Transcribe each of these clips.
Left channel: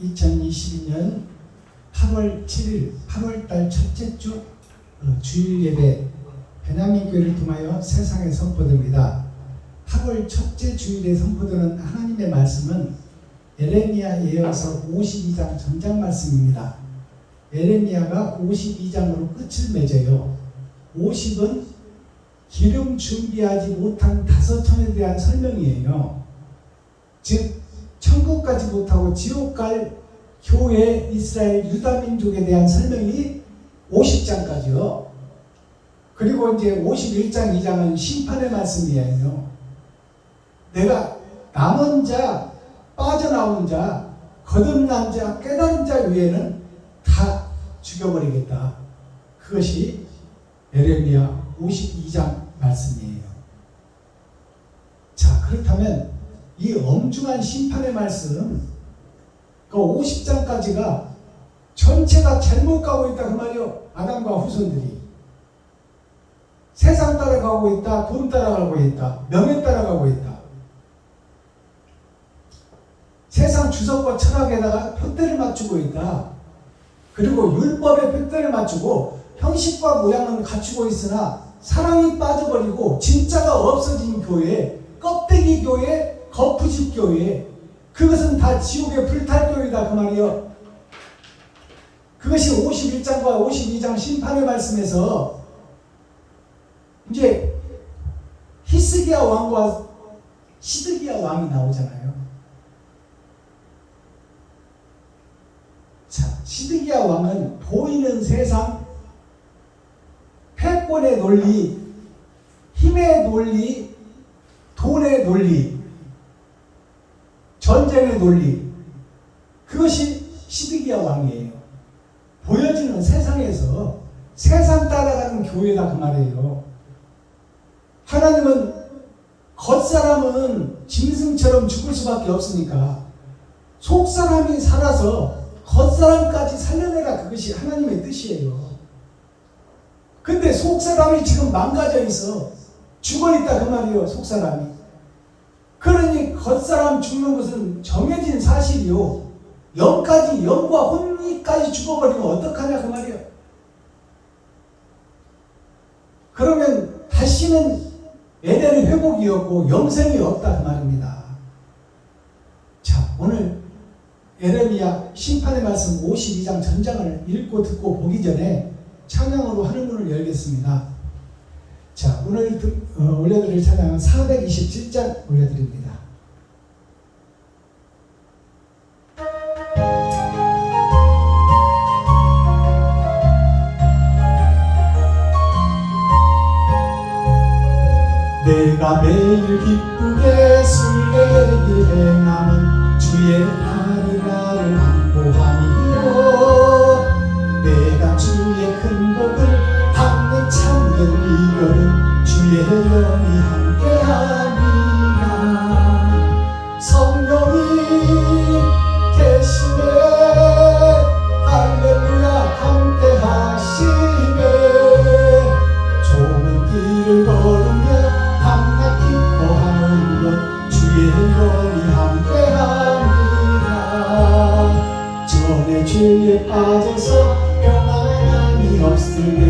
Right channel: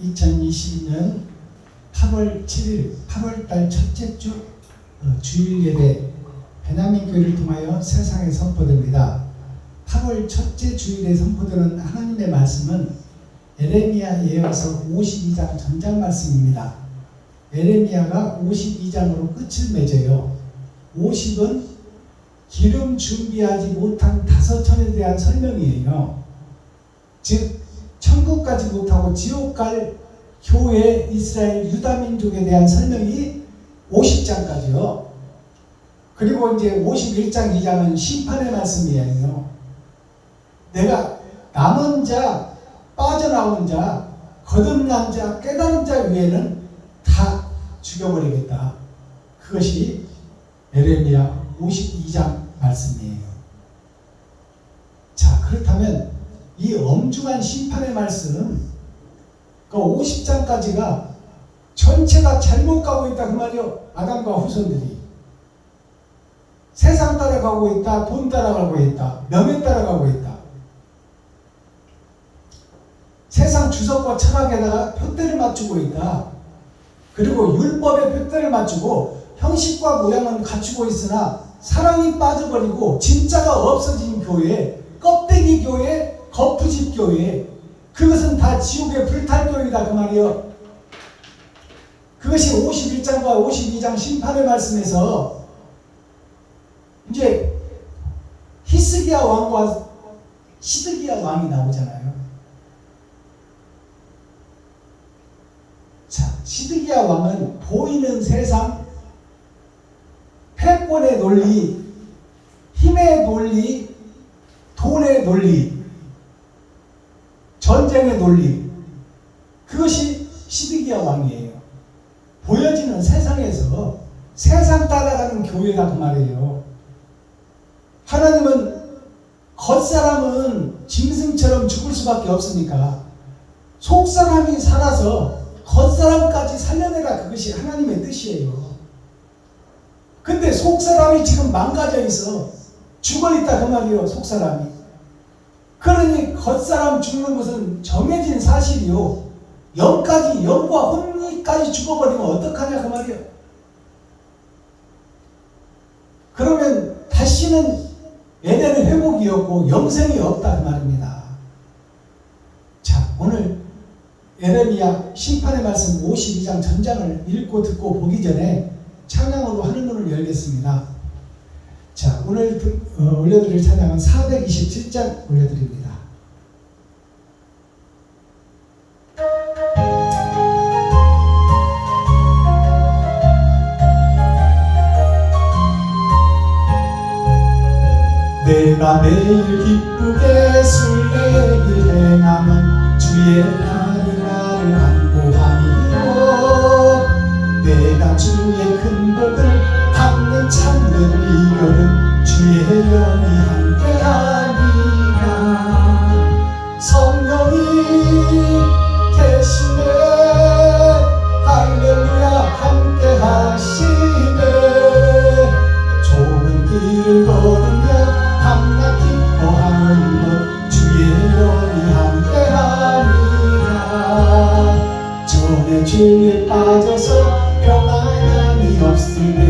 2022년 8월 7일 8월달 첫째 주 주일 예배 베냐민 교회를 통하여 세상에 선포됩니다. 8월 첫째 주일에 선포되는 하나님의 말씀은 에레미야 예언서 52장 전장 말씀입니다. 에레미야가 52장으로 끝을 맺어요. 50은 기름 준비하지 못한 5천에 대한 설명이에요. 즉 천국 가지 못하고 지옥 갈 교회 이스라엘 유다 민족에 대한 설명이 50장까지요. 그리고 이제 51장 2장은 심판의 말씀이에요. 내가 남은 자, 빠져나온 자, 거듭난 자, 깨달은 자 외에는 다 죽여버리겠다. 그것이 에레미야 52장 말씀이에요. 자, 그렇다면 이 엄중한 심판의 말씀, 그 50장까지가 전체가 잘못 가고 있다 그 말이요. 아담과 후손들이 세상 따라가고 있다, 돈 따라가고 있다, 명예 따라가고 있다. 세상 주석과 철학에다가 표대를 맞추고 있다. 그리고 율법에 표대를 맞추고 형식과 모양은 갖추고 있으나 사랑이 빠져버리고 진짜가 없어진 교회, 껍데기 교회, 거푸집 교회, 그것은 다 지옥의 불탈교회다 그 말이요. 그것이 51장과 52장 심판의 말씀에서 이제 히스기야 왕과 시드기야 왕이 나오잖아요. 자, 시드기야 왕은 보이는 세상, 패권의 논리, 힘의 논리, 돈의 논리, 전쟁의 논리, 그것이 시드기야 왕이에요. 보여지는 세상에서 세상 따라가는 교회다 그 말이에요. 하나님은 겉사람은 짐승처럼 죽을 수밖에 없으니까 속사람이 살아서 겉사람까지 살려내라, 그것이 하나님의 뜻이에요. 근데 속사람이 지금 망가져 있어. 죽어있다 그 말이에요. 속사람이. 그러니 겉사람 죽는 것은 정해진 사실이요. 영까지, 영과 혼이까지 죽어버리면 어떡하냐 그 말이에요. 그러면 다시는 에덴의 회복이 없고 영생이 없다 그 말입니다. 자, 오늘 에레미야 심판의 말씀 52장 전장을 읽고 듣고 보기 전에 찬양으로 하늘문을 열겠습니다. 자, 오늘 올려드릴 찬양은 427장 올려드립니다. 내가 매일 기쁘게 순례길 행함은 주의 나를 안보하니고 내가 주의 큰 복을 담는 참는 이거는 주의 영이 함께하니라. 성령이 계시네 할렐루야 함께하시네. 좋은 길을 걸으며 밤낮 기뻐하는 것 주의 영이 함께하니라. 전에 죄에 빠져서 평안함이 없을 때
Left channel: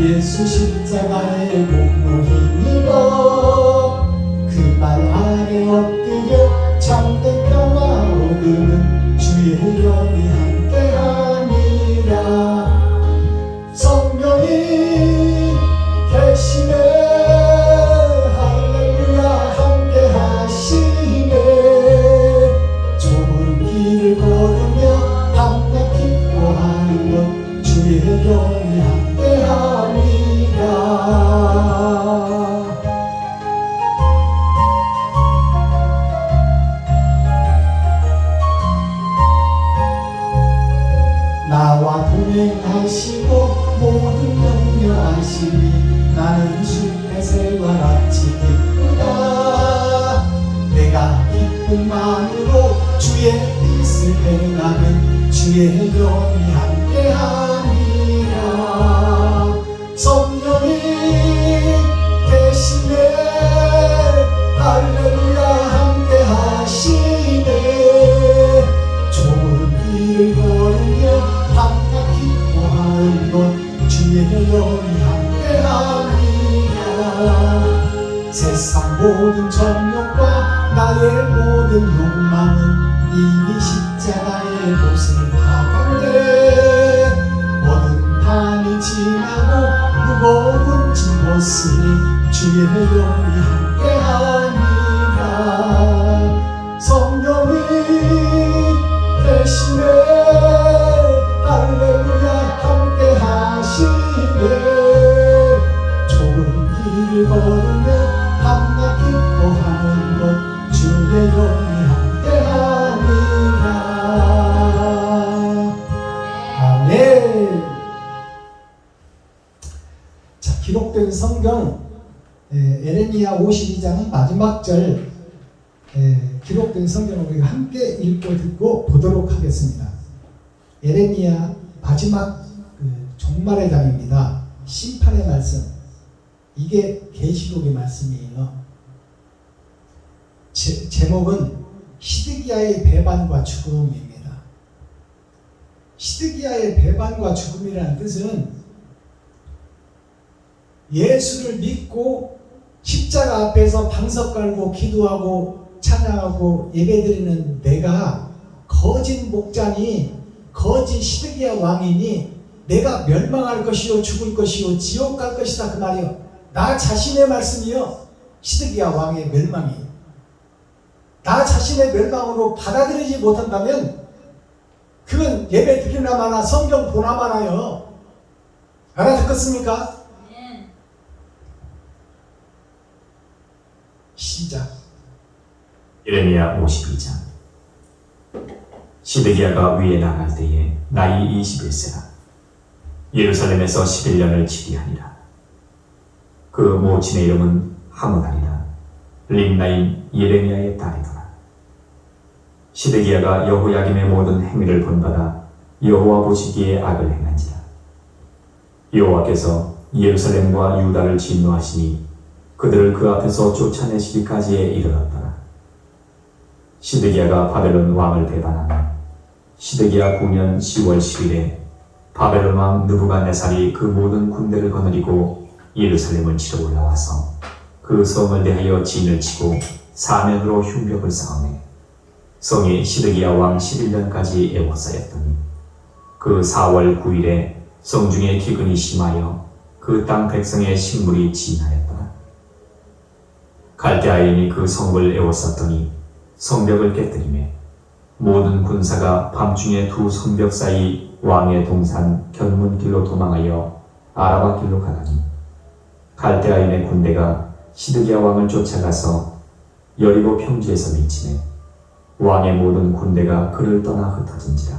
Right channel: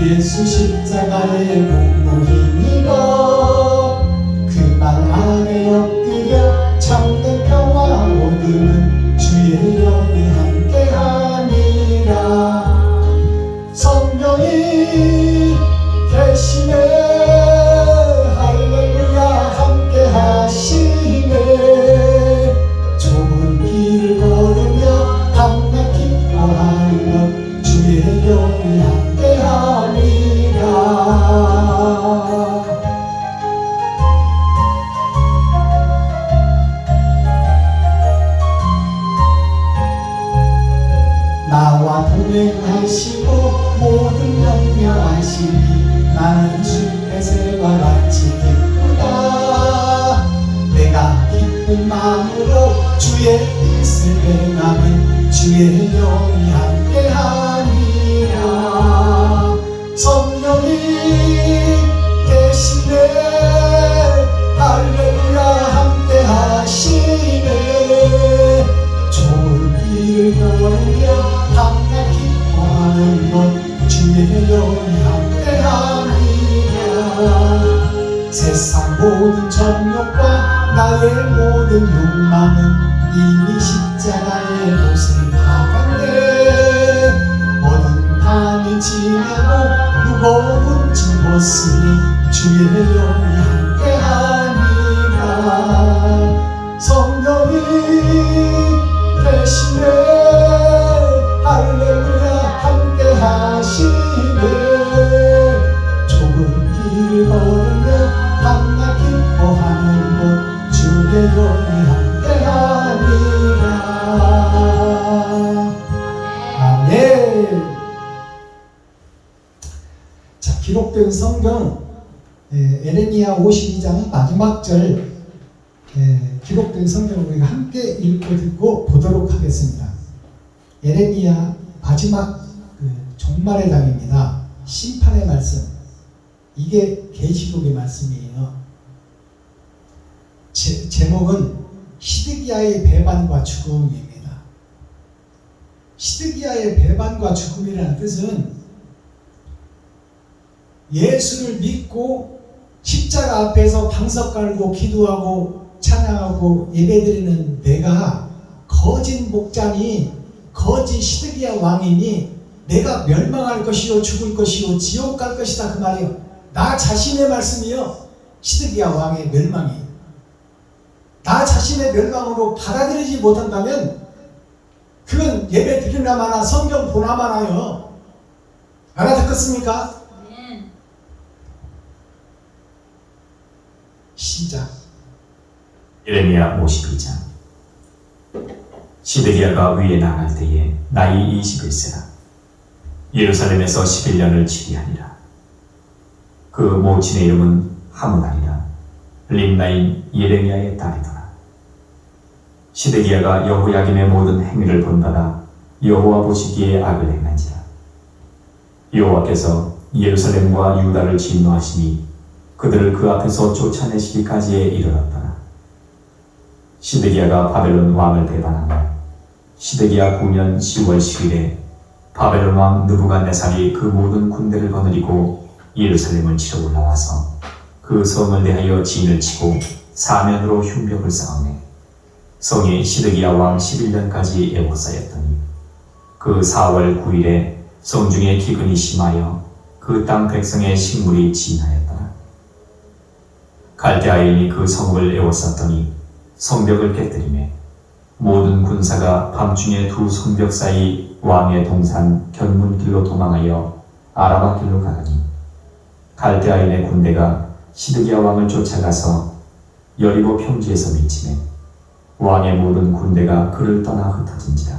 예수 십자가의 공로 힘입어 그 말 아래 엎드려 참된 평화 얻으는 주의 영이 함께하니라. 성령이 계시네 할렐루야 함께하시네. 좋은 길을 걸으며 밤낮 기뻐하는 것 주의 영이 함께하니라. 나와 동행하시고 모든 염려하시니 나는 주의 새와 같이 기쁘다. 내가 기쁜 마음으로 주의 뜻을 행하면 주의 영이 함께하니라. 성령이 계시네 할렐루야 함께하시네. 좋은 길 모든 욕망은 이미 십자가의 못을 박았네. 모든 밤이 지나고 무거운 짐 벗으니 주의 영이 함께하니라. 성령이 대신에 할렐루야 함께하시네. 좁은 길을 걸으며 밤낮 기뻐하는 곳 주의 영이 함께하니라. 아멘. 자, 기록된 성경 에레미야 52장 마지막 절 기록된 성경을 우리가 함께 읽고 듣고 보도록 하겠습니다. 에레미야 마지막 종말의 장입니다. 심판의 말씀. 이게 계시록의 말씀이에요. 제목은 시드기야의 배반과 죽음입니다. 시드기야의 배반과 죽음이라는 뜻은 예수를 믿고 십자가 앞에서 방석 깔고 기도하고 찬양하고 예배드리는 내가 거짓 목자니 거짓 시드기야 왕이니 내가 멸망할 것이요 죽을 것이요 지옥 갈 것이다 그 말이요. 나 자신의 말씀이요. 시드기야 왕의 멸망이. 나 자신의 멸망으로 받아들이지 못한다면 그건 예배 드리나 마나 성경 보나 마나요. 알아듣겠습니까? 시작. 에레미야 52장. 시드기야가 위에 나갈 때에 나이 21세라. 예루살렘에서 11년을 지휘하니라. 그 모친의 이름은 하므다니라. 림나인 예레미야의 딸이더라. 시드기야가 여호야김의 모든 행위를 본받아 여호와 보시기에 악을 행한지라. 여호와께서 예루살렘과 유다를 진노하시니 그들을 그 앞에서 쫓아내시기까지에 이르렀더라. 시드기야가 바벨론 왕을 배반하며 시드기야 9년 10월 10일에 바벨론 왕 느부갓네살이 그 모든 군대를 거느리고 예루살렘을 치러 올라와서 그 성을 대하여 진을 치고 사면으로 흉벽을 쌓으매 성이 시드기야 왕 11년까지 에워싸였더니 그 4월 9일에 성중에 기근이 심하여 그 땅 백성의 식물이 진하였더라. 갈대아인이 그 성을 에워쌌더니 성벽을 깨뜨리매 모든 군사가 밤중에 두 성벽 사이 왕의 동산 견문길로 도망하여 아라바 길로 가더니 갈대아인의 군대가 시드기야 왕을 쫓아가서 여리고 평지에서 미치매 왕의 모든 군대가 그를 떠나 흩어진지라.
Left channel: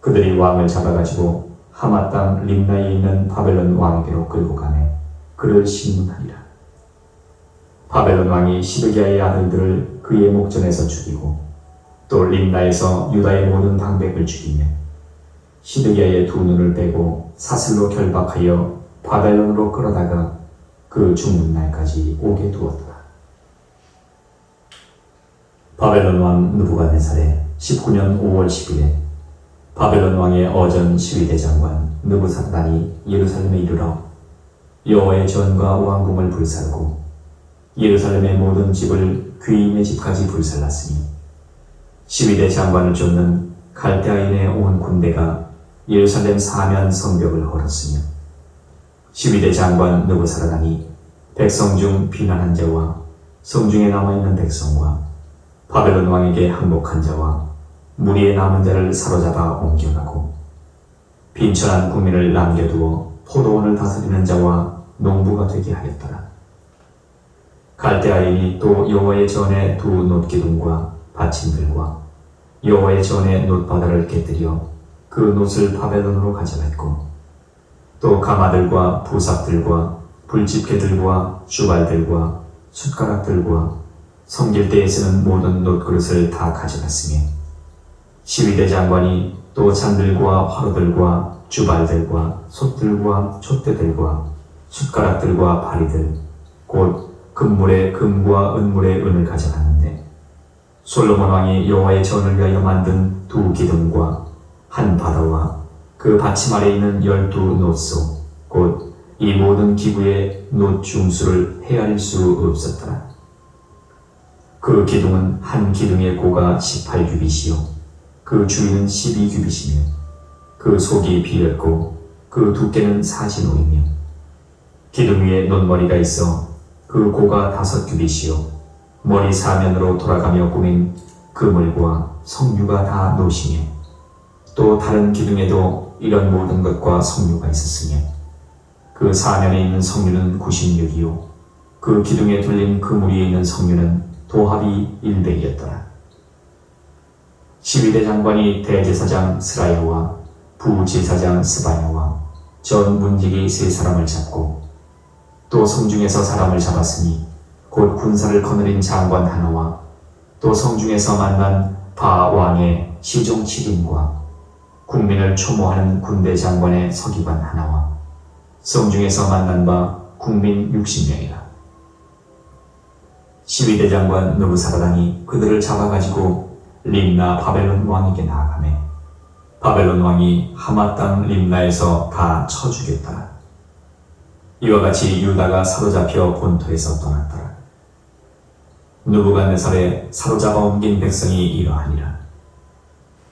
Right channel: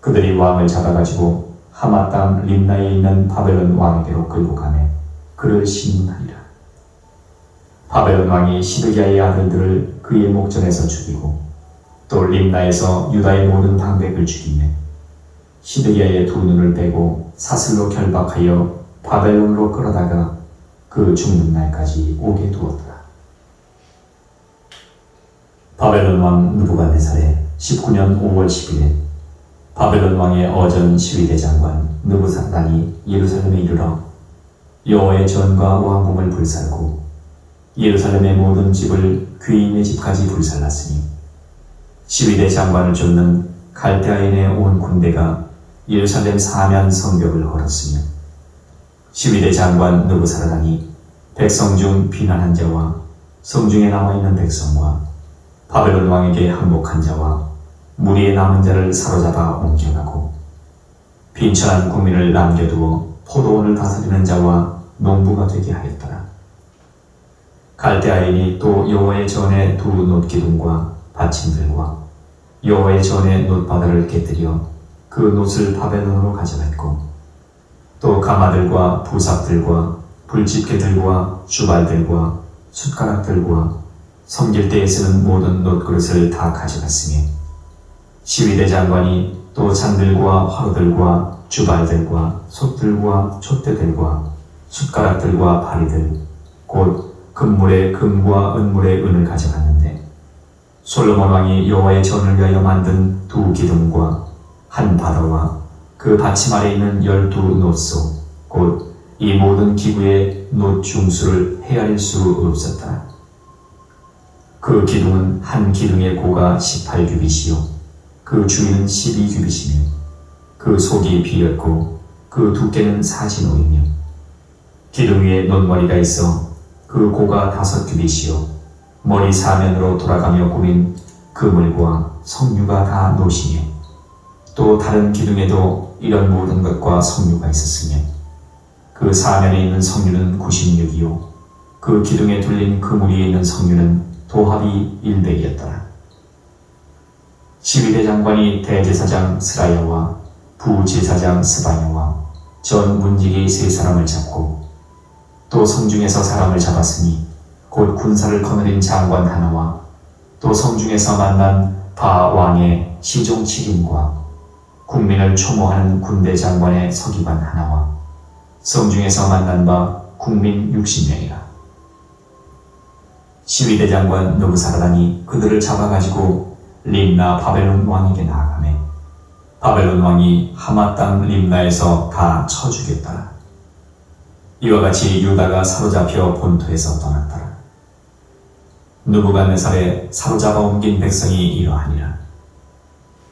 그들이 왕을 잡아가지고 하마 땅 림나에 있는 바벨론 왕에게로 끌고 가매 그를 신문하리라. 바벨론 왕이 시드기야의 아들들을 그의 목전에서 죽이고 또 림나에서 유다의 모든 방백을 죽이며 시드기야의 두 눈을 빼고 사슬로 결박하여 바벨론으로 끌어다가 그 죽는 날까지 오게 두었더라. 바벨론 왕 느부갓네살의 19년 5월 10일에 바벨론 왕의 어전 시위대 장관 느부사단이 예루살렘에 이르러 여호와의 전과 왕궁을 불살고 예루살렘의 모든 집을 귀인의 집까지 불살랐으니 시위대 장관을 쫓는 갈대아인의 온 군대가 예루살렘 사면 성벽을 걸었으며 시위대 장관 느부사라단이 백성 중 비난한 자와 성중에 남아있는 백성과 바벨론 왕에게 항복한 자와 무리에 남은 자를 사로잡아 옮겨가고 빈천한 국민을 남겨두어 포도원을 다스리는 자와 농부가 되게 하였더라. 갈대아인이 또 여호와의 전에 두 놋기둥과 받침들과 여호와의 전에 놋바다를 깨뜨려 그 놋을 바벨론으로 가져갔고 또 가마들과 부삽들과 불집게들과 주발들과 숟가락들과 섬길 때에 쓰는 모든 놋그릇을 다 가져갔으니 시위대 장관이 또 잔들과 화로들과 주발들과 솥들과 촛대들과 숟가락들과 바리들 곧 금물의 금과 은물의 은을 가져갔는데 솔로몬 왕이 여호와의 전을 위하여 만든 두 기둥과 한 바다와 그 받침 아래 있는 12놋소 곧 이 모든 기구의 놋 중수를 헤아릴 수 없었더라. 그 기둥은 한 기둥의 고가 18규빗이요 그 주위는 12규빗이며 그 속이 비었고 그 두께는 45이며 기둥 위에 논머리가 있어 그 고가 5규빗이요 머리 사면으로 돌아가며 꾸민 그물과 석류가 다 노시며 또 다른 기둥에도 이런 모든 것과 석류가 있었으며 그 사면에 있는 석류는 96이요 그 기둥에 둘린 그물 위에 있는 석류는 도합이 100이었더라. 12대 장관이 대제사장 스라야와 부제사장 스바야와 전 문지기 3사람을 잡고 또 성중에서 사람을 잡았으니 곧 군사를 거느린 장관 하나와 또 성중에서 만난 바 왕의 시종 7인과 국민을 초모하는 군대 장관의 서기관 하나와 성중에서 만난 바 국민 60명이라. 12대 장관 느부사라단이 그들을 잡아가지고 림나 바벨론 왕에게 나아가매 바벨론 왕이 하마 땅 림나에서 다 쳐 죽였더라. 이와 같이 유다가 사로잡혀 본토에서 떠났더라. 느부갓네살에 사로잡아 옮긴 백성이 이러하니라.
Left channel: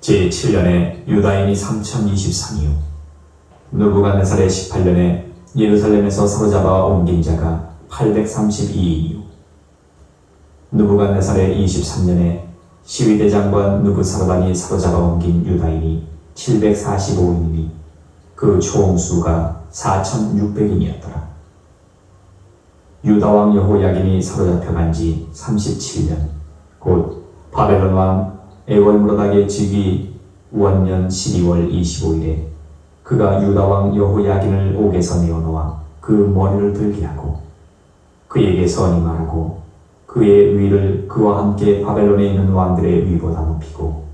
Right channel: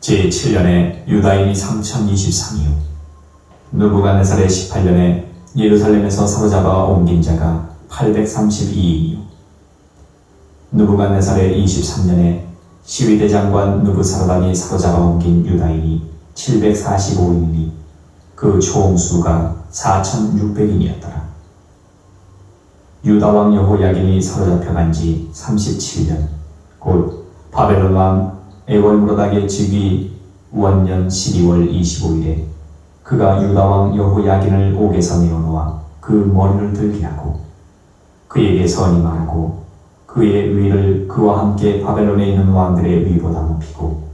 제7년에 유다인이 3023이요 느부갓네살의 18년에 예루살렘에서 사로잡아 옮긴 자가 832이요 느부갓네살의 23년에 12대 장관 느부사라단이 사로잡아 옮긴 유다인이 745인이니 그 총수가 4600인이었더라. 유다왕 여호야긴이 사로잡혀간 지 37년 곧 바벨론 왕 에월무라닥의 즉위 원년 12월 25일에 그가 유다왕 여호야긴을 옥에서 내어놓아 그 머리를 들게 하고 그에게 선임하고 그의 위를 그와 함께 바벨론에 있는 왕들의 위보다 높이고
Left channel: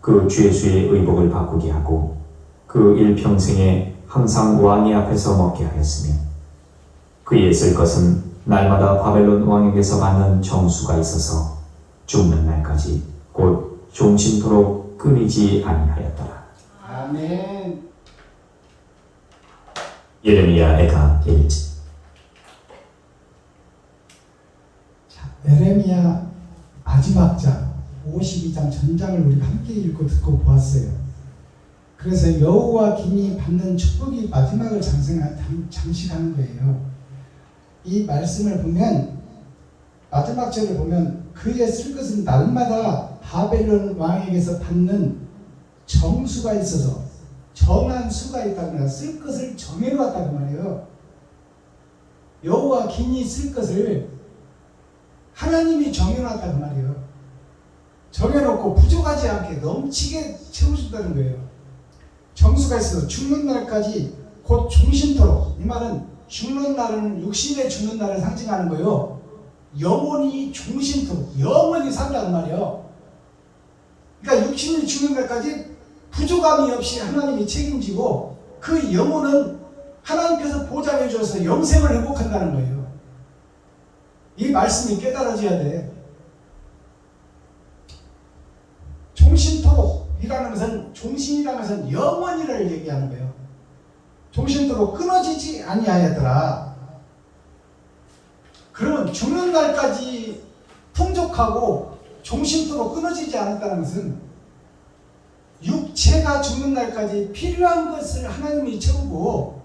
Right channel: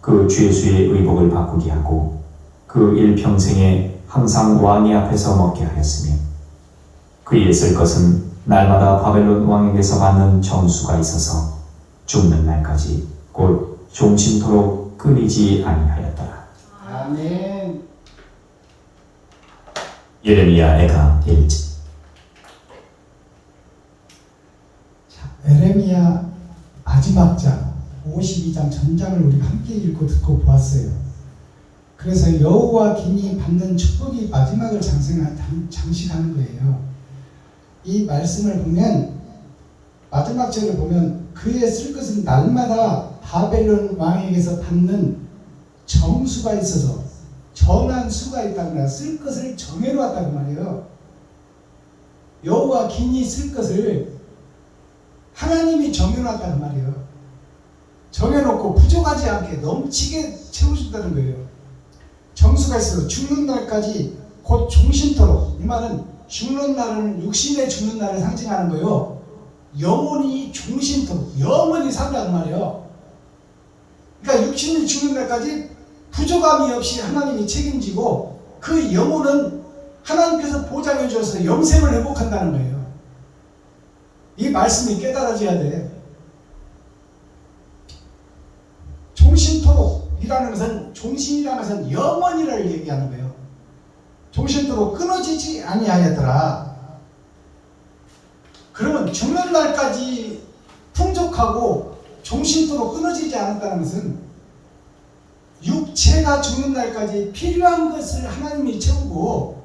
그 죄수의 의복을 바꾸게 하고 그 일평생에 항상 왕의 앞에서 먹게 하였으며 그의 쓸 것은 날마다 바벨론 왕에게서 받는 정수가 있어서 죽는 날까지 곧 종신토록 끊이지 아니하였더라. 아멘. 예레미야 애가 1지. 에레미야 마지막 장 52장 전장을 우리가 함께 읽고 듣고 보았어요. 그래서 여호와 긴이 받는 축복이 마지막을 장식하는 거예요. 이 말씀을 보면 마지막 절을 보면 그의 쓸 것은 날마다 바벨론 왕에게서 받는 정수가 있어서 정한 수가 있다고 말이야. 쓸 것을 정해놓았다고 말이에요. 여호와 긴이 쓸 것을 하나님이 정해놨다는 말이에요. 정해놓고 부족하지 않게 넘치게 채워준다는 거예요. 정수가 있어서 죽는 날까지 곧 종신토록. 이 말은 죽는 날은 육신의 죽는 날을 상징하는 거예요. 영혼이 종신토록 영원히 산다는 말이에요. 그러니까 육신이 죽는 날까지 부족함이 없이 하나님이 책임지고 그 영혼은 하나님께서 보장해 주셔서 영생을 회복한다는 거예요. 이 말씀이 깨달아져야 돼. 종신토록이라는 것은 종신이라는 것은 영원이를 얘기하는 거예요. 종신토록 끊어지지 아니하였더라. 그러면 죽는 날까지 풍족하고 종신토록 끊어지지 않았다는 것은 육체가 죽는 날까지 필요한 것을 하나님이 채우고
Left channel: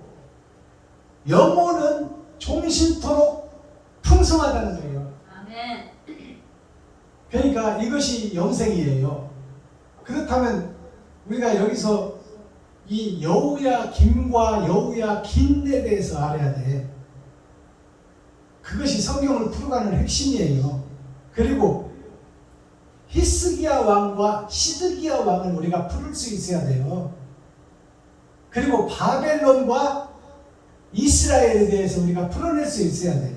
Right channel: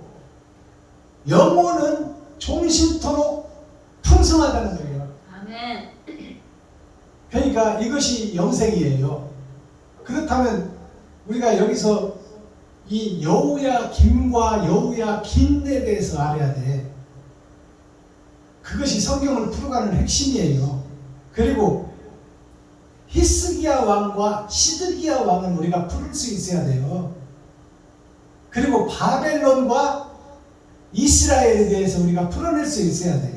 영혼은 종신토록 풍성하다는 거예요. 아멘. 그러니까 이것이 영생이에요. 그렇다면 우리가 여기서 이 여우야 김과 여우야 긴에 대해서 알아야 돼. 그것이 성경을 풀어가는 핵심이에요. 그리고 히스기야 왕과 시드기야 왕을 우리가 풀을 수 있어야 돼요. 그리고 바벨론과 이스라엘에 대해서 우리가 풀어낼 수 있어야 돼.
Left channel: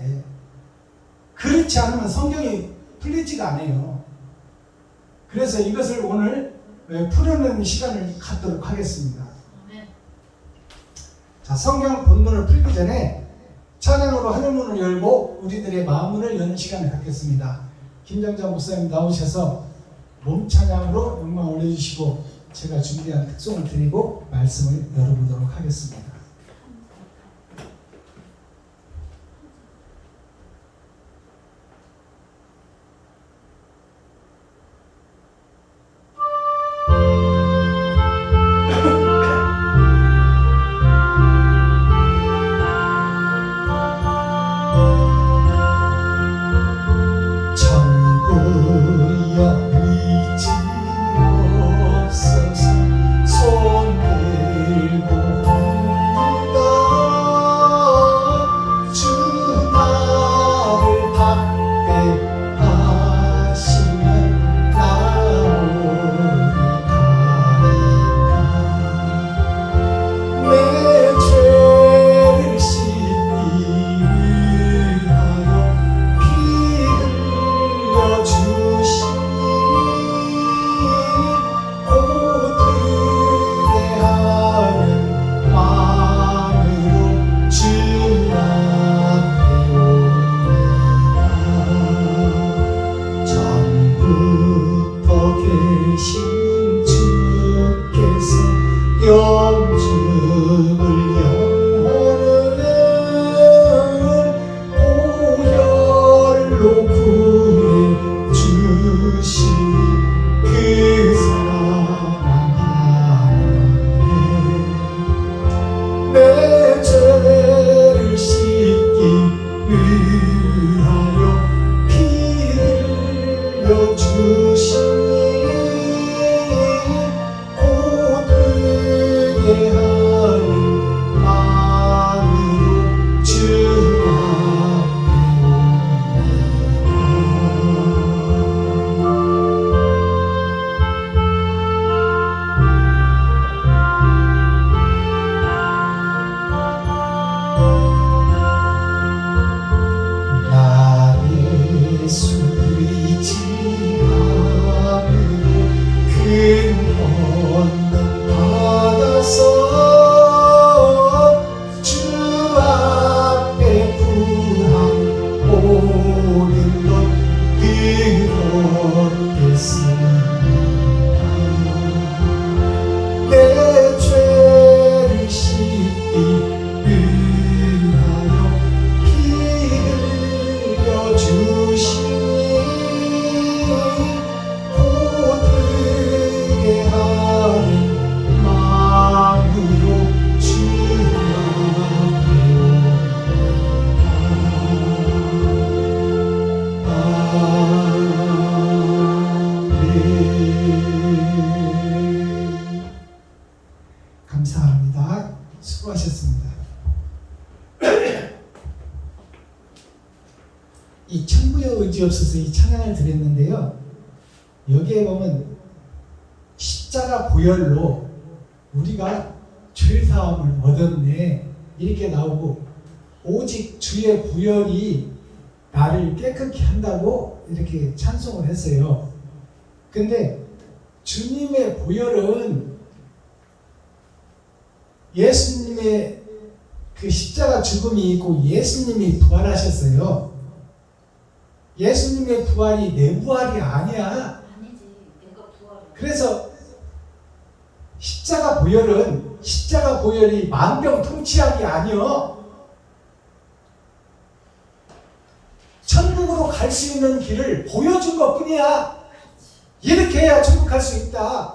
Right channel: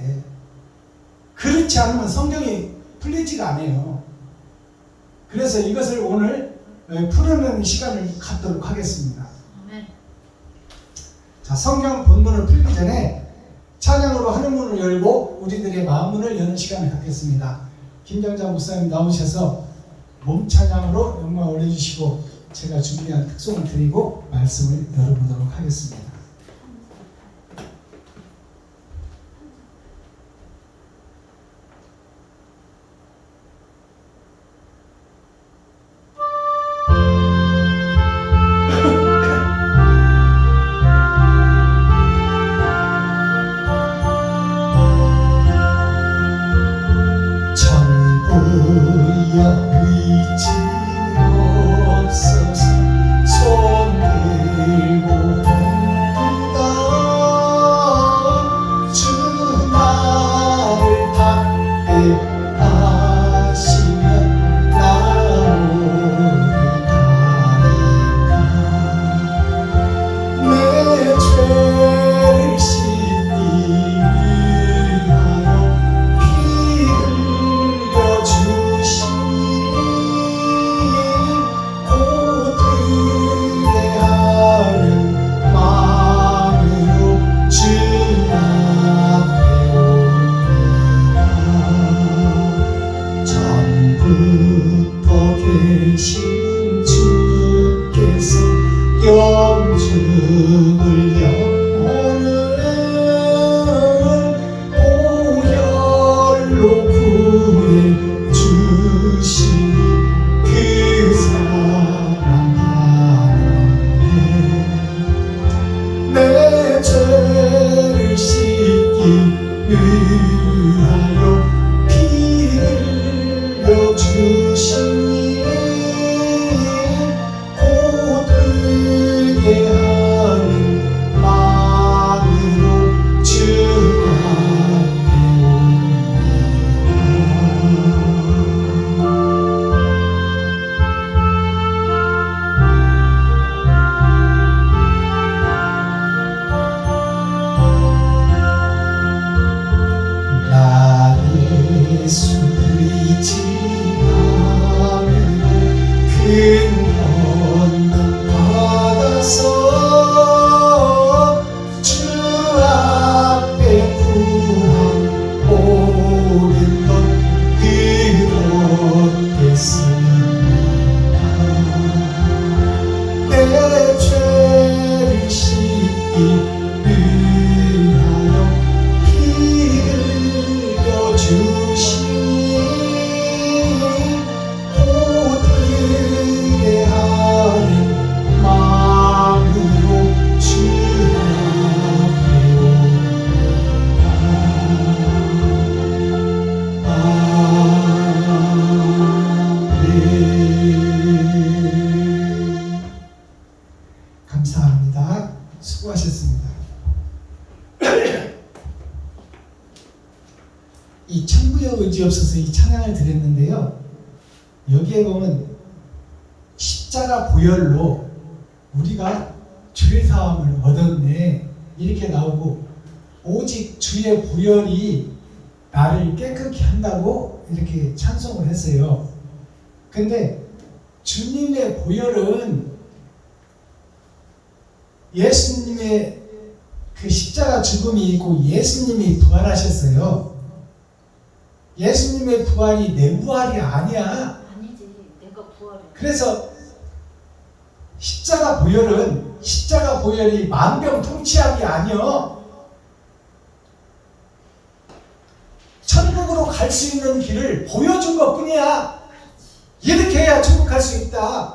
그렇지 않으면 성경이 풀리지가 않아요. 그래서 이것을 오늘 풀어내는 시간을 갖도록 하겠습니다. 자, 성경 본문을 풀기 전에 찬양으로 하늘문을 열고 우리들의 마음문을 여는 시간을 갖겠습니다. 김정자 목사님 나오셔서 몸찬양으로 영광 올려주시고 제가 준비한 특송을 드리고 말씀을 열어보도록 하겠습니다. 여기에 보면 십자가 보혈로 우리가 죄사함을 얻었네 이렇게 나오고, 오직 주의 보혈이 나를 깨끗게 한다고 이렇게 찬송을 했어요. 근데 주님의 보혈은 예수님의 그 십자가 죽음이 있고 예수님이 부활하셨어요. 예수님의 부활이 내 부활이 아니야. 아니지, 내가 부활해. 그래서 십자가 보혈이 만병통치약이 아니요, 천국으로 갈 수 있는 길을 보여준 것 뿐이야. 이렇게 해야 천국 갈 수 있다.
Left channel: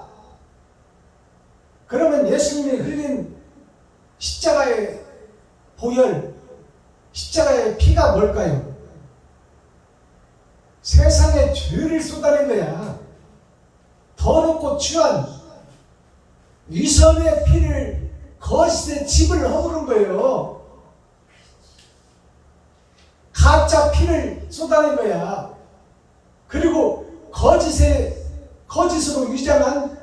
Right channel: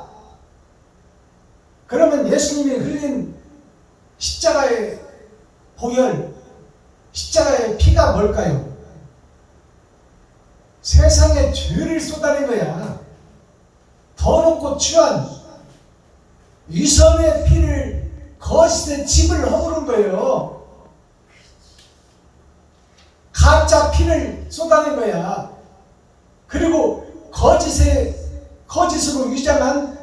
그러면 예수님이 흘린 십자가의 보혈, 십자가의 피가 뭘까요? 세상의 죄를 쏟아낸 거야. 더럽고 추한 위선의 피를, 거짓의 집을 허무른 거예요. 가짜 피를 쏟아낸 거야. 그리고 거짓으로 위장한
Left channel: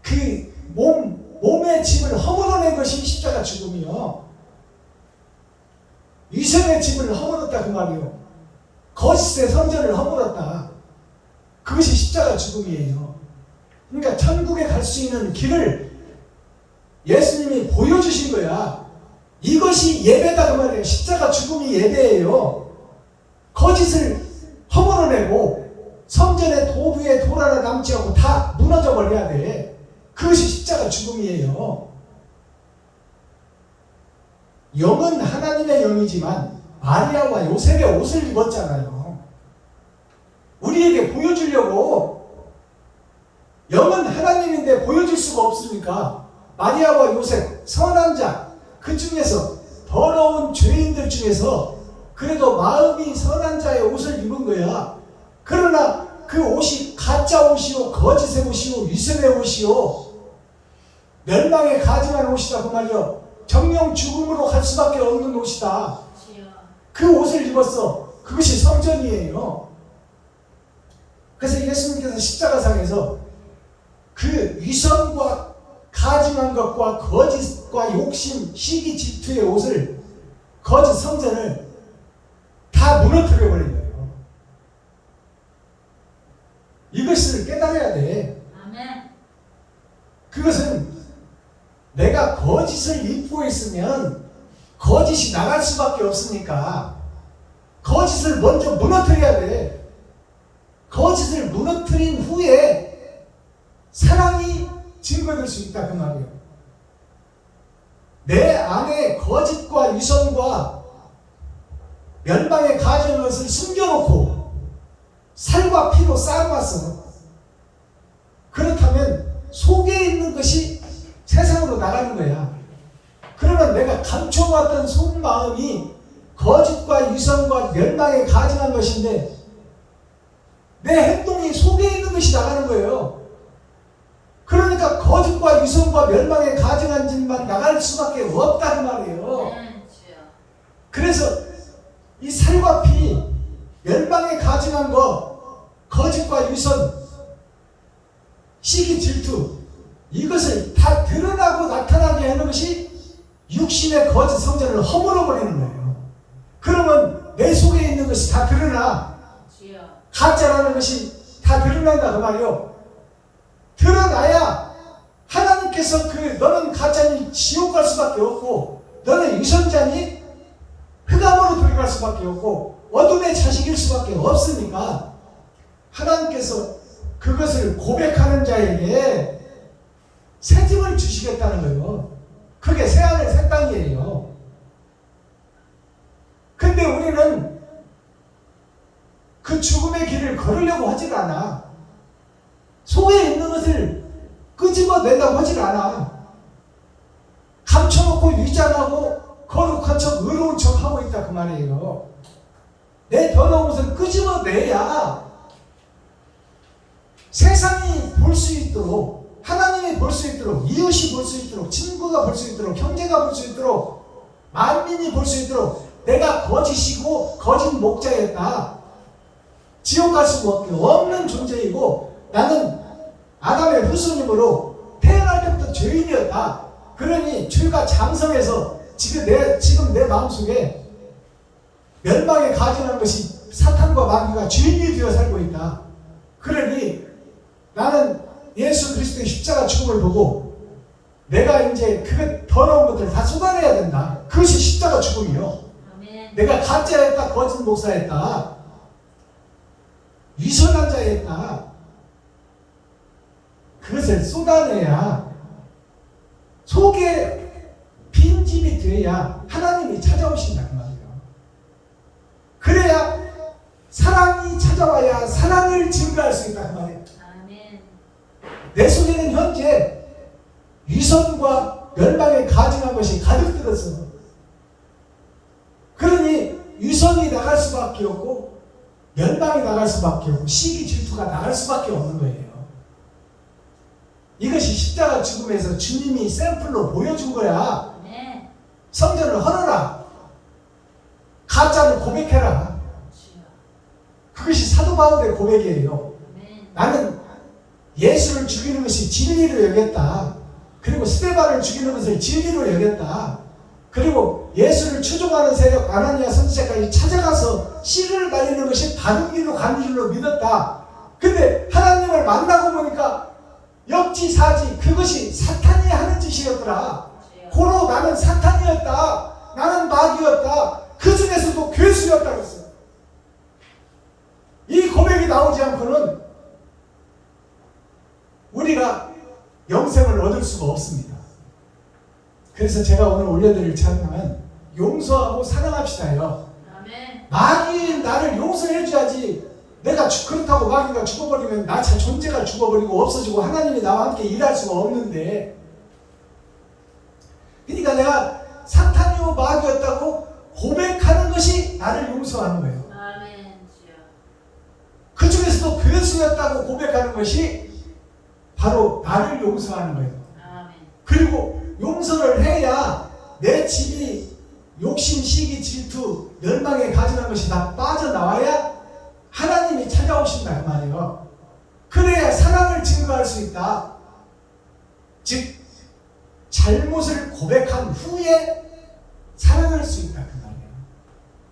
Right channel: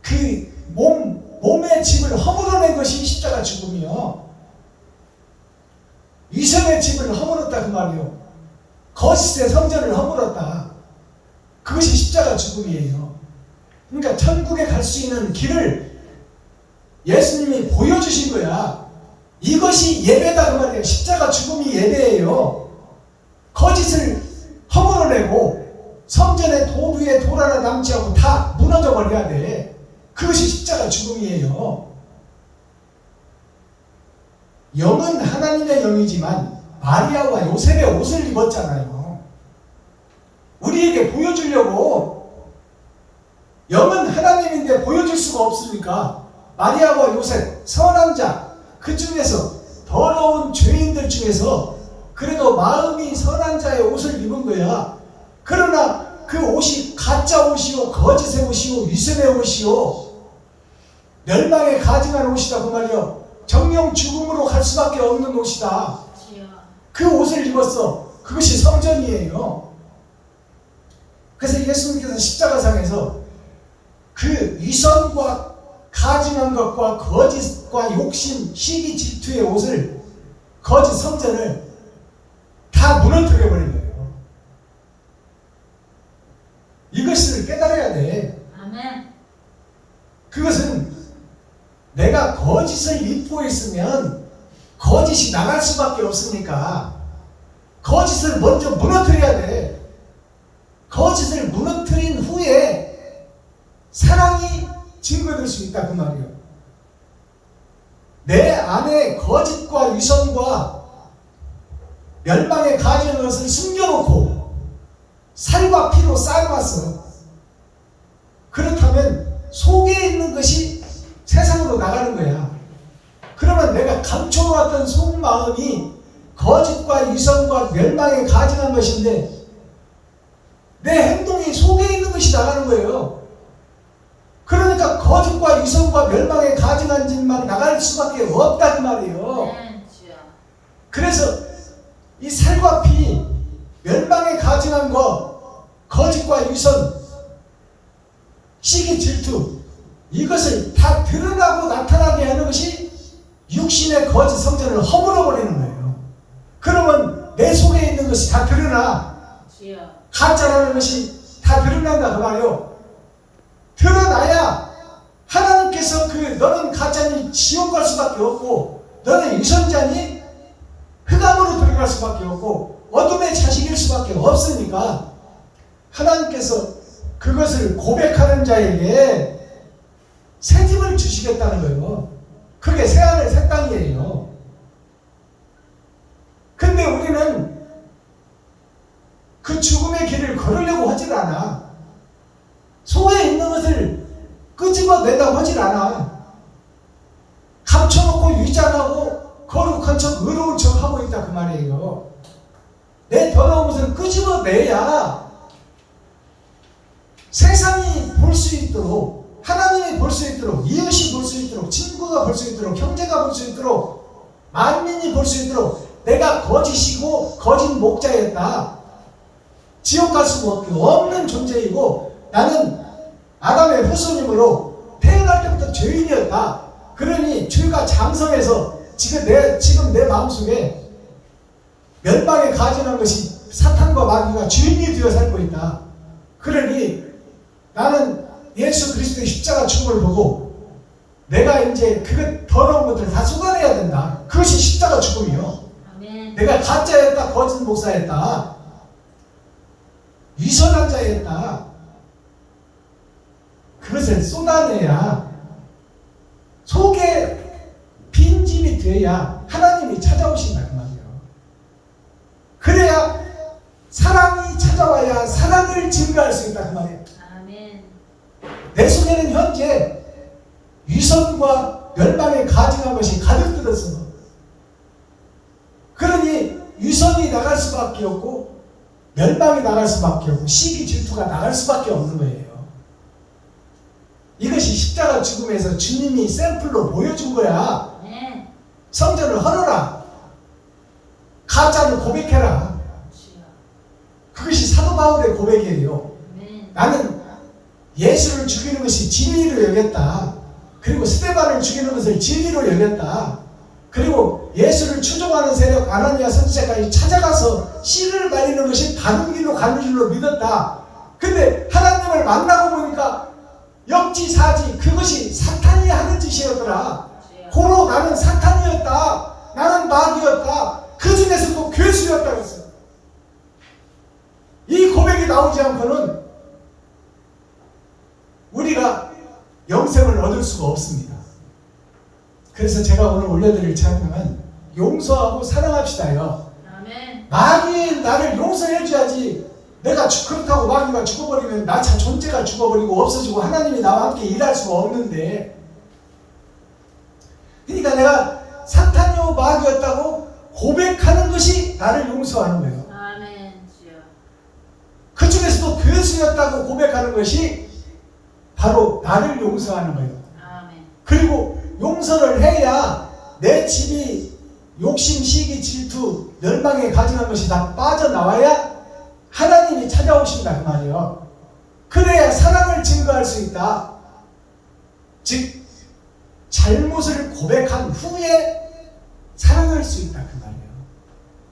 그 몸의 집을 허물어낸 것이 십자가 죽음이요. 위선의 집을 허물었다 그 말이요. 거짓의 성전을 허물었다. 그것이 십자가 죽음이에요. 그러니까 천국에 갈 수 있는 길을 예수님이 보여주신 거야. 이것이 예배다 그 말이에요. 십자가 죽음이 예배예요. 거짓을 허물어내고 성전의 돌 위에 돌 하나 남지 않고 다 무너져 버려야 돼. 그것이 십자가 죽음이에요. 영은 하나님의 영이지만 마리아와 요셉의 옷을 입었잖아요. 우리에게 보여주려고. 영은 하나님인데 보여줄 수가 없습니까? 마리아와 요셉, 선한 자, 그 중에서 더러운 죄인들 중에서 그래도 마음이 선한 자의 옷을 입은 거야. 그러나 그 옷이 가짜 옷이요, 거짓의 옷이요, 위선의 옷이요, 멸망에 가증한 옷이다 그 말이요. 정령 죽음으로 갈 수밖에 없는 옷이다. 그 옷을 입었어. 그것이 성전이에요. 그래서 예수님께서 십자가상에서 그 위선과 가증한 것과 거짓과 욕심, 시기, 질투의 옷을, 거짓 성전을 다 무너뜨려 버린 거예요. 이것을 깨달아야 돼. 아멘. 그것은 내가 거짓을 입고 있으면 거짓이 나갈 수밖에 없으니까 거짓을 먼저 무너뜨려야 돼. 거짓을 무너뜨린 후에 사랑이 증거될 수 있다 그 말이에요. 내 안에 거짓과 위선과 멸망에 가증한 것을 숨겨놓고 살과 피로 쌓아놨어. 그렇다면 속에 있는 것이 세상으로 나가는 거야. 그러면 내가 감춰놓았던 속마음이 거짓과 위선과 멸망에 가증한 것인데 내 행동이 속에 있는 것이 나가는 거예요. 그러니까 거짓과 위선과 멸망에 가증한 짓만 나갈 수밖에 없다 그 말이에요. 그래서 이 살과 피, 멸망에 가증한 거, 거짓과 위선, 시기, 질투, 이것을 다 드러나고 나타나게 하는 것이 육신의 거짓 성전을 허물어버리는 거예요. 그러면 내 속에 있는 것이 다 드러나. 가짜라는 것이 다 드러난다 그 말이요. 드러나야 하나님께서 너는 가짜니 지옥 갈 수밖에 없고, 너는 위선자니 흑암으로 들어갈 수밖에 없고, 어둠의 자식일 수밖에 없으니까 하나님께서 그것을 고백하는 자에게 새 집을 주시겠다는 거예요. 그게 새하늘 새 땅이에요. 근데 우리는 그 죽음의 길을 걸으려고 하질 않아. 속에 있는 것을 끄집어내려고 하질 않아. 감춰놓고 위장하고 거룩한 척, 의로운 척 하고 있다 그 말이에요. 내 더러운 것을 끄집어내야 세상이 볼 수 있도록, 하나님이 볼 수 있도록, 이웃이 볼 수 있도록, 친구가 볼 수 있도록, 형제가 볼 수 있도록, 만민이 볼 수 있도록 내가 거짓이고 거짓 목자였다, 지옥 갈 수가 없는 존재이고 나는 아담의 후손이므로 태어날 때부터 죄인이었다. 그러니 죄가 장성해서 지금 내 마음속에 멸망에 가증한 것이 사탄과 마귀가 주인이 되어 살고 있다. 그러니 나는 예수 그리스도의 십자가 죽음을 보고 내가 이제 그 더러운 것들 다 쏟아내야 된다. 그것이 십자가 죽음이요. 아멘. 내가 가짜였다, 거짓 목사였다, 위선한 자였다. 그것을 쏟아내야 속에 빈집이 되어야 하나님이 찾아오신다 그 말이에요. 그래야 사랑이 찾아와야 사랑을 증거할 수 있다 그 말이에요. 아멘. 내 속에는 현재 위선과 멸망에 가증한 것이 가득 들었어. 그러니 위선이 나갈 수밖에 없고 멸망이 나갈 수밖에 없고 시기 질투가 나갈 수밖에 없는 거예요. 이것이 십자가 죽음에서 주님이 샘플로 보여준 거야. 아멘. 성전을 헐어라. 가짜로 고백해라. 주여. 그것이 사도 바울의 고백이에요. 아멘. 나는 예수를 죽이는 것이 진리로 여겼다. 그리고 스데반을 죽이는 것을 진리로 여겼다. 그리고 예수를 추종하는 세력 아나니아 선지자까지 찾아가서 씨를 말리는 것이 바른 길로 가는 줄로 믿었다. 근데 하나님을 만나고 보니까 역지사지 그것이 사탄이 하는 짓이었더라. 고로 나는 사탄이었다. 나는 마귀였다. 그 중에서도 괴수였다고 했어요. 이 고백이 나오지 않고는 우리가 영생을 얻을 수가 없습니다. 그래서 제가 오늘 올려드릴 찬양은 용서하고 사랑합시다요. 아멘. 마귀 나를 용서해줘야지. 내가 그렇다고 마귀가 죽어버리면 나 존재가 죽어버리고 없어지고 하나님이 나와 함께 일할 수가 없는데, 그러니까 내가 사탄이요 마귀였다고 고백하는 것이 나를 용서하는 거예요. 아멘. 주여. 그 중에서도 괴수였다고 고백하는 것이 바로 나를 용서하는 거예요. 아멘. 그리고 용서를 해야 내 집이 욕심, 시기, 질투, 멸망에 가증한 것이 다 빠져나와야 하나님이 찾아오신다 그 말이에요. 그래야 사랑을 증거할 수 있다. 즉 잘못을 고백한 후에 사랑할 수 있다 그 말이에요.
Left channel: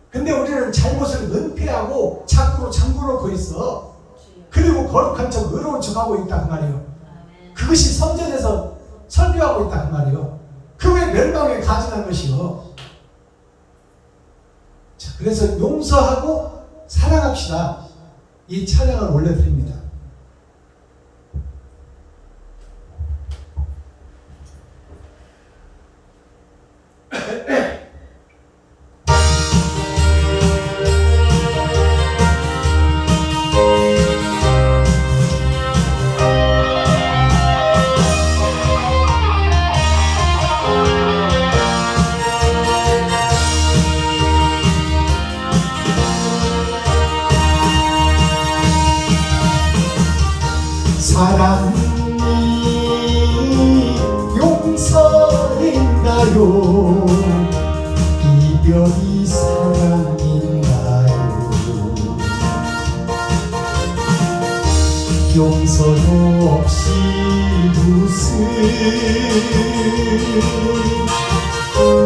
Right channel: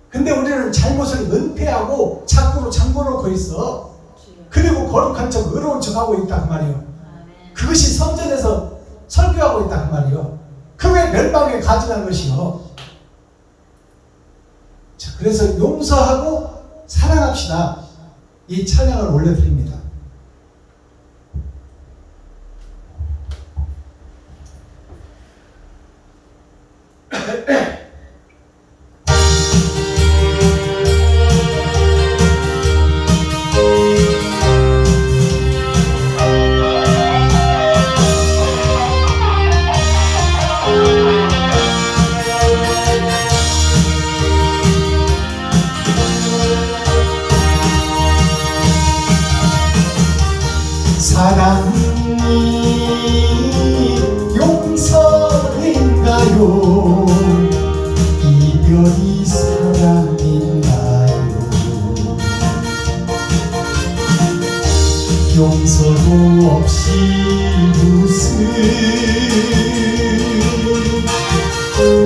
근데 우리는 잘못을 은폐하고 자꾸로 잠궈놓고 있어. 주여. 그리고 거룩한 척 의로운 척하고 있다 그 말이에요. 아멘. 그것이 성전에서 설교하고 있다 그 말이에요. 그게 멸망에 가증한 것이요. 자, 그래서 용서하고 사랑합시다. 이 찬양을 올려드립니다. 사랑이 용서인가요? 이별이 사랑인가요? 용서도 없이 무슨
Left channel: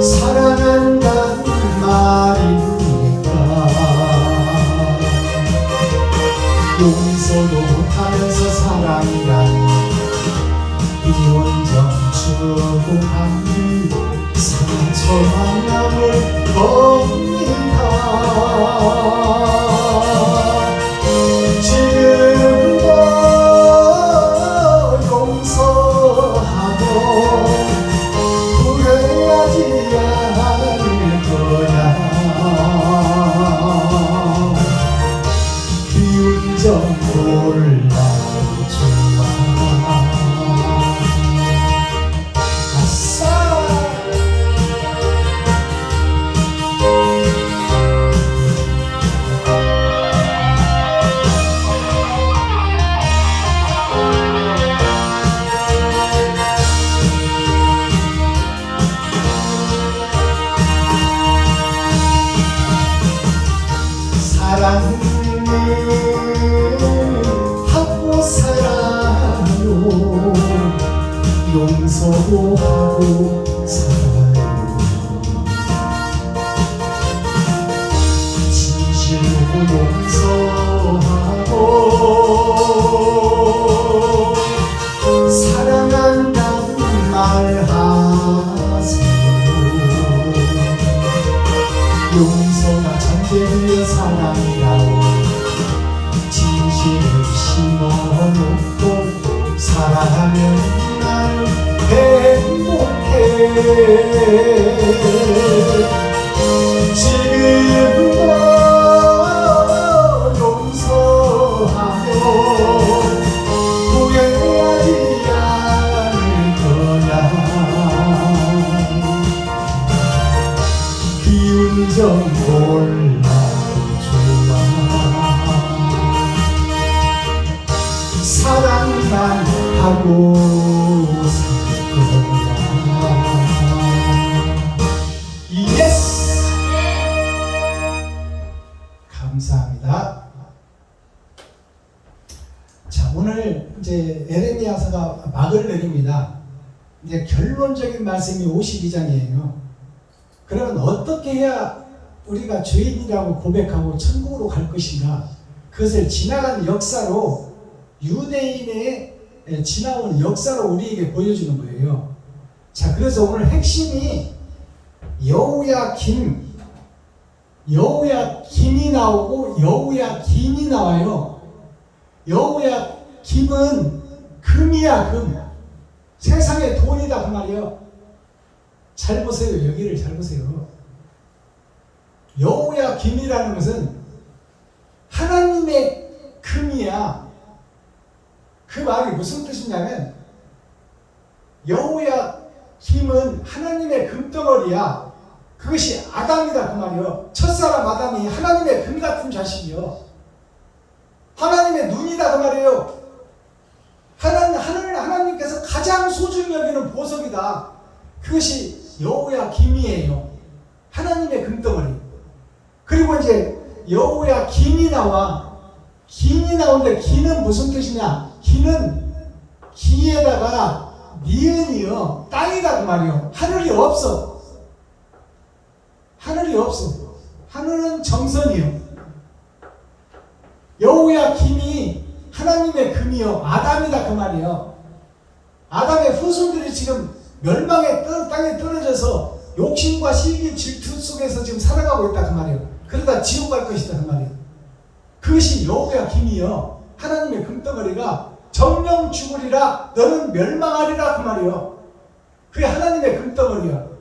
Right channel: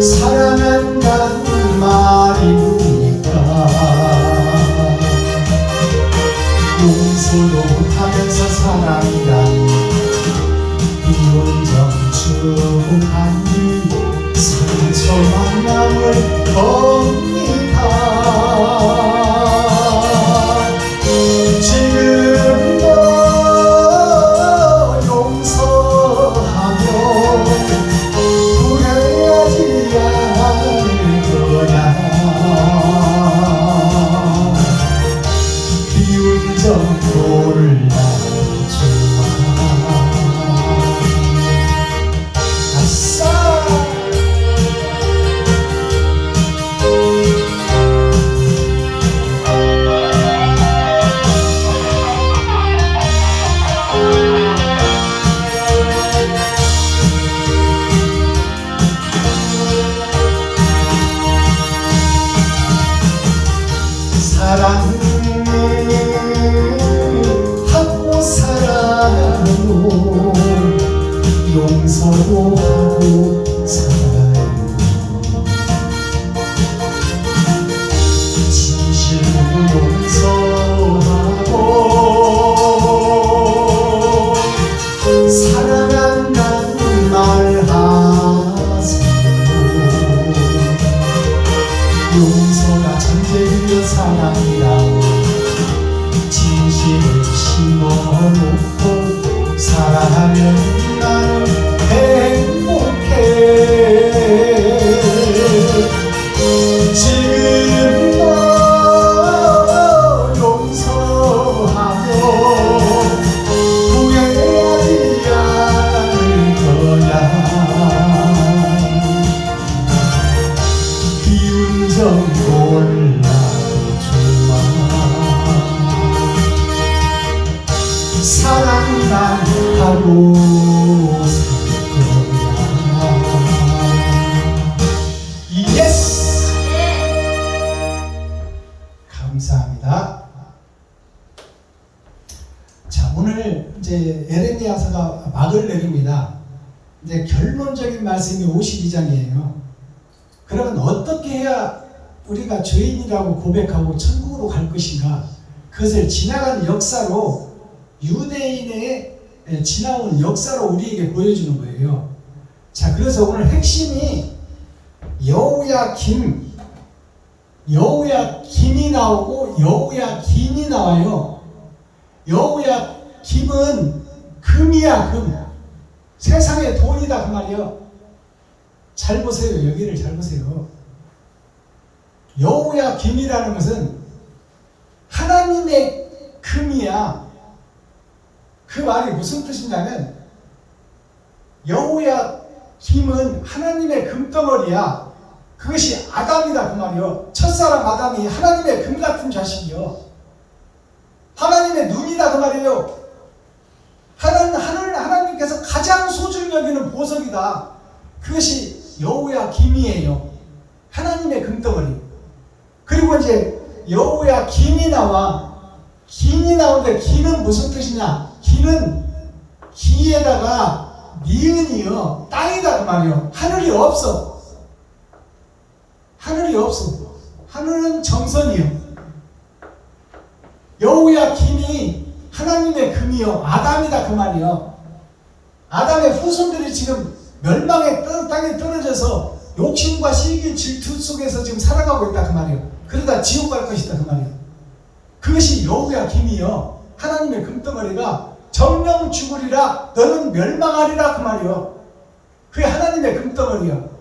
사랑한다는 말입니까? 용서도 못하면서 사랑이라니 이혼정 주고 받는 상처와 마음을 겁니다. 지금 너 용서하면 사랑으로 용서도 하고 살아요. 진실로 용서하고 사랑한다는 말하세요. 용서가 전제되어 사랑이라오. 진실을 심어놓고 살아가면 나는 행복해. 지금 너 용서하며 후회하지 않을 거야. 기운 좀 몰라줘. 사랑만 하고 살 거야. 예스! 감사합니다. 자, 오늘 이제 에레미야서가 막을 내립니다. 이제 결론적인 말씀이 52장이에요. 그러면 어떻게 해야 우리가 죄인이라고 고백하고 천국으로 갈 것인가? 그것을 지나간 역사로 유대인의 지나온 역사로 우리에게 보여주는 거예요. 자, 그래서 오늘 핵심이 여호야김이 나오고 여호야긴이 나와요. 여호야김은 금이야, 금. 세상의 돈이다 그 말이에요. 잘 보세요. 여기를 잘 보세요. 여호야김이라는 것은 하나님의 금이야. 그 말이 무슨 뜻이냐면 여호야김은 하나님의 금덩어리야. 그것이 아담이다 그 말이요. 첫사람 아담이 하나님의 금 같은 자식이요. 하나님의 눈이다 그 말이에요. 하나님께서 가장 소중히 여기는 보석이다. 그것이 여호야김이에요. 하나님의 금덩어리. 그리고 이제 여호야긴이 나와. 긴이 나오는데 긴은 무슨 뜻이냐? 긴은 기에다가 니은이요. 땅이다 그 말이요. 하늘이 없어. 하늘이 없어. 하늘은 정선이요. 여호야긴이 하나님의 금이요. 아담이다 그 말이요. 아담의 후손들이 지금 멸망의 땅에 떨어져서 욕심과 시기 질투 속에서 지금 살아가고 있다 그 말이요. 그러다 지옥 갈 것이다 그 말이요. 그것이 여호야김이요. 하나님의 금덩어리가 정령 죽으리라 너는 멸망하리라 그 말이요. 그게 하나님의 금덩어리요.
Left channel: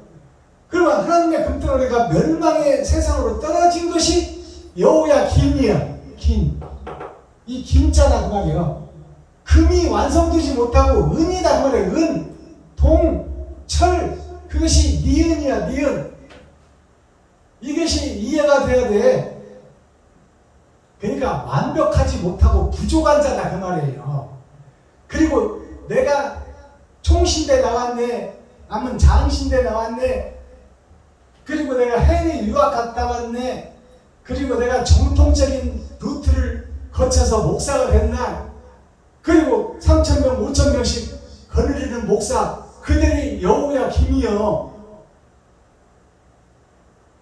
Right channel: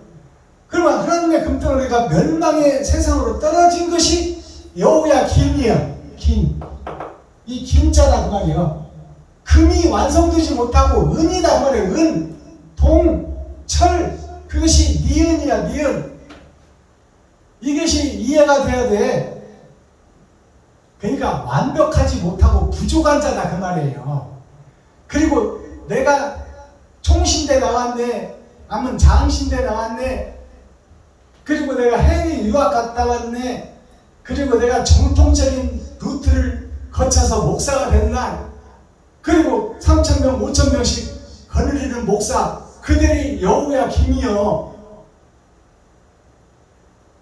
그러면 하나님의 금덩어리가 멸망의 세상으로 떨어진 것이 여호야김이야. 긴. 이 김자다 그 말이요. 금이 완성되지 못하고 은이다 그 말이에요. 은, 동, 철. 그것이 니은이야. 니은. 이것이 이해가 돼야 돼. 그러니까 완벽하지 못하고 부족한 자다 그 말이에요. 그리고 내가 총신대 나왔네, 아니면 장신대 나왔네, 그리고 내가 해외 유학 갔다 왔네, 그리고 내가 정통적인 루트를 거쳐서 목사가 됐나, 그리고 3,000명, 5,000명씩 거느리는 목사, 그들이 여호야김이요.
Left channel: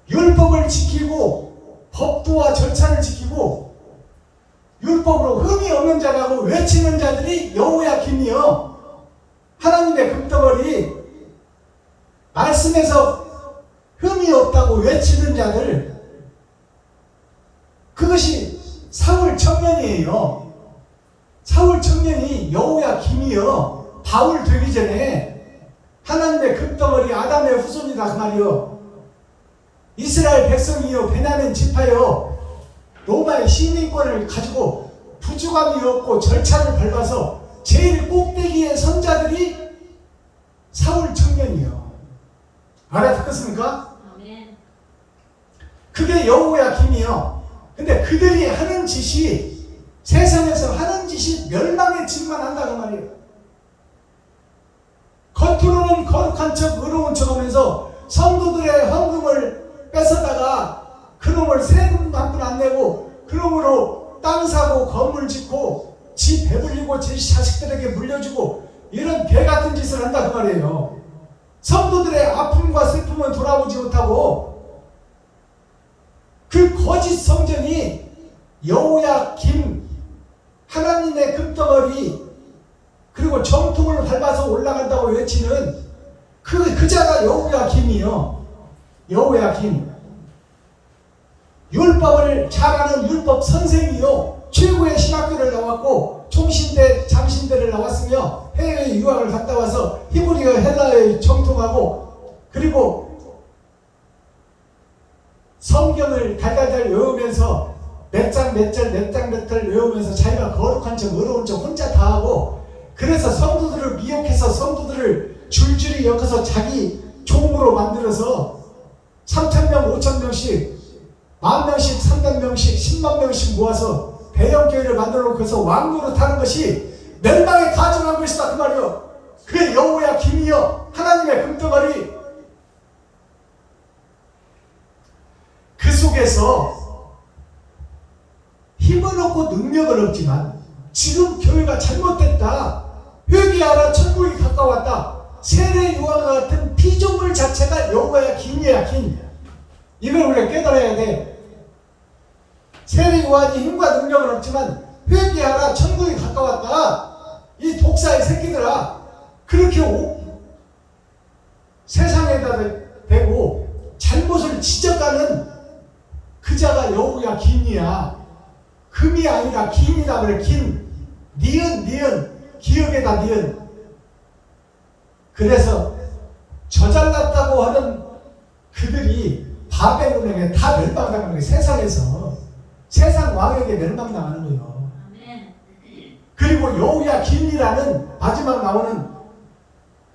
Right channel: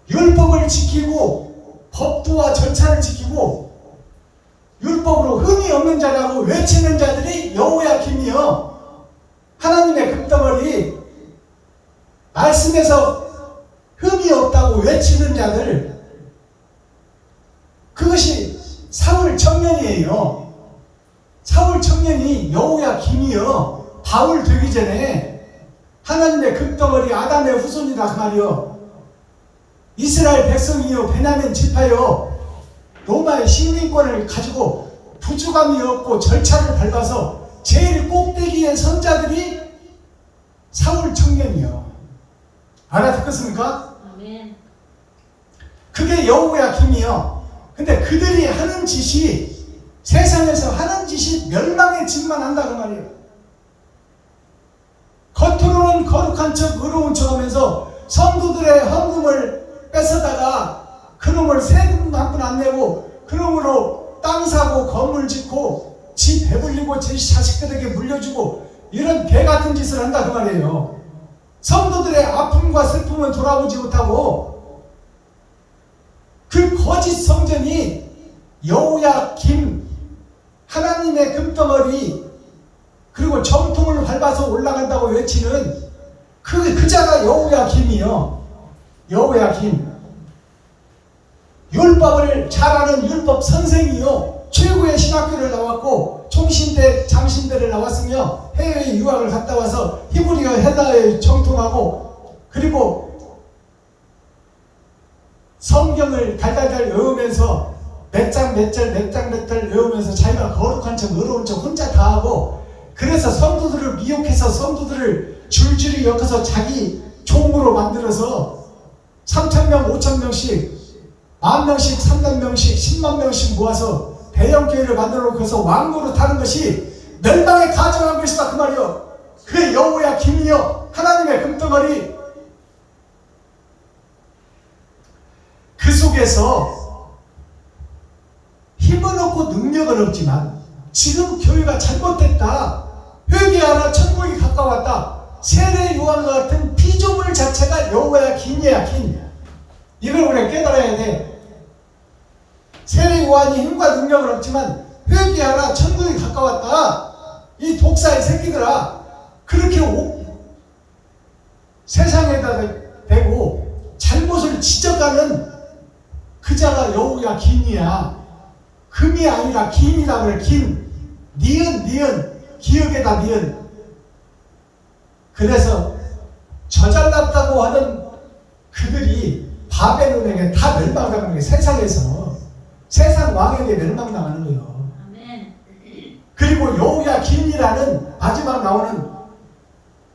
율법을 지키고 법도와 절차를 지키고 율법으로 흠이 없는 자라고 외치는 자들이 여호야김이요. 하나님의 금덩어리, 말씀에서 흠이 없다고 외치는 자들, 그것이 사울 청년이에요. 사울 청년이 여호야김이요. 바울 되기 전에 하나님의 금덩어리 아담의 후손이다 그 말이요. 이스라엘 백성이요. 베냐민 지파요. 로마의 식민권을 가지고 부주감이 없고 절차를 밟아서 제일 꼭대기의 선자들이 사울 청년이요. 알아듣겠습니까? 아멘. 그게 여호야김이요. 근데 그들이 하는 짓이, 세상에서 하는 짓이 멸망의 짓만 한다고 말이에요. 겉으로는 거룩한 척 의로운 척 하면서 성도들의 헌금을 뺏어다가 그놈을 세금 한 푼 안 내고 그놈으로 땅 사고 건물 짓고 지 배불리고 지 자식들에게 물려주고 이런 개 같은 짓을 한다 그 말이에요. 성도들의 아픔과 슬픔은 돌아보지 못하고 그 거짓 성전이 여호야김 하나님의 금덩어리 그리고 정통을 밟아서 올라간다고 외치는 그 자가 여호야김이요. 여호야김 율법을 잘하는 율법 선생이요. 최고의 신학교를 나왔고 총신대 장신대를 나왔으며 해외 유학을 갔다 와서 히브리어 헤다에 정통하고 그리고 성경을 달달달 외우면서 몇 장 몇 절 외우면서 자기가 거룩한 척 어려운 척 혼자 다 하고 그래서 성도들을 미혹해서 성도들을 줄줄이 엮어서 자기 종으로 만들어서 3,000명 5,000명씩 10,000명씩 300명씩 10만 명씩 모아서 대형 교회를 만들어 놓고서 왕노릇 하는 것이 멸망에 가증한 것이다 그 말이요. 그 여호야 김이여 하나님의 금덩어리 그 속에서 힘은 없고 능력은 없지만 지금 교회가 잘못됐다. 회개하라 천국이 가까웠다. 세례 요한과 같은 피조물 자체가 여호야 김이야 김. 이걸 우리가 깨달아야 돼. 세례 요한이 힘과 능력은 없지만 회개하라 천국이 가까웠다. 이 독사의 새끼들아 그렇게 세상에다 대고 잘못을 지적하는 그 자가 여호야 김이야. 금이 아니라 김이라 그래. 김 니은 기억에다 니은. 그래서 저잘났다고 하는 그들이 바벨론에게 다 멸망당하는 거예요. 세상에서 세상 왕에게 멸망당하는 거예요. 아멘. 그리고 여호야 김이라는 마지막 나오는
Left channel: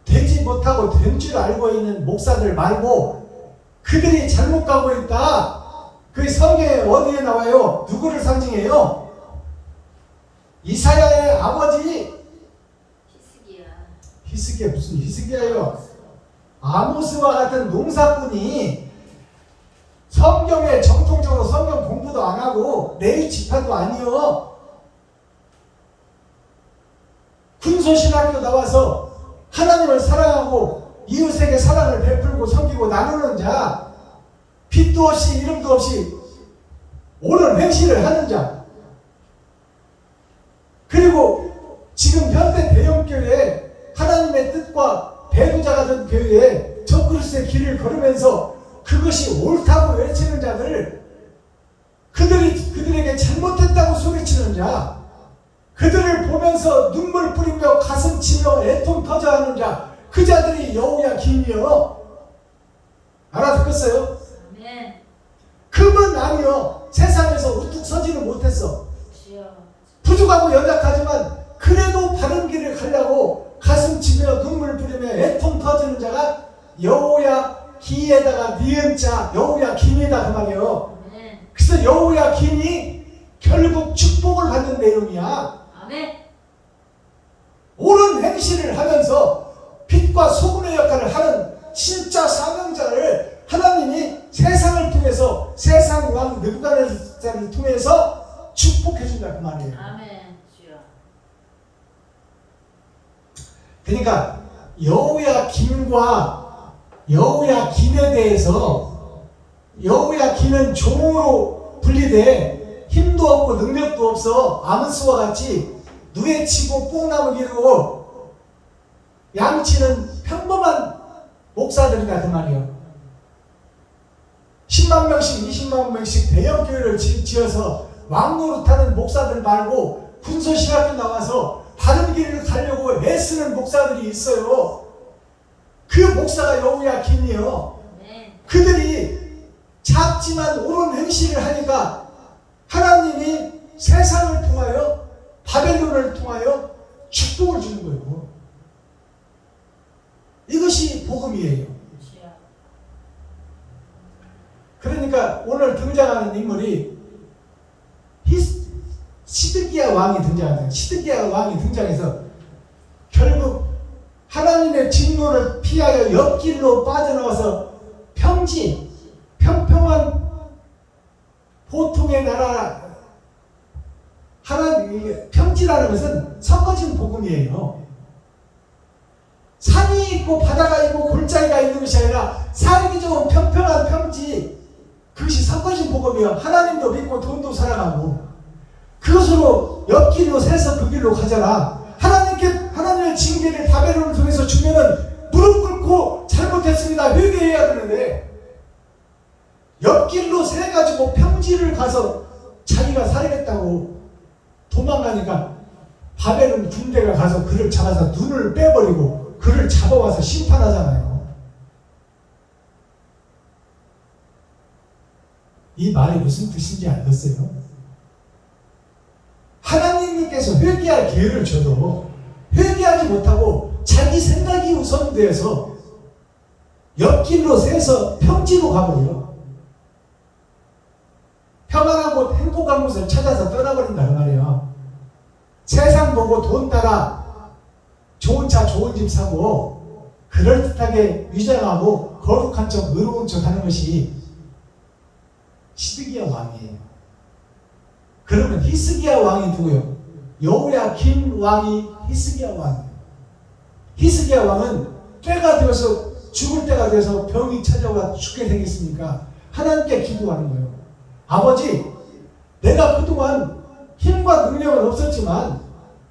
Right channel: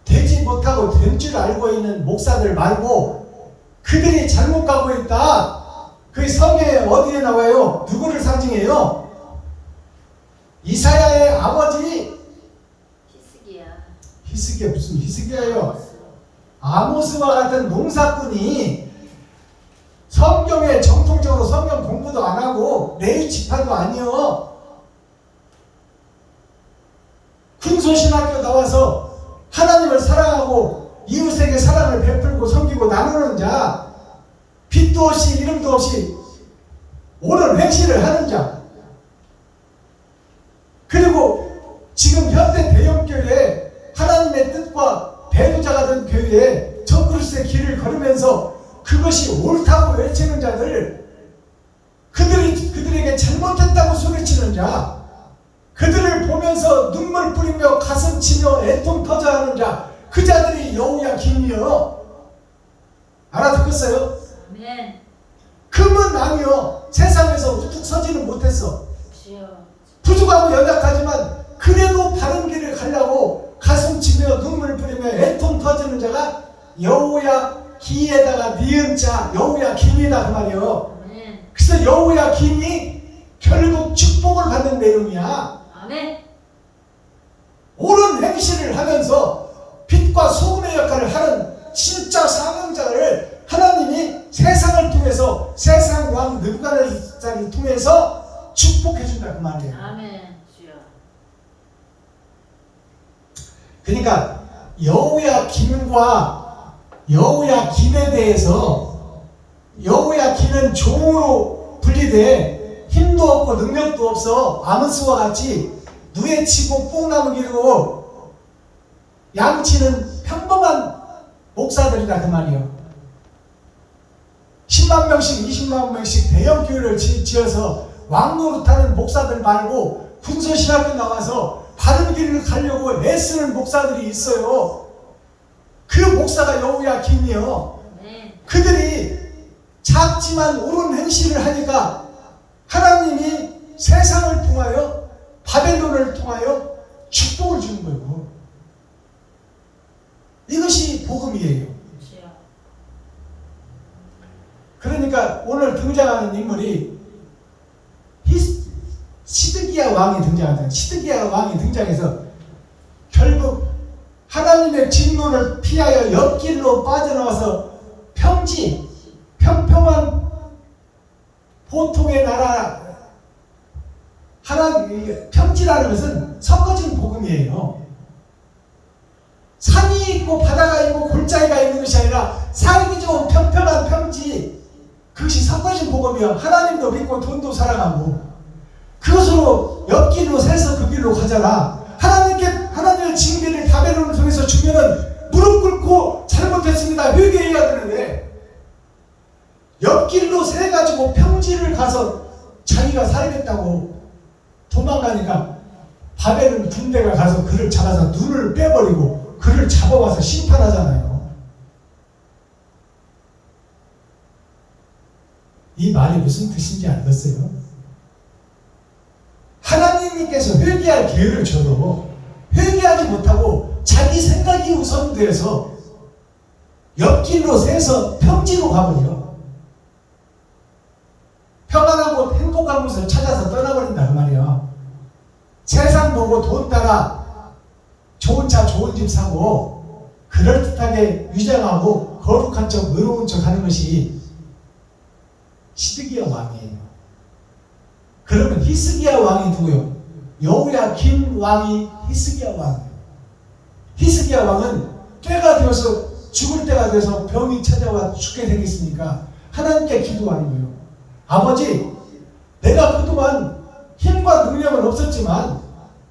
되지 못하고 된 줄 알고 있는 목사들 말고 그들이 잘못 가고 있다. 그 성경에 어디에 나와요? 누구를 상징해요? 이사야의 아버지 히스기야 무슨 히스기야예요? 아모스와 같은 농사꾼이 성경에 정통적으로 성경 공부도 안 하고 레위 지파도 아니요. 군소신학교 나와서 하나님을 사랑하고 이웃에게 사랑을 베풀고 섬기고 나누는 자, 빛도 없이 이름도 없이 옳은 행실을 하는 자, 그리고 지금 현대 대형교회에 하나님의 뜻과 배우자가 된 교회에 적그리스도의 길을 걸으면서 그것이 옳다고 외치는 자들, 그들에게 잘못됐다고 소리치는 자, 그들을 보면서 눈물 뿌리며 가슴 치며 애통 터져하는 자, 그 자들이 여호야 김이여. 알아듣겠어요? 아멘. 금은 아니요. 세상에서 우뚝 서지는 못했어. 주여. 부족하고 연약하지만 그래도 바른 길을 가려고 가슴 치며 눈물 뿌리며 애통 터지는 자가 여호야 기에다가 니은 자 여호야 김이다 그 말이에요. 아멘. 그래서 여호야 김이 결국 축복을 받는 내용이야. 아멘. 옳은 행실을 하면서 빛과 소금의 역할을 하는 진짜 사명자를 하나님이 세상을 통해서 세상 왕 느부갓네살을 통해서 축복해 준다 그 말이에요. 아멘. 주여. 그러니까 여호야 김에 대해서 여호야 김은 종으로 분리돼 힘도 없고 능력도 없어. 아모스와 같이 누에 치고 뽕나무 기르고 양치는 평범한 목사들이다 그 말이에요. 10만 명씩 20만 명씩 대형 교회를 지어서 왕노릇하는 목사들 말고 군소신학교 나와서 바른 길을 가려고 애쓰는 목사들이 있어요. 그 목사가 여호야 김이요. 아멘. 그들이 작지만 옳은 행실을 하니까 하나님이 세상을 통하여 바벨론을 통하여 축복을 주는 거예요. 이것이 복음이에요. 주여. 그러니까 오늘 등장하는 인물이 시드기야 왕이 등장합니다. 시드기야 왕이 등장해서 결국 하나님의 진노를 피하여 옆길로 빠져나와서 평평한 보통의 나라, 평지 평지라는 것은 섞어진 복음이에요. 산이 있고 바다가 있고 골짜기가 있는 것이 아니라 살기 좋은 평평한 평지, 그것이 섞어진 복음이야. 하나님도 믿고 돈도 사랑하고 그것으로 옆길로 새서 그 길로 가잖아. 하나님의 징계를 바벨론을 통해서 주면은 무릎 꿇고 잘못했습니다 회개해야 되는데, 옆길로 새가지고 평지를 가서 자기가 살겠다고 도망가니까 바벨론 군대가 가서 그를 잡아서 눈을 빼버리고 그를 잡아와서 심판하잖아요. 이 말이 무슨 뜻인지 알겠어요? 하나님께서 회개할 기회를 줘도 회개하지 못하고 자기 생각이 우선돼서 옆길로 새서 평지로 가버려. 평안한 곳, 행복한 곳을 찾아서 떠나버린다 그 말이야. 세상 보고 돈 따라 좋은 차 좋은 집 사고 그럴듯하게 위장하고 거룩한 척 의로운 척 하는 것이 시드기야 왕이에요. 그러면 히스기야 왕이 누구요? 여호야김 왕이 히스기야 왕이에요. 히스기야 왕은 때가 되어서 죽을 때가 돼서 병이 찾아와 죽게 되겠으니까 하나님께 기도하는 거예요. 아버지, 내가 그동안 힘과 능력은 없었지만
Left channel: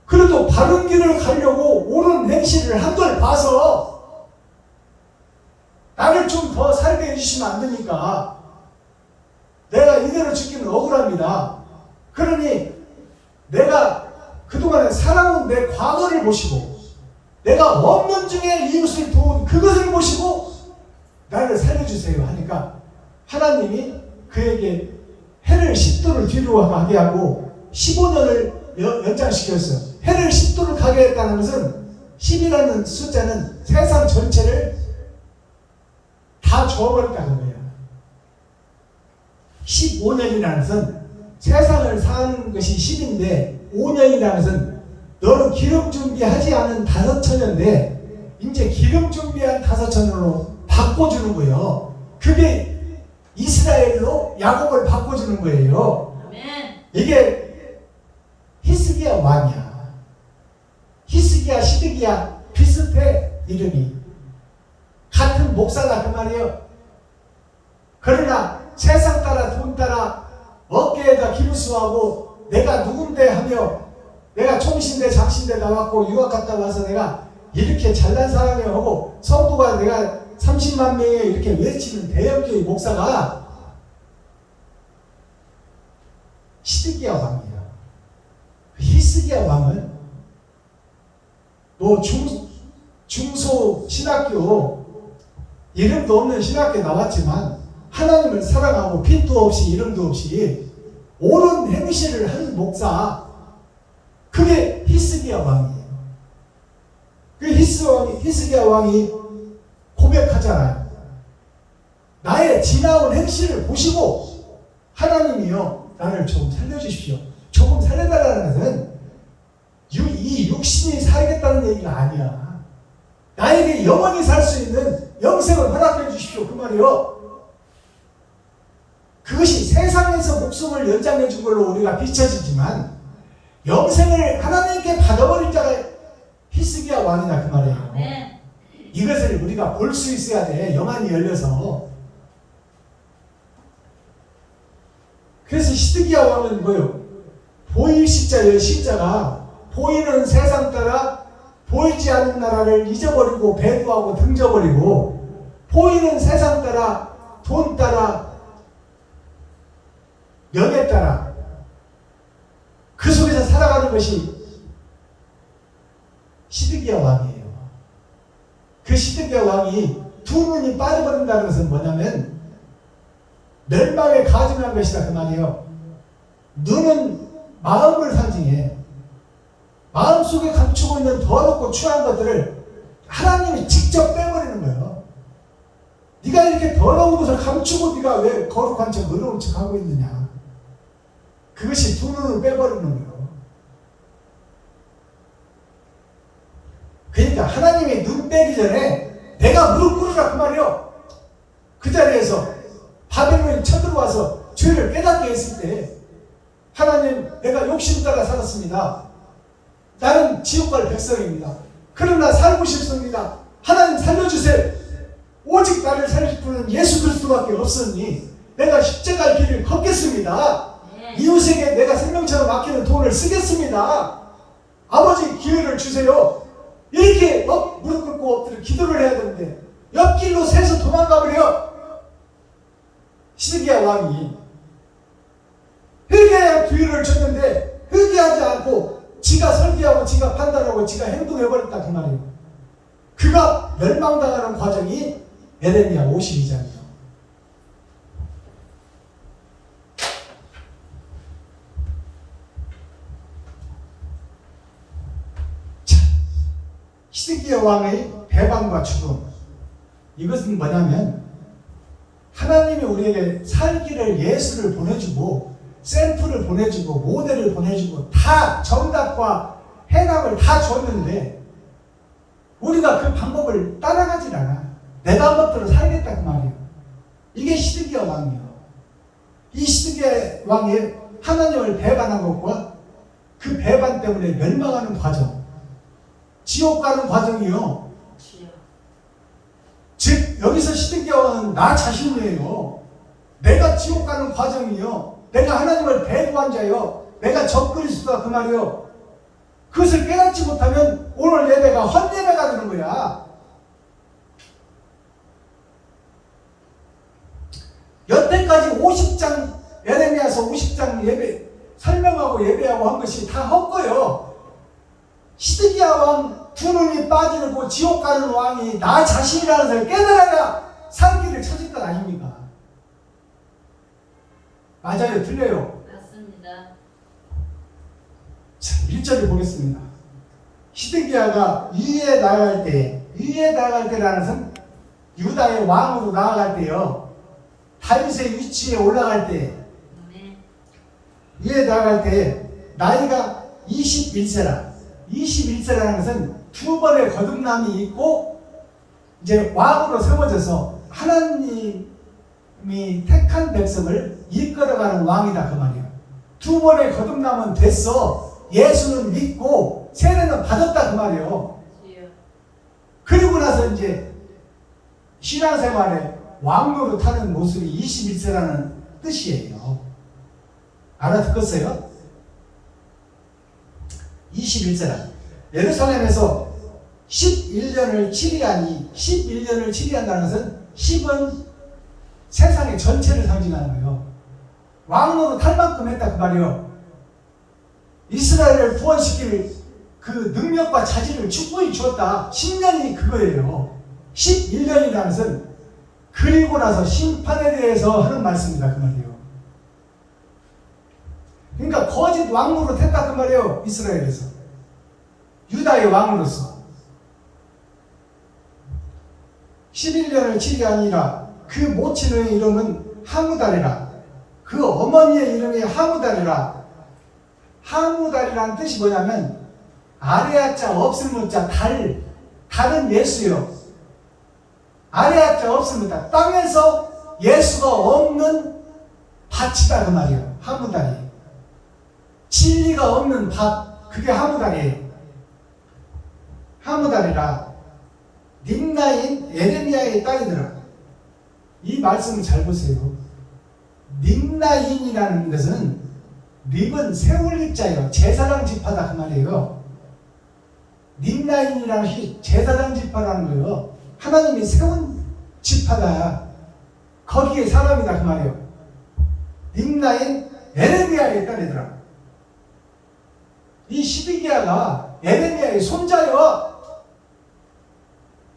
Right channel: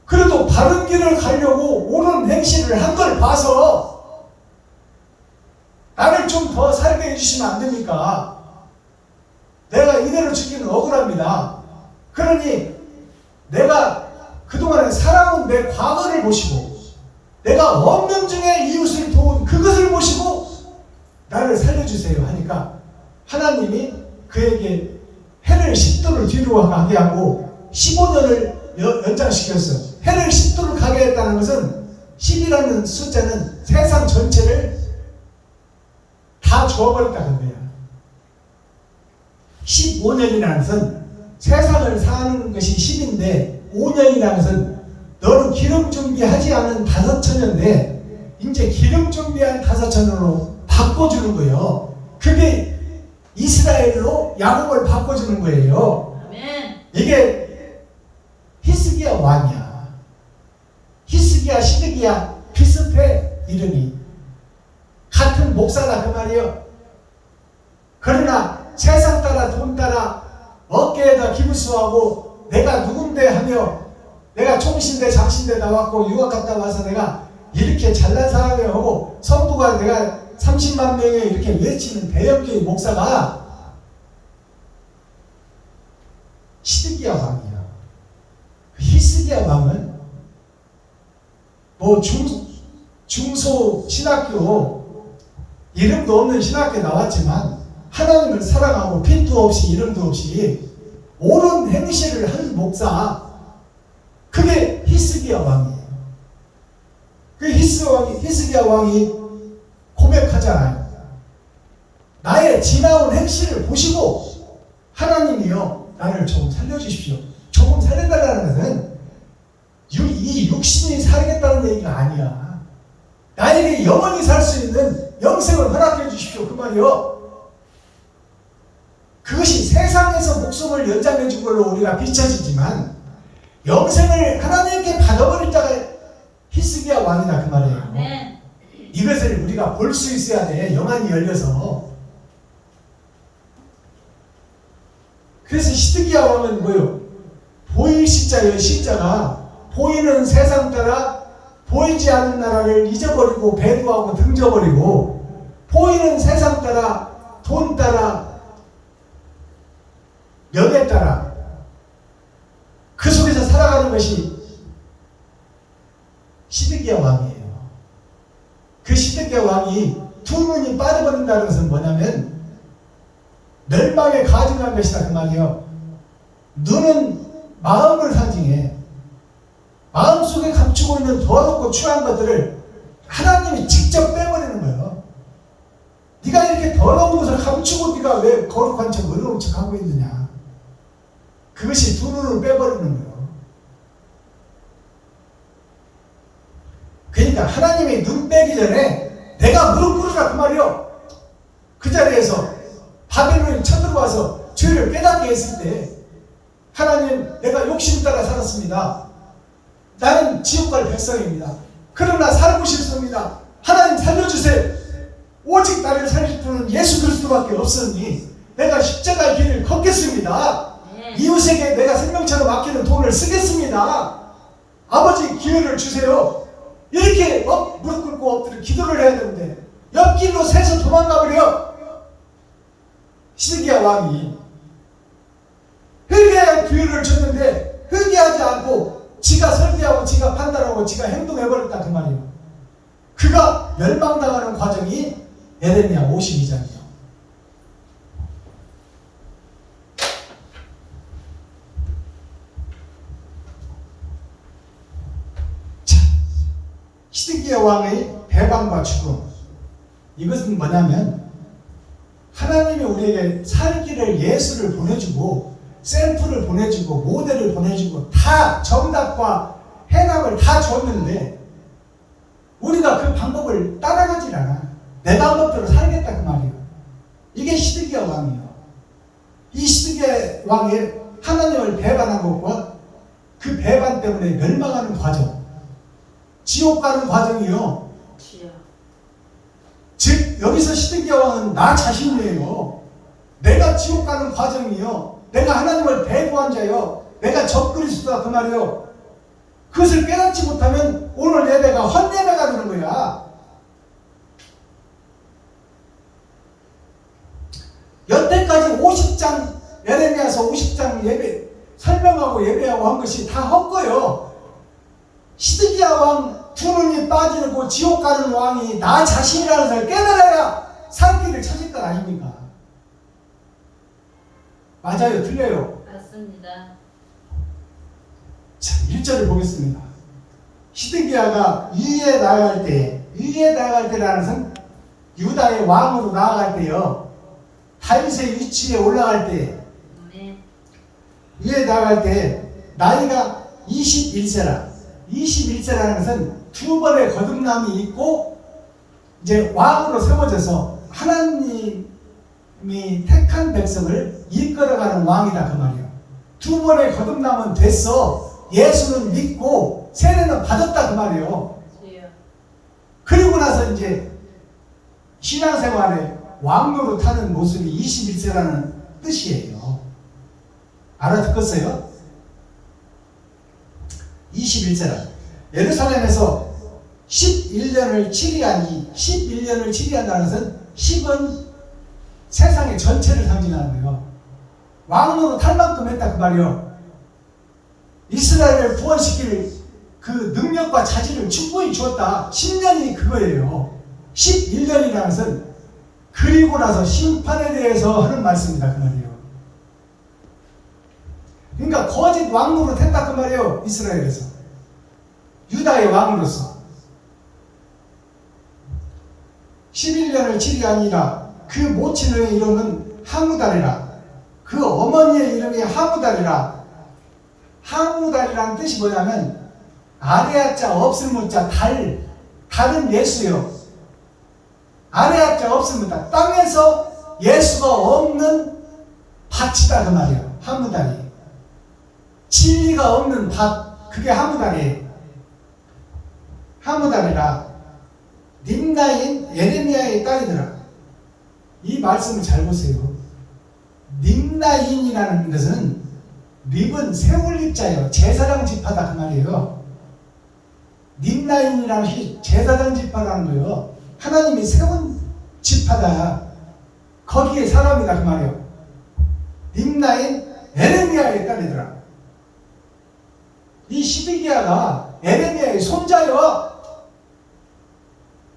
그래도 바른 길을 가려고 옳은 행실을 한 걸 봐서 나를 좀 더 살게 해주시면 안 됩니까? 내가 이대로 죽기는 억울합니다. 그러니 내가 그동안에 살아온 내 과거를 보시고 내가 없는 중에 이웃을 도운 그것을 보시고 나를 살려주세요 하니까 하나님이 그에게 해를 10도를 뒤로 가게 하고 15년을 연장시켰어. 해를 10도를 가게 했다는 것은 10이라는 숫자는 세상 전체를 다 줘버렸다는 거야. 15년이라는 것은 세상을 사는 것이 10인데 5년이라는 것은 너는 기름 준비하지 않은 5천년인데 이제 기름 준비한 5천년으로 바꿔주는 거예요. 그게 이스라엘로 야곱을 바꿔주는 거예요. 아멘. 이게 히스기야 왕이야. 히스기야, 시드기야 비슷해. 이름이 같은 목사다 그 말이에요. 그러나 세상 따라 돈 따라 어깨에다 기부수하고 내가 누군데 하며 내가 총신대 장신대 나왔고 유학 갔다 와서 내가 이렇게 잘난 사람이야 하고 성도가 내가 30만 명에 이렇게 외치는 대형교회 목사가 시드기야 왕이야. 히스기야 왕은 뭐 중소 신학교 이름도 없는 신학교에 나왔지만 하나님을 사랑하고 빚도 없이 이름도 없이 옳은 행실을 하는 목사, 그게 히스기야 왕이에요. 그 히스기야 왕이 고백하잖아요. 나의 지나온 행실을 보시고 하나님이요 나를 조금 살려주십시오. 조금 살려달라는 것은 이 육신이 살겠다는 얘기가 아니야. 나에게 영원히 살 수 있는 영생을 허락해 주십시오 그 말이요. 그것이 세상에서 목숨을 연장해 준 걸로 우리가 비춰지지만 영생을 하나님께 받아버릴 자가 히스기야 왕이다 그 말이에요. 아멘. 이것을 우리가 볼 수 있어야 돼. 영안이 열려서. 그래서 시드기야 왕은 뭐요? 보일 시자예요. 시자가 보이는 세상 따라 보이지 않는 나라를 잊어버리고 배도하고 등져버리고 보이는 세상 따라 돈 따라 명예 따라 그 속에서 살아가는 것이 시드기야 왕이에요. 그 시드기야 왕이 두 눈이 빠져버린다는 것은 뭐냐면 멸망에 가증한 것이다 그 말이에요. 눈은 마음을 상징해. 마음속에 감추고 있는 더럽고 추한 것들을 하나님이 직접 빼버리는 거예요. 네가 이렇게 더러운 것을 감추고 네가 왜 거룩한 척 의로운 척 하고 있느냐. 그것이 두 눈을 빼버리는 거예요. 그러니까 하나님이 눈 빼기 전에 내가 무릎 꿇으라 그 말이요. 그 자리에서 바벨론이 쳐들어와서 죄를 깨닫게 했을 때 하나님 내가 욕심 따라 살았습니다. 나는 지옥 갈 백성입니다. 그러나 살고 싶습니다. 하나님 살려주세요. 오직 나를 살릴 분은 예수 그리스도밖에 없으니 내가 십자가의 길을 걷겠습니다. 아멘. 이웃에게 내가 생명처럼 아끼는 돈을 쓰겠습니다. 아버지 기회를 주세요. 이렇게 무릎 꿇고 엎드려 기도를 해야 되는데 옆길로 새서 도망가 버려. 시드기야 왕이 회개할 기회를 줬는데 회개하지 않고 지가 설계하고 지가 판단하고 지가 행동해버렸다 그 말이에요. 그가 멸망당하는 과정이 에레미야 52장이에요. 자, 시드기야 왕의 배반과 죽음, 이것은 뭐냐면 하나님이 우리에게 살기를 예수를 보내주고 샘플을 보내주고 모델을 보내주고 다 정답과 해답을 다 줬는데 우리가 그 방법을 따라가질 않아. 내 방법대로 살겠다 그 말이에요. 이게 시드기야 왕이에요. 이 시드기야 왕이 하나님을 배반한 것과 그 배반 때문에 멸망하는 과정, 지옥 가는 과정이요. 주여. 즉 여기서 시드기야 왕은 나 자신이에요. 내가 지옥 가는 과정이요. 내가 하나님을 배도한 자요. 내가 적그리스도다 그 말이요. 그것을 깨닫지 못하면 오늘 예배가 헛예배가 되는 거야. 여태까지 50장 에레미야서 50장 예배 설명하고 예배하고 한 것이 다 헛거요. 시드기야 왕 두 눈이 빠지고 지옥 가는 왕이 나 자신이라는 것을 깨달아야 살 길을 찾을 것 아닙니까? 맞아요? 틀려요? 맞습니다. 자, 1절을 보겠습니다. 시드기야가 위에 나아갈 때라는 것은 유다의 왕으로 나아갈 때요. 다윗의 위치에 올라갈 때, 아멘. 위에 나아갈 때 나이가 21세라. 21세라는 것은 두 번의 거듭남이 있고 이제 왕으로 세워져서 하나님이 택한 백성을 이끌어가는 왕이다 그 말이에요. 두 번의 거듭남은 됐어. 예수는 믿고 세례는 받았다 그 말이에요. 주여. 그리고 나서 이제 신앙생활에 왕노로 타는 모습이 21세라는 뜻이에요. 알아듣겠어요? 21세라. 예루살렘에서 11년을 치리하니 11년을 치리한다는 것은 10은 세상의 전체를 상징하는 거예요. 왕으로 탈 만큼 했다 그 말이요. 이스라엘을 구원시킬 그 능력과 자질을 충분히 주었다. 10년이 그거예요. 11년이라는 것은 그리고 나서 심판에 대해서 하는 말씀이다 그 말이에요. 그러니까 거짓 왕으로 됐다 그 말이에요. 이스라엘에서 유다의 왕으로서 11년을 치리하니라. 그 모친의 이름은 하무달이라. 그 어머니의 이름이 하무달이라. 하무달이라는 뜻이 뭐냐면 아래아자 없을무자 달은 예수요. 아래아자 없을무자 땅에서 예수가 없는 밭이다 그 말이에요. 하무달이 진리가 없는 밭, 그게 하무달이에요. 하무달이라. 림나인 에레미야의 딸이더라. 이 말씀을 잘 보세요. 림나인이라는 것은 립은 세올립자예요. 제사장 지파다 그 말이에요. 림나인이라는 것이 제사장 지파라는 거예요. 하나님이 세운 지파다. 거기에 사람이다 그 말이에요. 림나인 에레미야의 딸이더라. 이 시드기야가 에레미야의 손자요.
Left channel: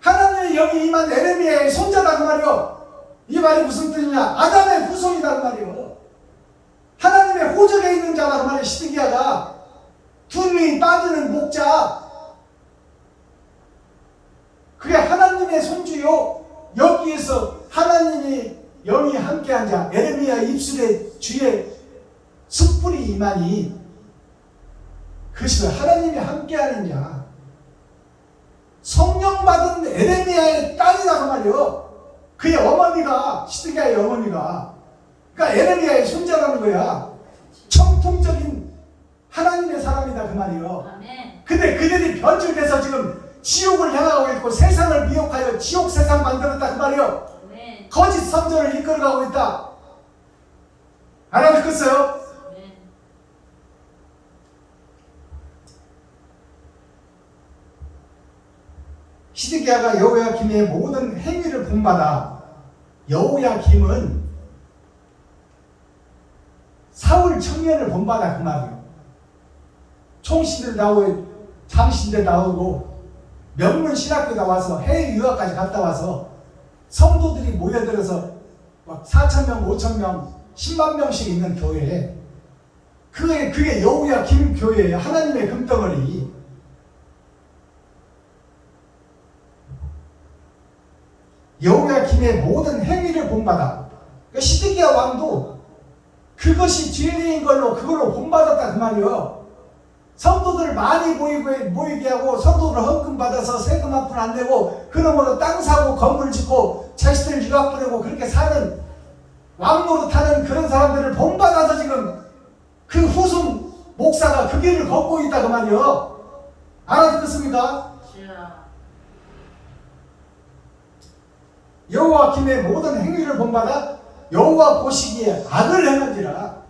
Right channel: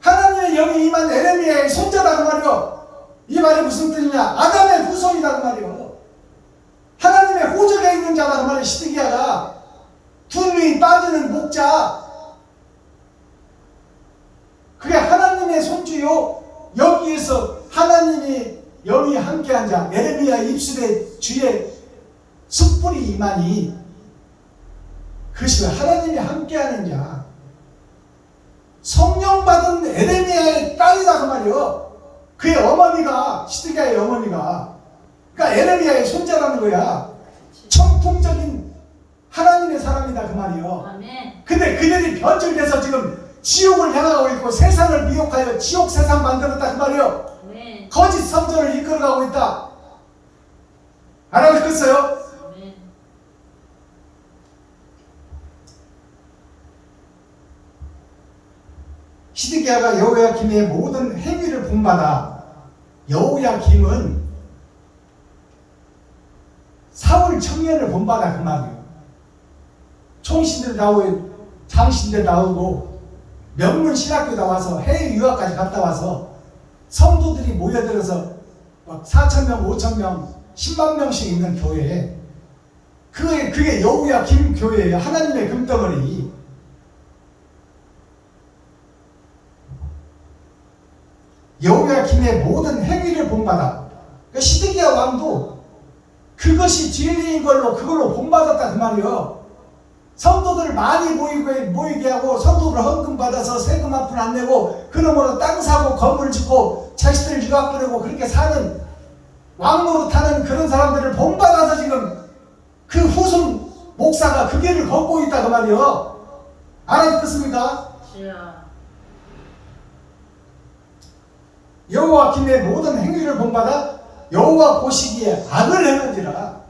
하나님의 영이 임한 에레미야의 손자다 그 말이요. 이 말이 무슨 뜻이냐? 아담의 후손이다 그 말이요. 하나님의 호적에 있는 자다 그 말이에요. 시드기야가 두 눈이 빠지는 목자, 그게 하나님의 손주요. 여기에서 하나님이 영이 함께한 자, 에레미야 입술에 주의 숯불이 임하니 그것이 하나님이 함께하는 자, 성령 받은 에레미야의 딸이다 그 말이요. 그의 어머니가 시드기야의 어머니가, 그러니까 에레미야의 손자라는 거야. 청통적인 하나님의 사람이다 그 말이에요. 아멘. 근데 그들이 변질돼서 지금 지옥을 향하고 있고 세상을 미혹하여 지옥 세상 만들었다 그 말이에요. 아멘. 거짓 선전을 이끌어가고 있다. 알아듣겠어요? 아멘. 시드기야가 여호야김의 모든 행위를 본받아. 여호야김은 사울 청년을 본받아 그 말이에요. 총신들 나오고 장신들 나오고 명문 신학교 나와서 해외 유학까지 갔다 와서 성도들이 모여들어서 4,000명, 5,000명, 10만 명씩 있는 교회에 그게 여호야김 교회예요. 하나님의 금덩어리. 여호야김의 모든 행위를 본받아. 그러니까 시드기야 왕도 그것이 진리인 걸로 그걸로 본받았다 그 말이요. 성도들 많이 모이게 하고 성도들 헌금 받아서 세금 한 푼 안 내고 그놈으로 땅 사고 건물 짓고 자식들 유학 보내고 그렇게 사는 왕노릇 하는 그런 사람들을 본받아서 지금 그 후손 목사가 그 길을 걷고 있다 그 말이요. 알아듣겠습니까? 주여. 여호와김의 모든 행위를 본받아 여호와 보시기에 악을 행한지라.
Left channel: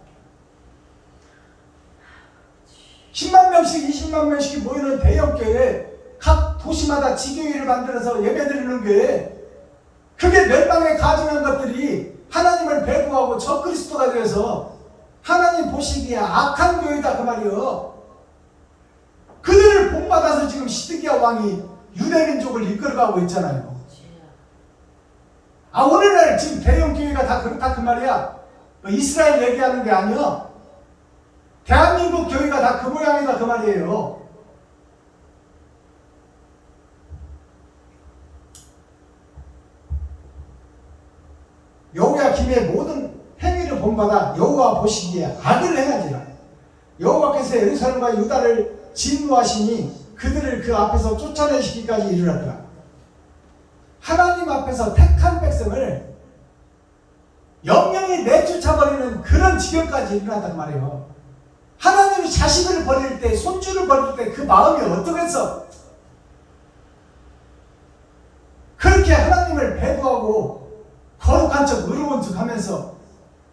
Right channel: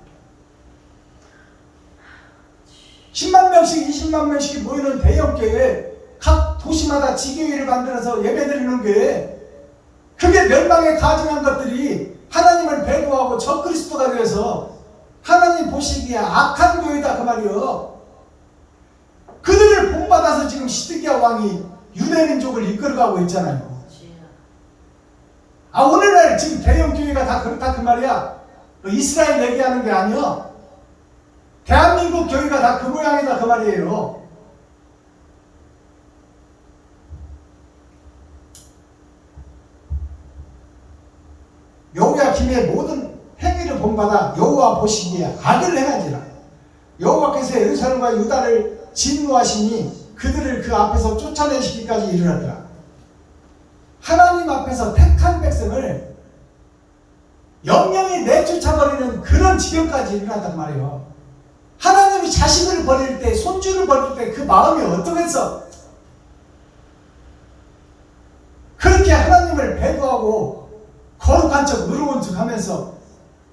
10만 명씩 20만 명씩 모이는 대형교회 각 도시마다 지교회를 만들어서 예배드리는 교회, 그게 멸망에 가증한 것들이 하나님을 배도하고 적그리스도가 되어서 하나님 보시기에 악한 교회다 그 말이요. 그들을 본받아서 지금 시드기야 왕이 유대민족을 이끌어가고 있잖아요. 오늘날 지금 대형교회가 다 그렇다 그 말이야. 이스라엘 얘기하는 게 아니야. 대한민국 교회가 다 그 모양이다 그 말이에요. 여호야김의 모든 행위를 본받아 여호와 보시기에 악을 행한지라. 여호와께서 예루살렘과 유다를 진노하시니 그들을 그 앞에서 쫓아내시기까지 이르렀더라. 하나님 앞에서 택한 백성을 영영이 내쫓아버리는 그런 지경까지 일어난단 말이에요. 하나님이 자식을 버릴 때, 손주를 버릴 때 그 마음이 어떠겠어? 그렇게 하나님을 배도하고 거룩한 척 의로운 척 하면서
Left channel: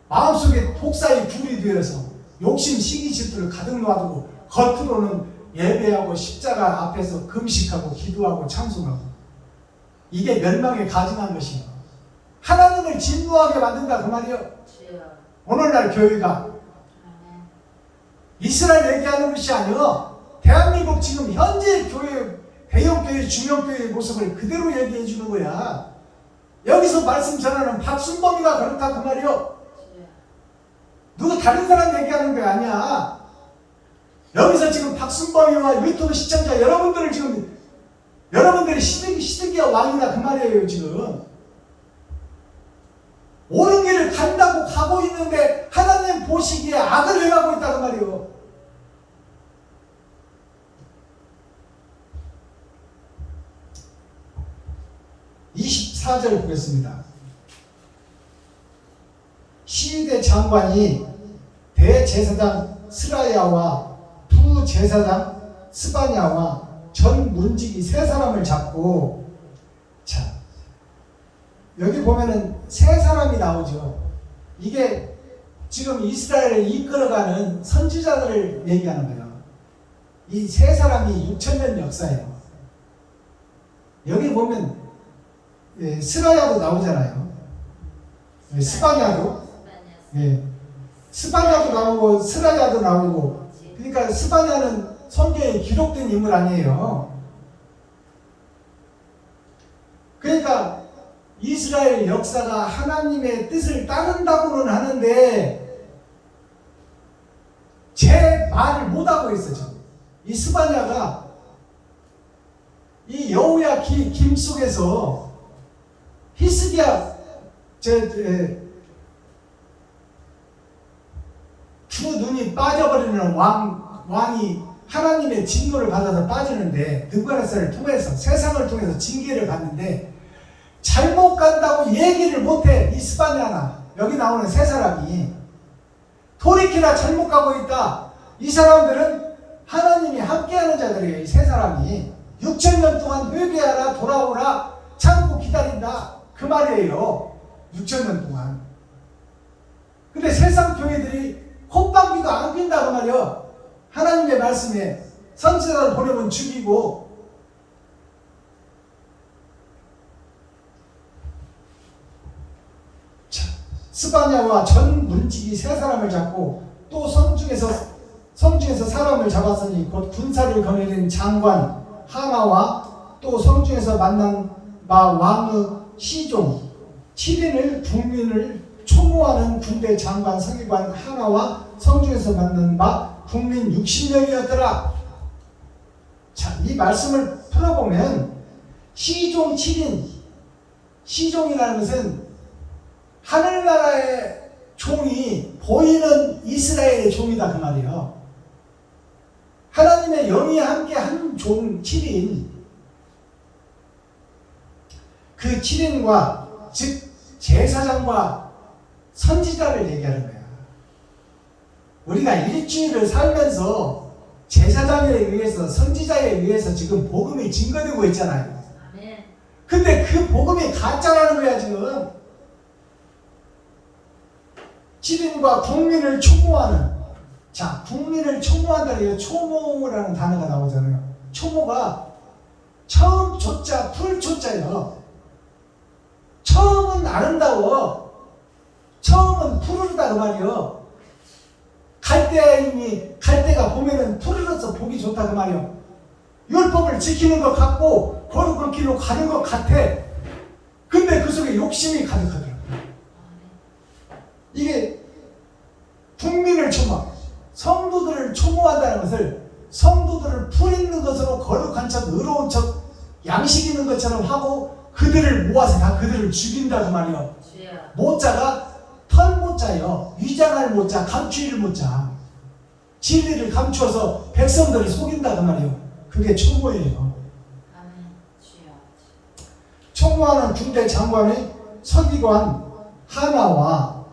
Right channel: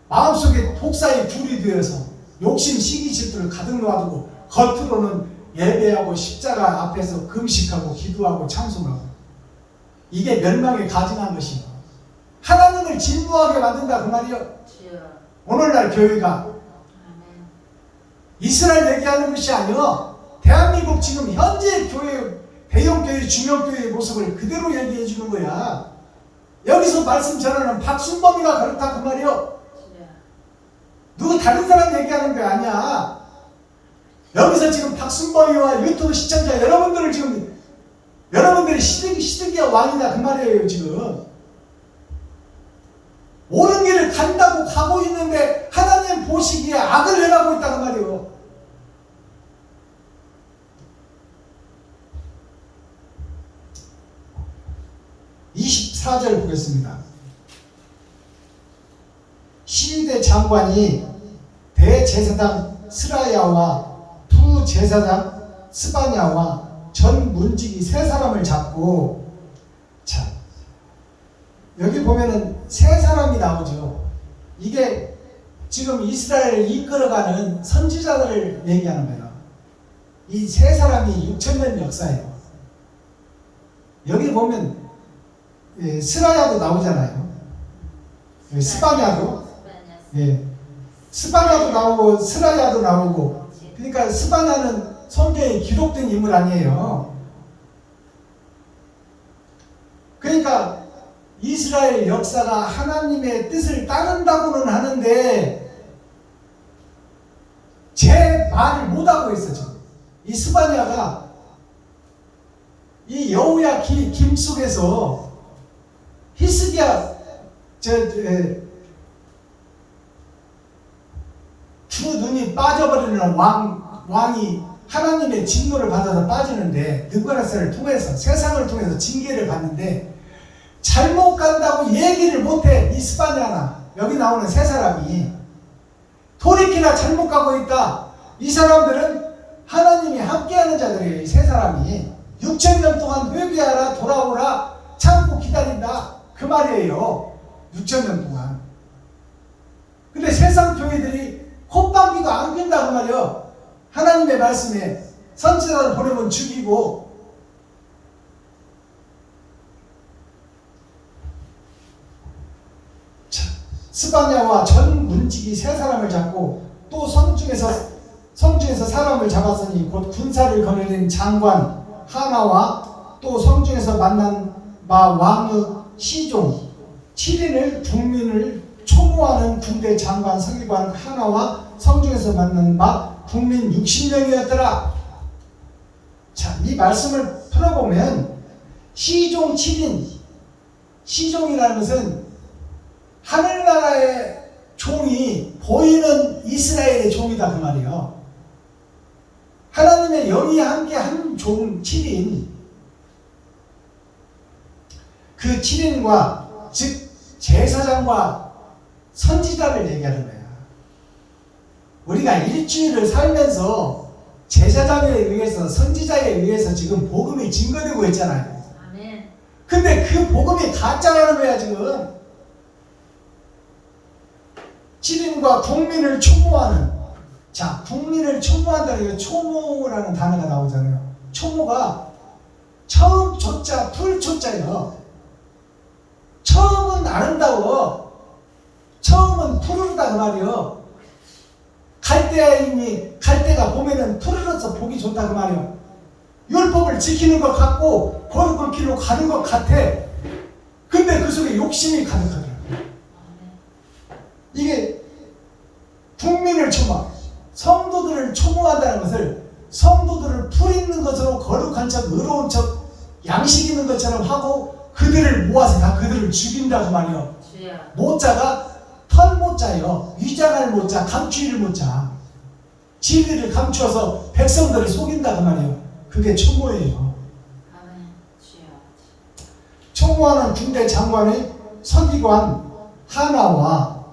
마음속에 독사의 불이 되어서 욕심 시기질투를 가득 놔두고 겉으로는 예배하고 십자가 앞에서 금식하고 기도하고 찬송하고, 이게 멸망에 가증한 것이에요. 하나님을 진노하게 만든다 그 말이에요. 주여. 오늘날 교회가 아멘. 이스라엘 얘기하는 것이 아니요, 대한민국 지금 현재 교회, 대형교회, 중형교회의 모습을 그대로 얘기해 주는 거야. 여기서 말씀 전하는 박순범이가 그렇다 그 말이요. 주여. 누구 다른 사람 얘기하는 게 아니야. 여기서 지금 박순범이와 유튜브 시청자 여러분들을 지금, 여러분들이 시드기야 왕이나 그 말이에요. 지금 옳은 길을 간다고 가고 있는데 하나님 보시기에 악을 행하고 있다 그 말이에요. (24절) 보겠습니다. 시위대 장관이 대제사장 스라야와 부제사장 스바냐와 전 문지기 세 사람을 잡고, 자, 여기 보면은 세 사람이 나오죠. 이게 지금 이스라엘을 이끌어가는 선지자들을 얘기하는 거예요. 이 세 사람이 6,000년 역사예요. 여기 보면 스라야도 나오잖아요. 스바냐도, 스바냐도 나오고 스라야도 나오고. 그러니까 스바냐는 성경에 기록된 인물 아니에요. 그러니까 이스라엘 역사가 하나님의 뜻을 따른다고는 하는데 제 말을 못하고 있어 지금. 이 스바냐가 이 여호야김 속에서 히스기야 두 눈이 빠져버리는 왕이 하나님의 진노를 받아서 빠지는데, 느부갓네살을 통해서, 세상을 통해서 징계를 받는데 잘못 간다고 얘기를 못해. 이 스바냐나 여기 나오는 세 사람이 돌이키나 잘못 가고 있다. 이 사람들은 하나님이 함께하는 자들이에요. 이 세 사람이 6,000년 동안 회개하라 돌아오라 참고 기다린다 그 말이에요. 6,000년 동안. 근데 세상 교회들이 콧방귀도 안 낀다 그 말이에요. 하나님의 말씀에 선지자를 보내면 죽이고 스바냐와 전 문지기 세 사람을 잡고 또 성중에서 사람을 잡았으니 곧 군사를 거느린 장관 하나와 또 성중에서 만난 바 왕의 시종 7인을 국민을 초모하는 군대 장관 서기관 하나와 성중에서 만난 바 국민 60명이었더라. 자, 이 말씀을 풀어보면 시종 7인, 시종이라는 것은 하늘나라의 종이 보이는 이스라엘의 종이다 그 말이에요. 하나님의 영이 함께 한 종 7인, 그 7인과 즉 제사장과 선지자를 얘기하는 거야. 우리가 일주일을 살면서 제사장에 의해서 선지자에 의해서 지금 복음이 증거되고 있잖아요. 아멘. 근데 그 복음이 가짜라는 거야 지금. 7인과 국민을 초모하는, 자, 국민을 초모한다는 게 초모라는 단어가 나오잖아요. 초모가 처음 초자 풀초자예요. 처음은 아름다워. 처음은 푸르르다 그 말이요. 갈대가 보면은 푸르르서 보기 좋다 그 말이요. 율법을 지키는 것 같고 거룩한 길로 가는 것 같아. 근데 그 속에 욕심이 가득하더라고요. 이게 국민을 초모, 성도들을 초모한다는 것을 성도들을 풀 있는 것으로 거룩한 척, 의로운 척, 양식 있는 것처럼 하고 그들을 모아서 다 그들을 죽인다고 말이요. 모자가 털모자요. 위장할 모자, 감추이를 모자. 진리를 감추어서 백성들을 속인다고 말이요. 그게 초모예요. 초모하는 군대 장관의 서기관 하나가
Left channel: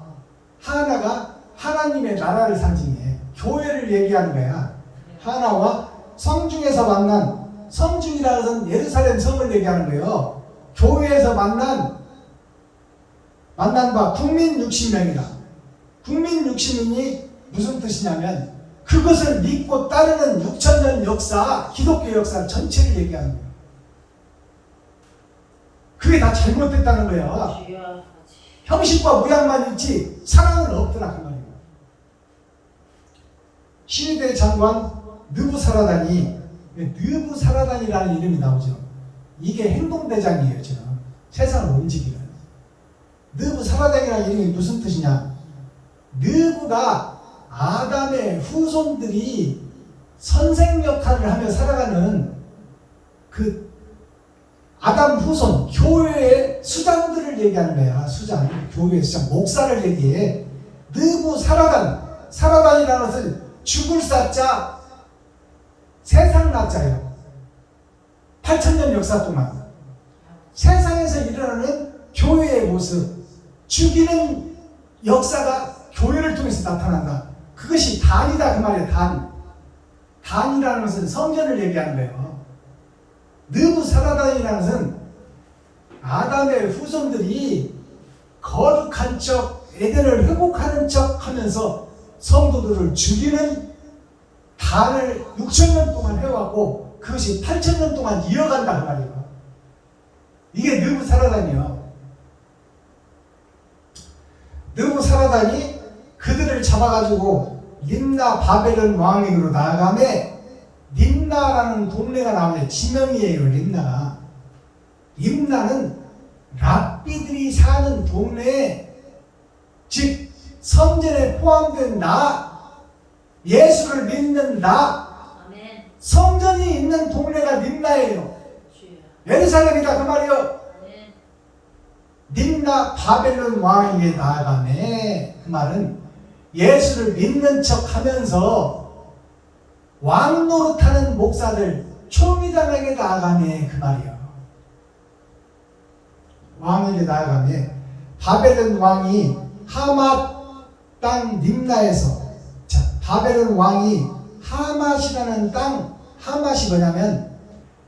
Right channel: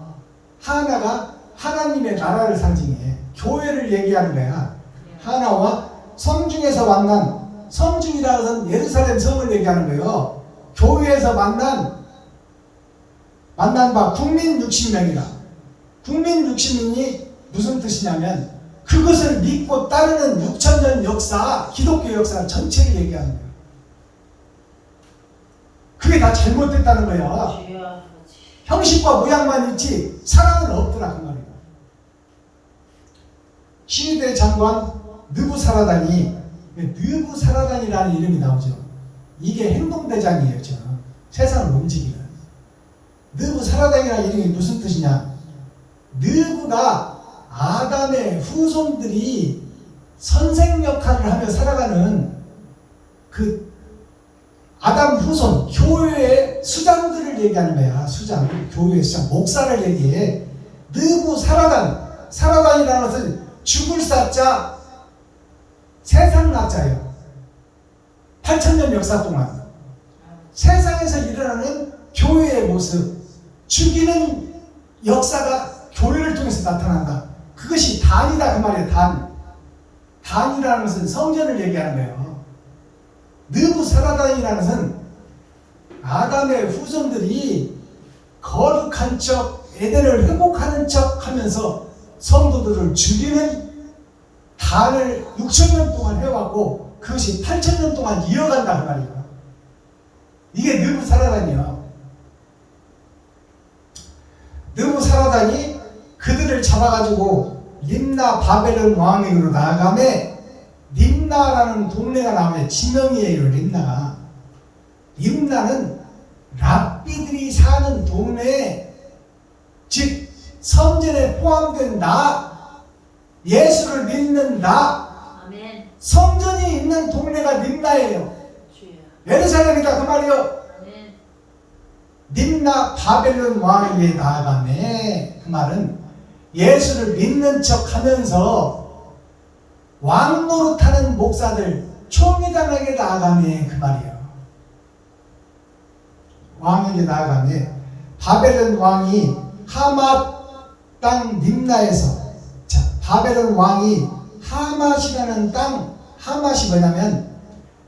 하나님의 나라를 상징해. 교회를 얘기하는 거야. 하나와 성중에서 만난, 성중이라는 것은 예루살렘 성을 얘기하는 거예요. 교회에서 만난 바 국민 60명이다. 국민 60명이 무슨 뜻이냐면 그것을 믿고 따르는 6,000년 역사, 기독교 역사 전체를 얘기하는 거예요. 그게 다 잘못됐다는 거야. 형식과 모양만 있지 사랑은 없더라 그 말이에요. 시리대 장관 느부사라단이라는 이름이 나오죠. 이게 행동대장이에요. 세상을 움직이는 느부사라단이라는 이름이 무슨 뜻이냐. 느부가 아담의 후손들이 선생 역할을 하며 살아가는 그 아담 후손, 교회의 수장들을 얘기하는 거야. 수장, 교회의 수장, 목사를 얘기해. 사라단이라는 것은 죽을 사자, 세상 낙자예요. 8,000년 역사 동안 세상에서 일어나는 교회의 모습, 죽이는 역사가 교회를 통해서 나타난다. 그것이 단이다 그 말이에요. 단이라는 것은 성전을 얘기하는 거예요. 느부사라단이라는 것은 아담의 후손들이 거룩한 척, 에덴을 회복하는 척 하면서 성도들을 죽이는 단을 6,000년 동안 해왔고 그것이 8,000년 동안 이어간다 그 말이에요. 이게 느부사라단이요. 느부사라단이 그들을 잡아가지고 림나 바벨론 왕에게로 나아가매 림나라는 동네가 나오네. 지명이에요. 림나는 랍비들이 사는 동네에, 즉 성전에 포함된 예수를 믿는 아멘. 성전이 있는 동네가 림나예요. 예루살렘이다 그 말이요. 림나 바벨론 왕에게 나아가매, 그 말은 예수를 믿는 척 하면서 왕 노릇하는 목사들, 총회장에게 나아가매 그 말이에요. 왕에게 나아가매 바벨론 왕이 하맛 땅 림나에서, 자, 바벨론 왕이 하맛이라는 땅, 하맛이 뭐냐면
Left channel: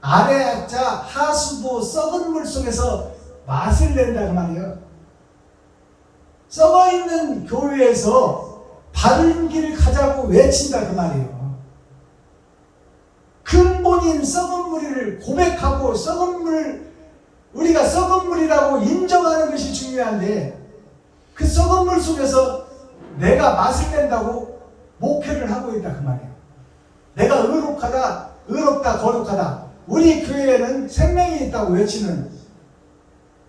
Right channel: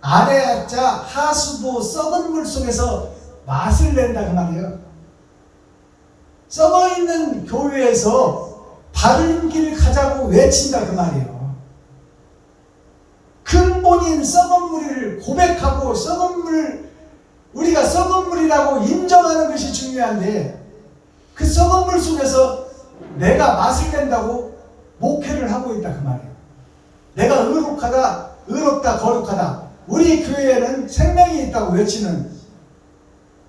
아래아자 하수도 썩은 물 속에서 맛을 낸다 그 말이에요. 썩어 있는 교회에서 바른 길 가자고 외친다 그 말이에요. 근본인 썩은 물을 고백하고 썩은 물, 우리가 썩은 물이라고 인정하는 것이 중요한데 그 썩은 물 속에서 내가 맛을 낸다고 목회를 하고 있다 그 말이에요. 내가 의롭다, 거룩하다. 우리 교회에는 생명이 있다고 외치는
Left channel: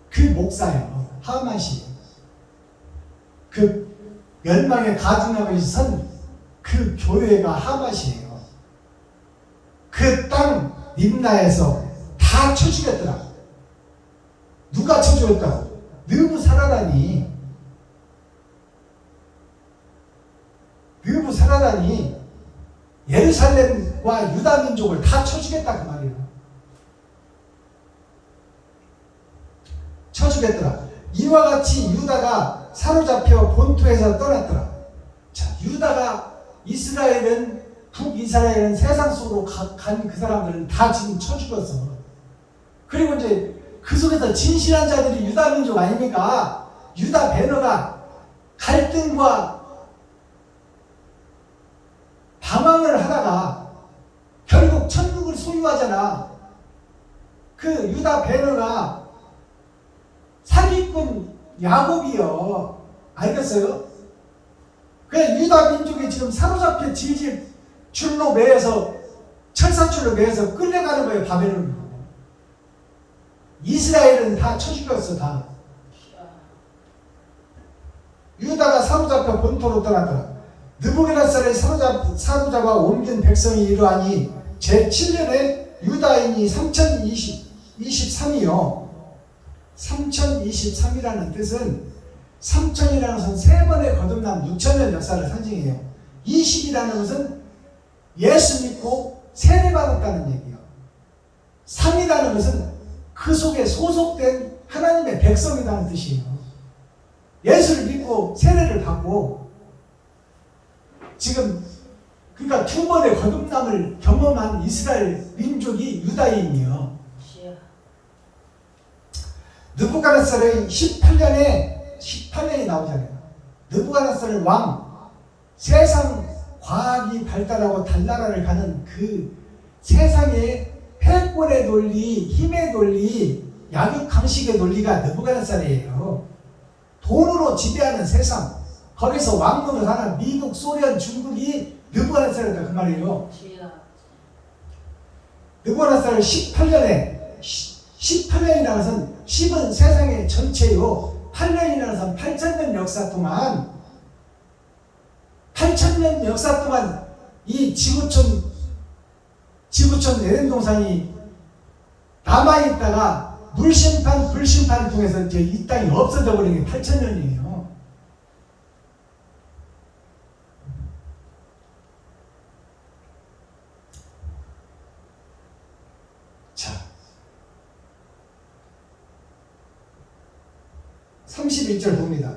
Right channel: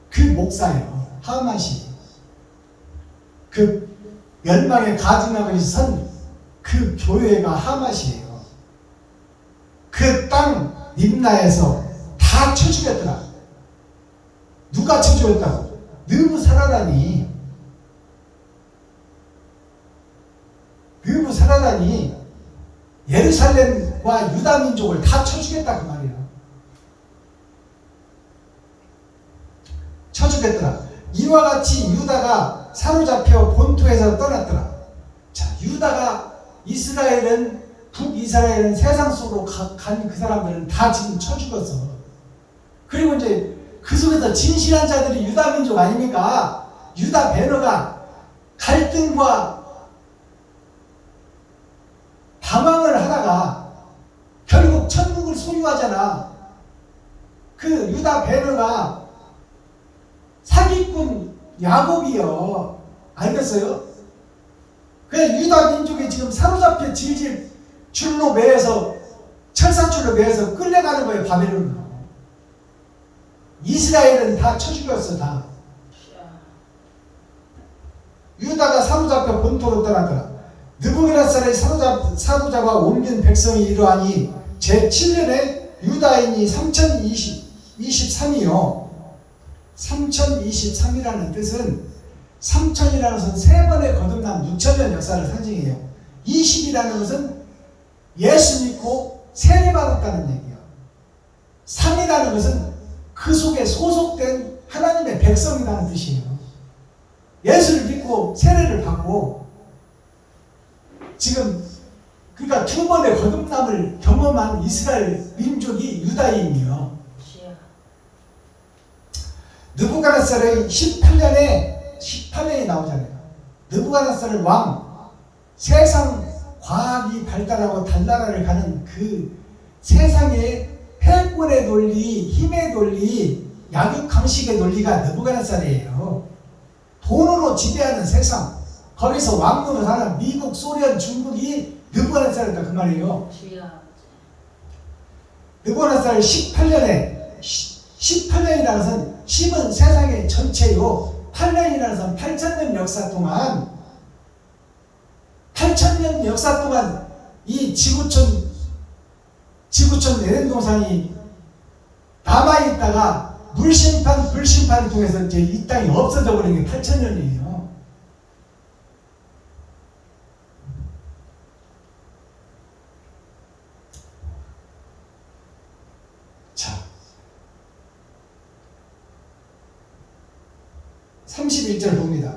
그 목사예요. 하맛이. 그 멸망의 가증하고 선 그 교회가 하맛이에요. 그 땅 림나에서 다 쳐 죽였더라. 누가 쳐 죽였다고? 느부사라다니 예루살렘과 유다 민족을 다 쳐 죽였다 그 말이에요. 쳐 죽였더라. 이와 같이 유다가 사로잡혀 본토에서 떠났더라. 자, 유다가 이스라엘은 북이스라엘은 세상 속으로 간 그 사람들은 다 지금 쳐 죽었어. 그리고 이제 그 속에서 진실한 자들이 유다 민족 아닙니까? 유다 배너가 갈등과 방황을 하다가 결국 천국을 소유하잖아. 그 유다 배너가 사기꾼 야곱이요. 알겠어요? 그래서 유다 민족이 지금 사로잡혀 질질 줄로 매여서 철사줄로 매여서 끌려가는 거예요. 바벨론으로. 이스라엘은 다 쳐 죽였어. 다. 유다가 사로잡혀 본토로 떠나더라. 느부갓네살을 사로잡아 옮긴 백성이 이러하니 제7년에 유다인이 3023이요. 3023이라는 뜻은 3000이라는 것은 세 번의 거듭난 6000년 역사를 상징해요. 20이라는 것은 예수 믿고 세례받았다는 얘기예요. 3이라는 것은 그 속에 소속된 하나님의 백성이라는 뜻이에요. 예수를 믿고 세례를 받고 지금 그러니까 두 번의 거듭남을 경험한 이스라엘 민족이 유다인이요. 느부갓네살의 18년이 나오잖아요. 느부갓네살 왕, 세상 과학이 발달하고 달나라를 가는 그 세상의 패권의 논리, 힘의 논리, 약육강식의 논리가 느부갓네살이에요. 돈으로 지배하는 세상, 거기서 왕노릇 하는 미국, 소련, 중국이 느부갓네살이다 그 말이에요. 느부갓네살 18년이라는 것은 10은 세상의 전체요. 8년이라는 것은 8000년 역사 동안 8000년 역사 동안 이 지구촌 에덴 동산이 남아있다가 물심판, 불심판을 통해서 이제 이 땅이 없어져 버린 게 8000년이에요. 자, 31절 봅니다.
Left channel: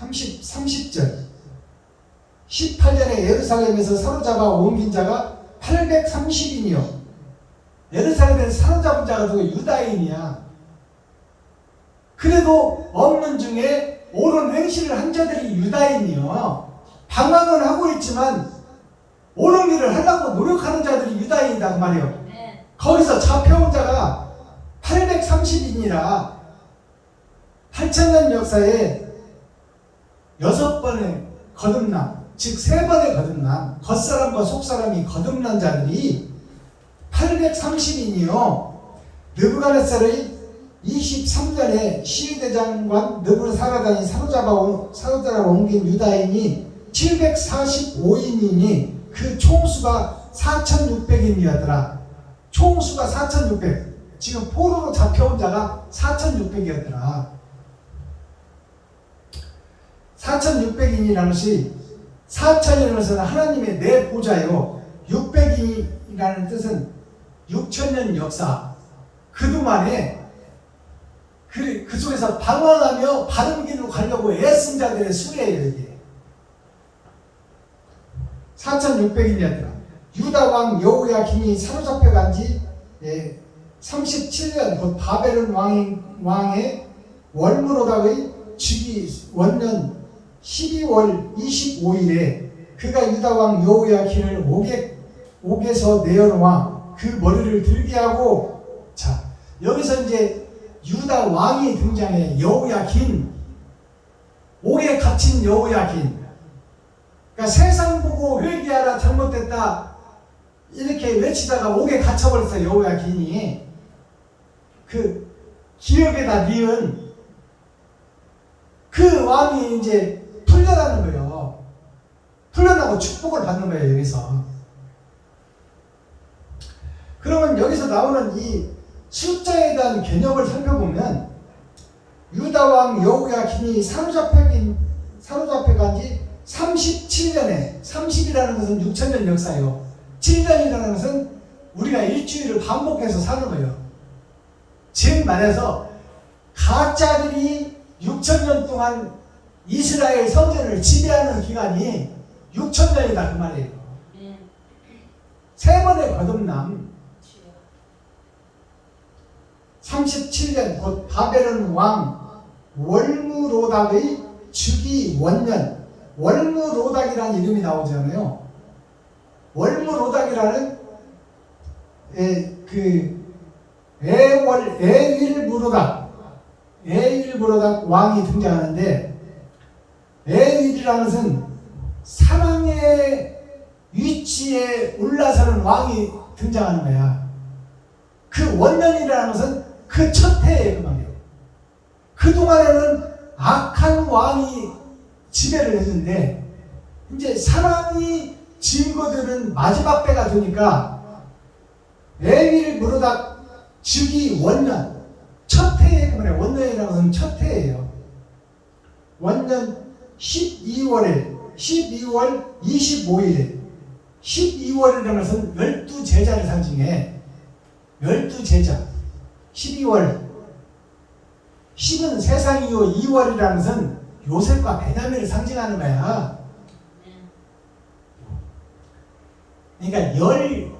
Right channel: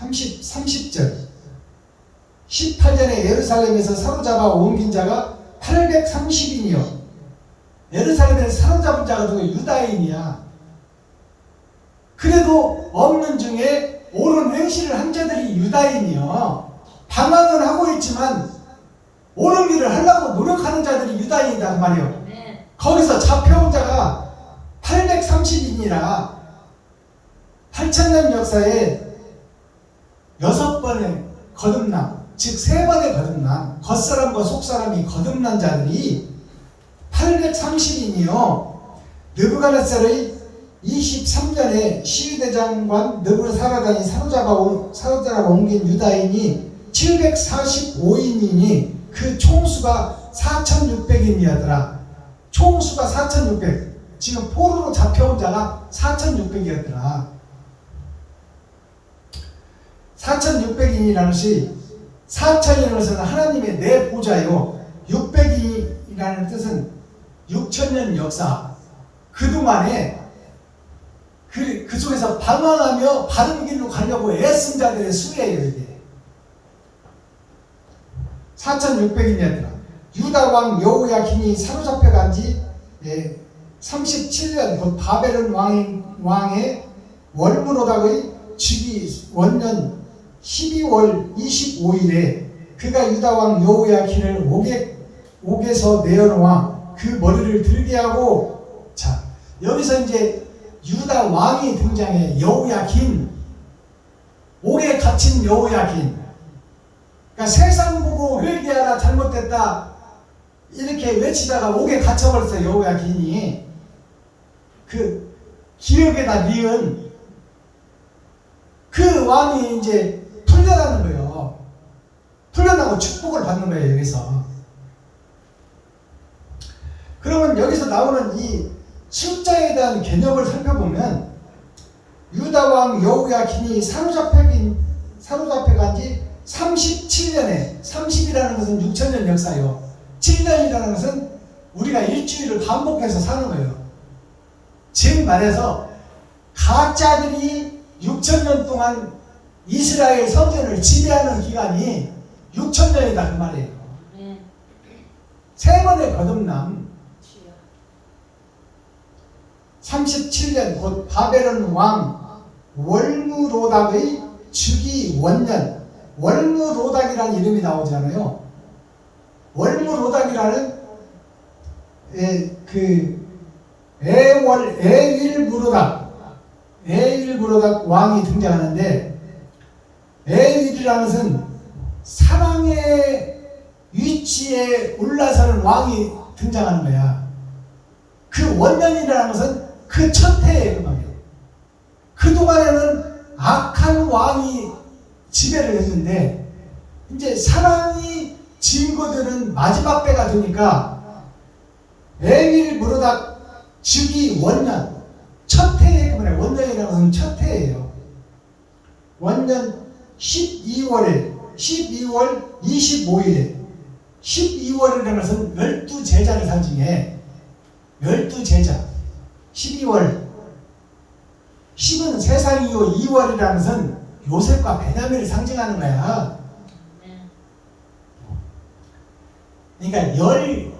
30절 18년에 예루살렘에서 사로잡아 옮긴 자가 830인이요. 예루살렘에 사로잡은 자가 누구? 유다인이야. 그래도 없는 중에 옳은 행실을 한 자들이 유다인이요. 방황은 하고 있지만 옳은 일을 하려고 노력하는 자들이 유다인이다 그 말이요. 거기서 잡혀온 자가 830인이라 8000년 역사에 6번의 거듭남, 즉 3번의 거듭남, 겉사람과 속사람이 거듭난 자들이 830인이요. 느부갓네살의 23년에 시위대장관 느부사라단이 사로잡아 옮긴 유다인이 745인이니 그 총수가 4600인이었더라. 총수가 4600. 지금 포로로 잡혀온 자가 4600이었더라. 4600인이라는 것이 4000이라는 것은 하나님의 내 보좌요. 600인이라는 뜻은 6000년 역사. 그동안에 그 속에서 방황하며 바른 길로 가려고 애쓴 자들의 수레예요. 이게 4600년 동안 유다 왕 여호야긴이 사로잡혀 간지 37년 곧 바벨론 왕의 월무로닥의 주기 원년 12월 25일에 그가 유다 왕 여호야긴을 옥에서 내어놓아 그 머리를 들게 하고, 자 여기서 이제 유다 왕이 등장해. 여호야긴, 옥에 갇힌 여호야긴. 그러니까 세상 보고 회개하라, 잘못됐다 이렇게 외치다가 옥에 갇혀버렸어요. 여호야긴이 그 기억에다 니은 그 왕이 이제 풀려나는 거예요. 풀려나고 축복을 받는 거예요. 여기서. 그러면 여기서 나오는 이 숫자에 대한 개념을 살펴보면 유다 왕 여호야긴이 사로잡혀 간지 37년에 30이라는 것은 6천년 역사예요. 7년이라는 것은 우리가 일주일을 반복해서 사는 거예요. 즉 말해서 가짜들이 6천년 동안 이스라엘 성전을 지배하는 기간이 6천년이다 그 말이에요. 아멘. 세 번의 거듭남. 주여. 37년 곧 바벨론 왕 월무로닥의 주기 원년. 월무로닥이라는 이름이 나오잖아요. 월무로닥이라는 에일무로닥 왕이 등장하는데, 에일이라는 것은 사랑의 위치에 올라서는 왕이 등장하는 거야. 그 원년이라는 것은 그 첫 해에 그 말이에요. 그동안에는 악한 왕이 지배를 했는데 이제 사랑이 증거되는 마지막 때가 되니까 에일무로닥 즉위 원년 첫 해에 그 말이에요. 원년이라는 것은 첫 해예요. 원년 12월 25일에 12월이라는 것은 12제자를 상징해. 12제자 12월 10은 세상이요 2월이라는 것은 요셉과 베냐민을 상징하는 거야. 그러니까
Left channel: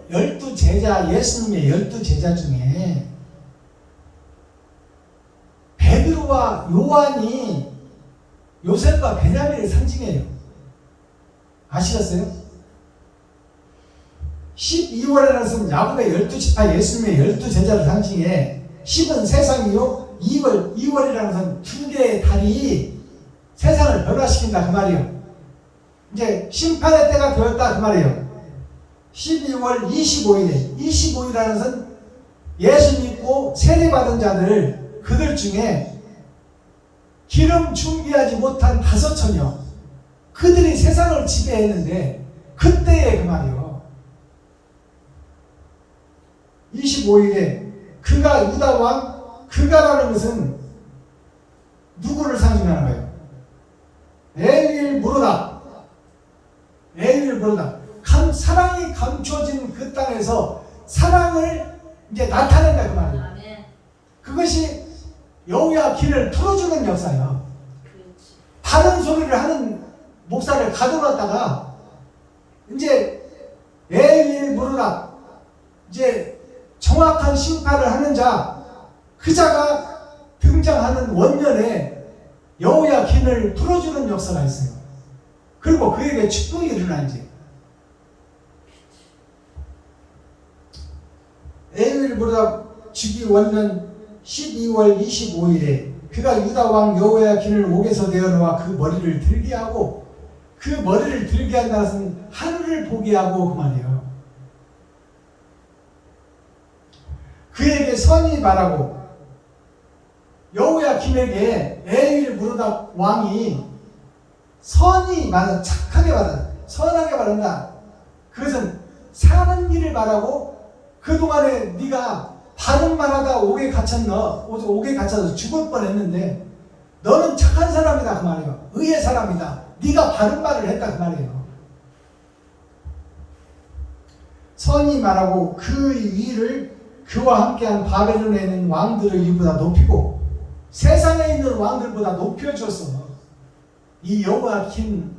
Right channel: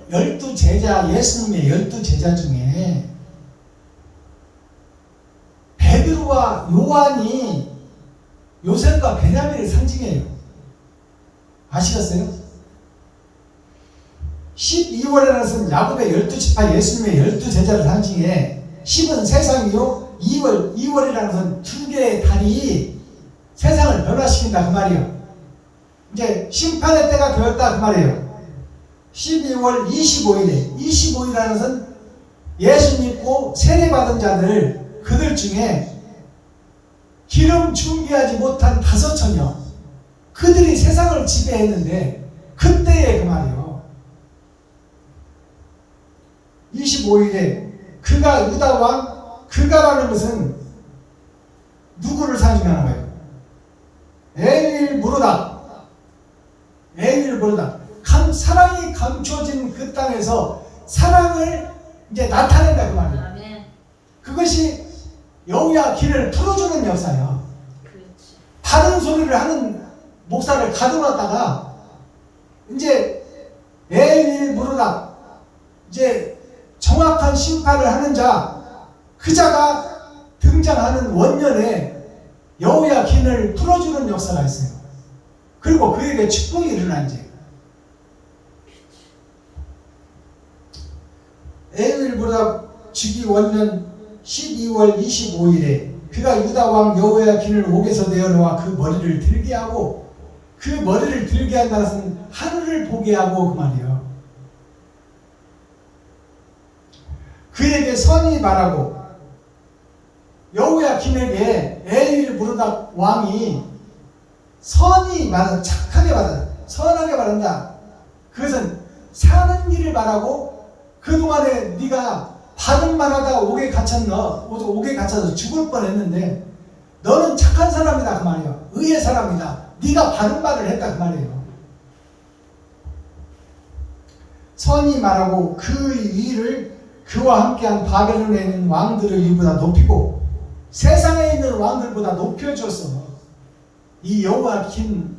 12제자, 예수님의 12제자 중에 베드로와 요한이 요셉과 베냐민을 상징해요. 아시겠어요? 12월이라는 것은 야곱의 12지파 예수님의 12제자를 상징해. 10은 세상이요 2월이라는 것은 두 개의 달이 세상을 변화시킨다 그 말이에요. 이제 심판의 때가 되었다 그 말이에요. 12월 25일이라는 것은 예수 믿고 세례받은 자들을 그들 중에 기름 준비하지 못한 5천여 그들이 세상을 지배했는데 그때에 그 말이에요. 25일에 그가 유다 왕 그가라는 것은 누구를 상징하는 거예요? 에일무로닥 사랑이 감춰진 그 땅에서 사랑을 이제 나타낸다 그 말이에요. 아멘. 그것이 여호야긴을 풀어주는 역사예요. 그렇지. 다른 소리를 하는 목사를 가둬놨다가 이제 에일무로닥 이제 정확한 심판을 하는 자 그 자가 등장하는 원년에 여호야긴을 풀어주는 역사가 있어요. 그리고 그에게 축복이 일어나지. 에일무로닥 주기 원년 12월 25일에 그가 유다 왕 여호야긴을 옥에서 내어놓아 그 머리를 들게 하고, 그 머리를 들게 한다는 것은 하늘을 보게 하고 그 말이에요. 그에게 선이 말하고, 여호야긴에게 에일무로닥 왕이 선이 말한다, 착하게 말한다, 선하게 말한다. 그것은 사는 길을 말하고, 그동안에 네가 바른 말하다 옥에 갇혀서 죽을 뻔했는데 너는 착한 사람이다 그 말이야. 의의 사람이다. 네가 바른 말을 했다 그 말이에요. 선이 말하고 그 위를 그와 함께한 바벨론에 있는 왕들의 위보다 높이고, 세상에 있는 왕들보다 높여줘서 이 여호와긴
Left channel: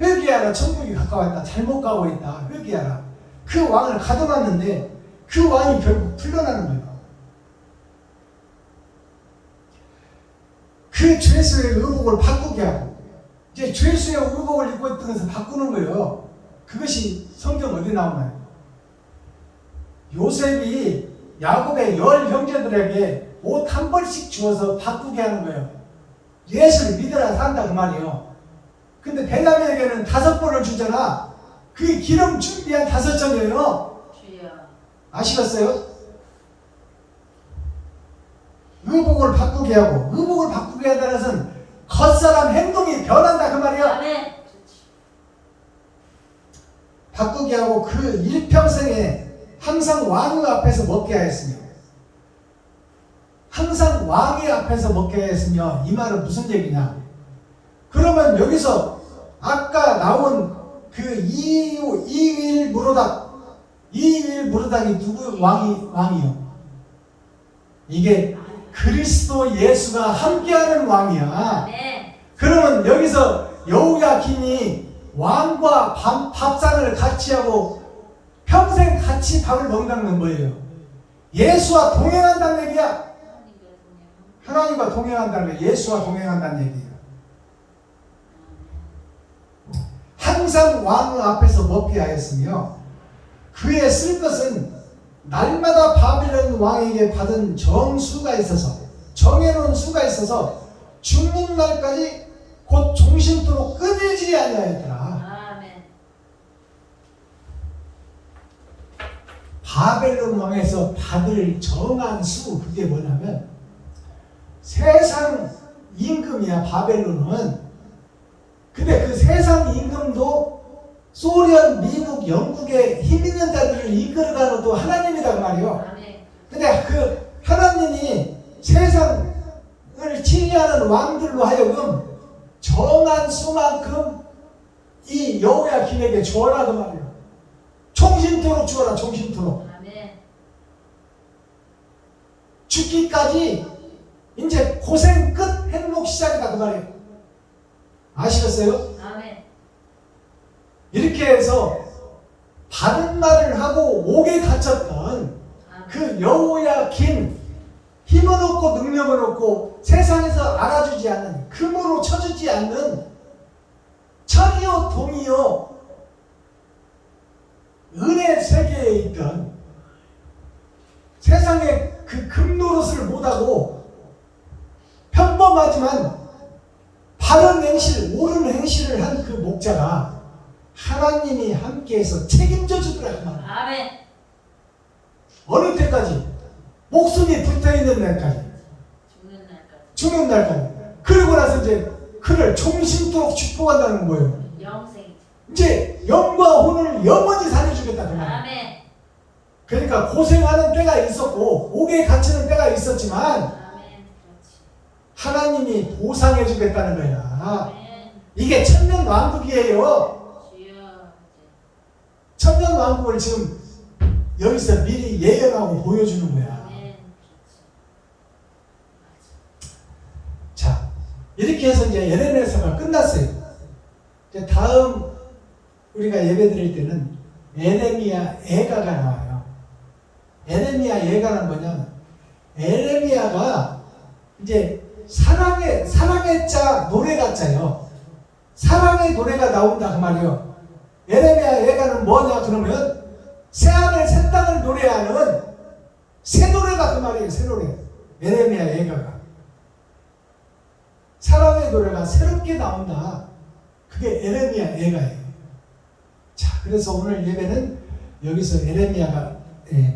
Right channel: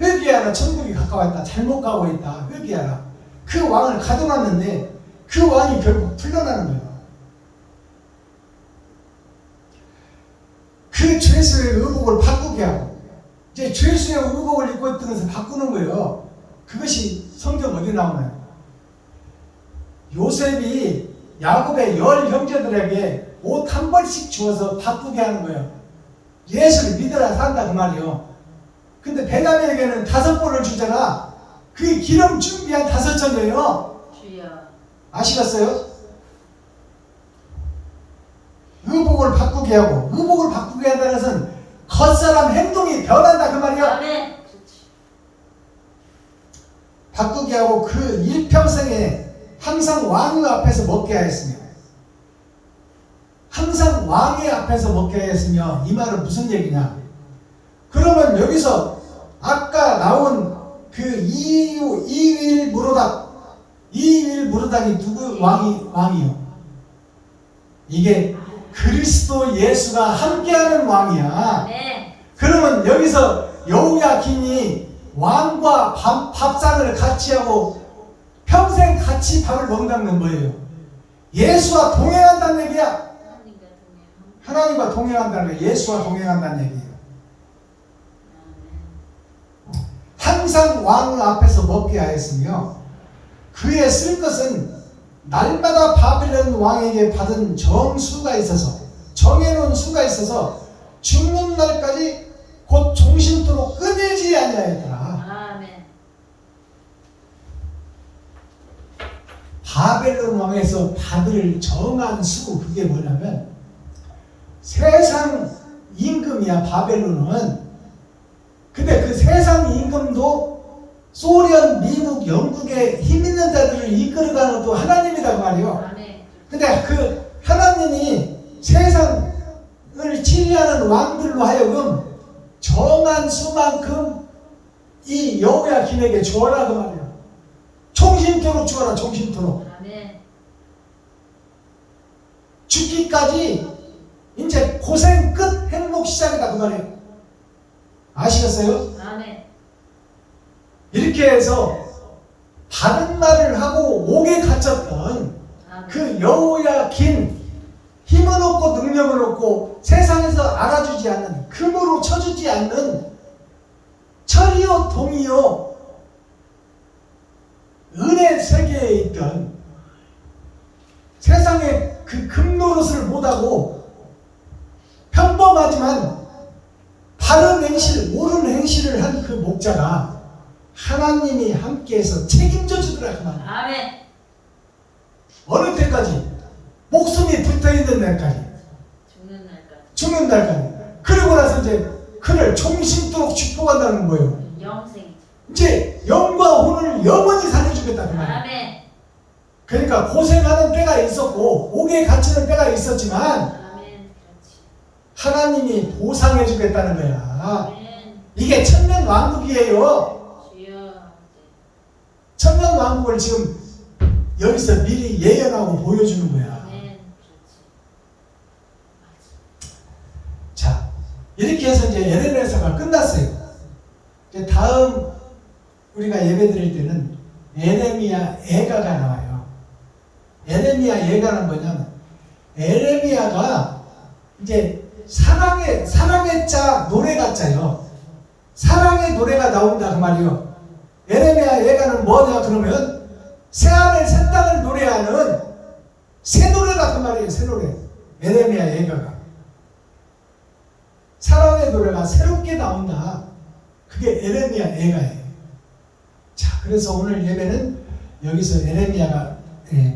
회개하라, 천국이 가까웠다, 잘못 가고 있다, 회개하라. 그 왕을 가둬놨는데 그 왕이 결국 풀려나는 거예요. 그 죄수의 의복을 바꾸게 하고 이제 죄수의 의복을 입고 있던 것을 바꾸는 거예요. 그것이 성경 어디 나오나요? 요셉이 야곱의 10 형제들에게 옷 한 벌씩 주어서 바꾸게 하는 거예요. 예수를 믿으라 산다 그 말이요. 근데 베냐민에게는 5벌을 주잖아. 그게 기름 준비한 5전이에요. 주여. 아시겠어요? 의복을 바꾸게 하고, 의복을 바꾸게 한다는 것은 겉사람 행동이 변한다 그 말이야. 아멘. 바꾸게 하고 그 일평생에 항상 왕의 앞에서 먹게 하였으며, 항상 왕의 앞에서 먹게 하였으며, 이 말은 무슨 얘기냐? 그러면 여기서 아까 나온 그 이윌 무르닥이 누구 왕이요? 이게 그리스도 예수가 함께하는 왕이야. 아멘. 그러면 여기서 여호야긴이 왕과 밥상을 같이 하고 평생 같이 밥을 먹는다는 뭐예요? 예수와 동행한다는 얘기야. 하나님과 동행한다는 거예요. 예수와 동행한다는 얘기예요. 항상 왕 앞에서 먹게 하였으며 그의 쓸 것은 날마다 바벨론 왕에게 받은 정수가 있어서, 정해놓은 수가 있어서 죽는 날까지 곧 종신토록 끊이지 아니하였더라. 아멘. 바벨론 왕에서 받을 정한 수, 그게 뭐냐면 세상 임금이야 바벨론은. 근데 그 세상 임금도 소련, 미국, 영국의 힘 있는 자들을 이끌어가는 것도 하나님이란 말이에요. 아멘. 근데 그 하나님이 세상을 치리하는 왕들로 하여금 정한 수만큼 이 여호야긴에게 주어라 그 말이에요. 종신토록 주어라, 종신토록. 아멘. 죽기까지 이제 고생 끝, 행복 시작이다 그 말이에요. 아시겠어요? 아멘. 이렇게 해서 바른 말을 하고 옥에 갇혔던 그 여호야긴, 힘은 없고 능력은 없고 세상에서 알아주지 않는, 금으로 쳐주지 않는 철이요 동이요 은혜 세계에 있던, 세상에 그 금노릇을 못하고 평범하지만 바른 행실, 옳은 행실을 한 그 목자가 하나님이 함께해서 책임져 주더라 그 말이야. 아멘. 어느 때까지? 목숨이 붙어있는 날까지, 죽는 날까지. 죽는 날까지. 그리고 나서 이제 그를 종신토록 축복한다는 거예요. 영생이죠. 이제 영과 혼을 영원히 살려주겠다 그 말이야. 아멘. 그러니까 고생하는 때가 있었고 옥에 갇히는 때가 있었지만 아멘. 그렇지. 하나님이 보상해 주겠다는 거야. 아멘. 이게 천년 왕국이에요. 주여. 천년 왕국을 지금 여기서 미리 예언하고 보여주는 거야. 아멘. 그렇지. 자, 이렇게 해서 이제 예레미야서가 끝났어요. 이제 다음 우리가 예배 드릴 때는 예레미야 예가가 나와요. 예레미야 예가는 뭐냐면, 예레미야가 이제 사랑의 자, 노래가 짜요. 사랑의 노래가 나온다 그 말이요. 예레미야 예가는 뭐냐 그러면 새하늘 새 땅을 노래하는 새 노래가 그 말이에요. 새 노래. 예레미야 예가가 사랑의 노래가 새롭게 나온다. 그게 예레미야 예가예요. 자, 그래서 오늘 예배는 여기서 예레미야가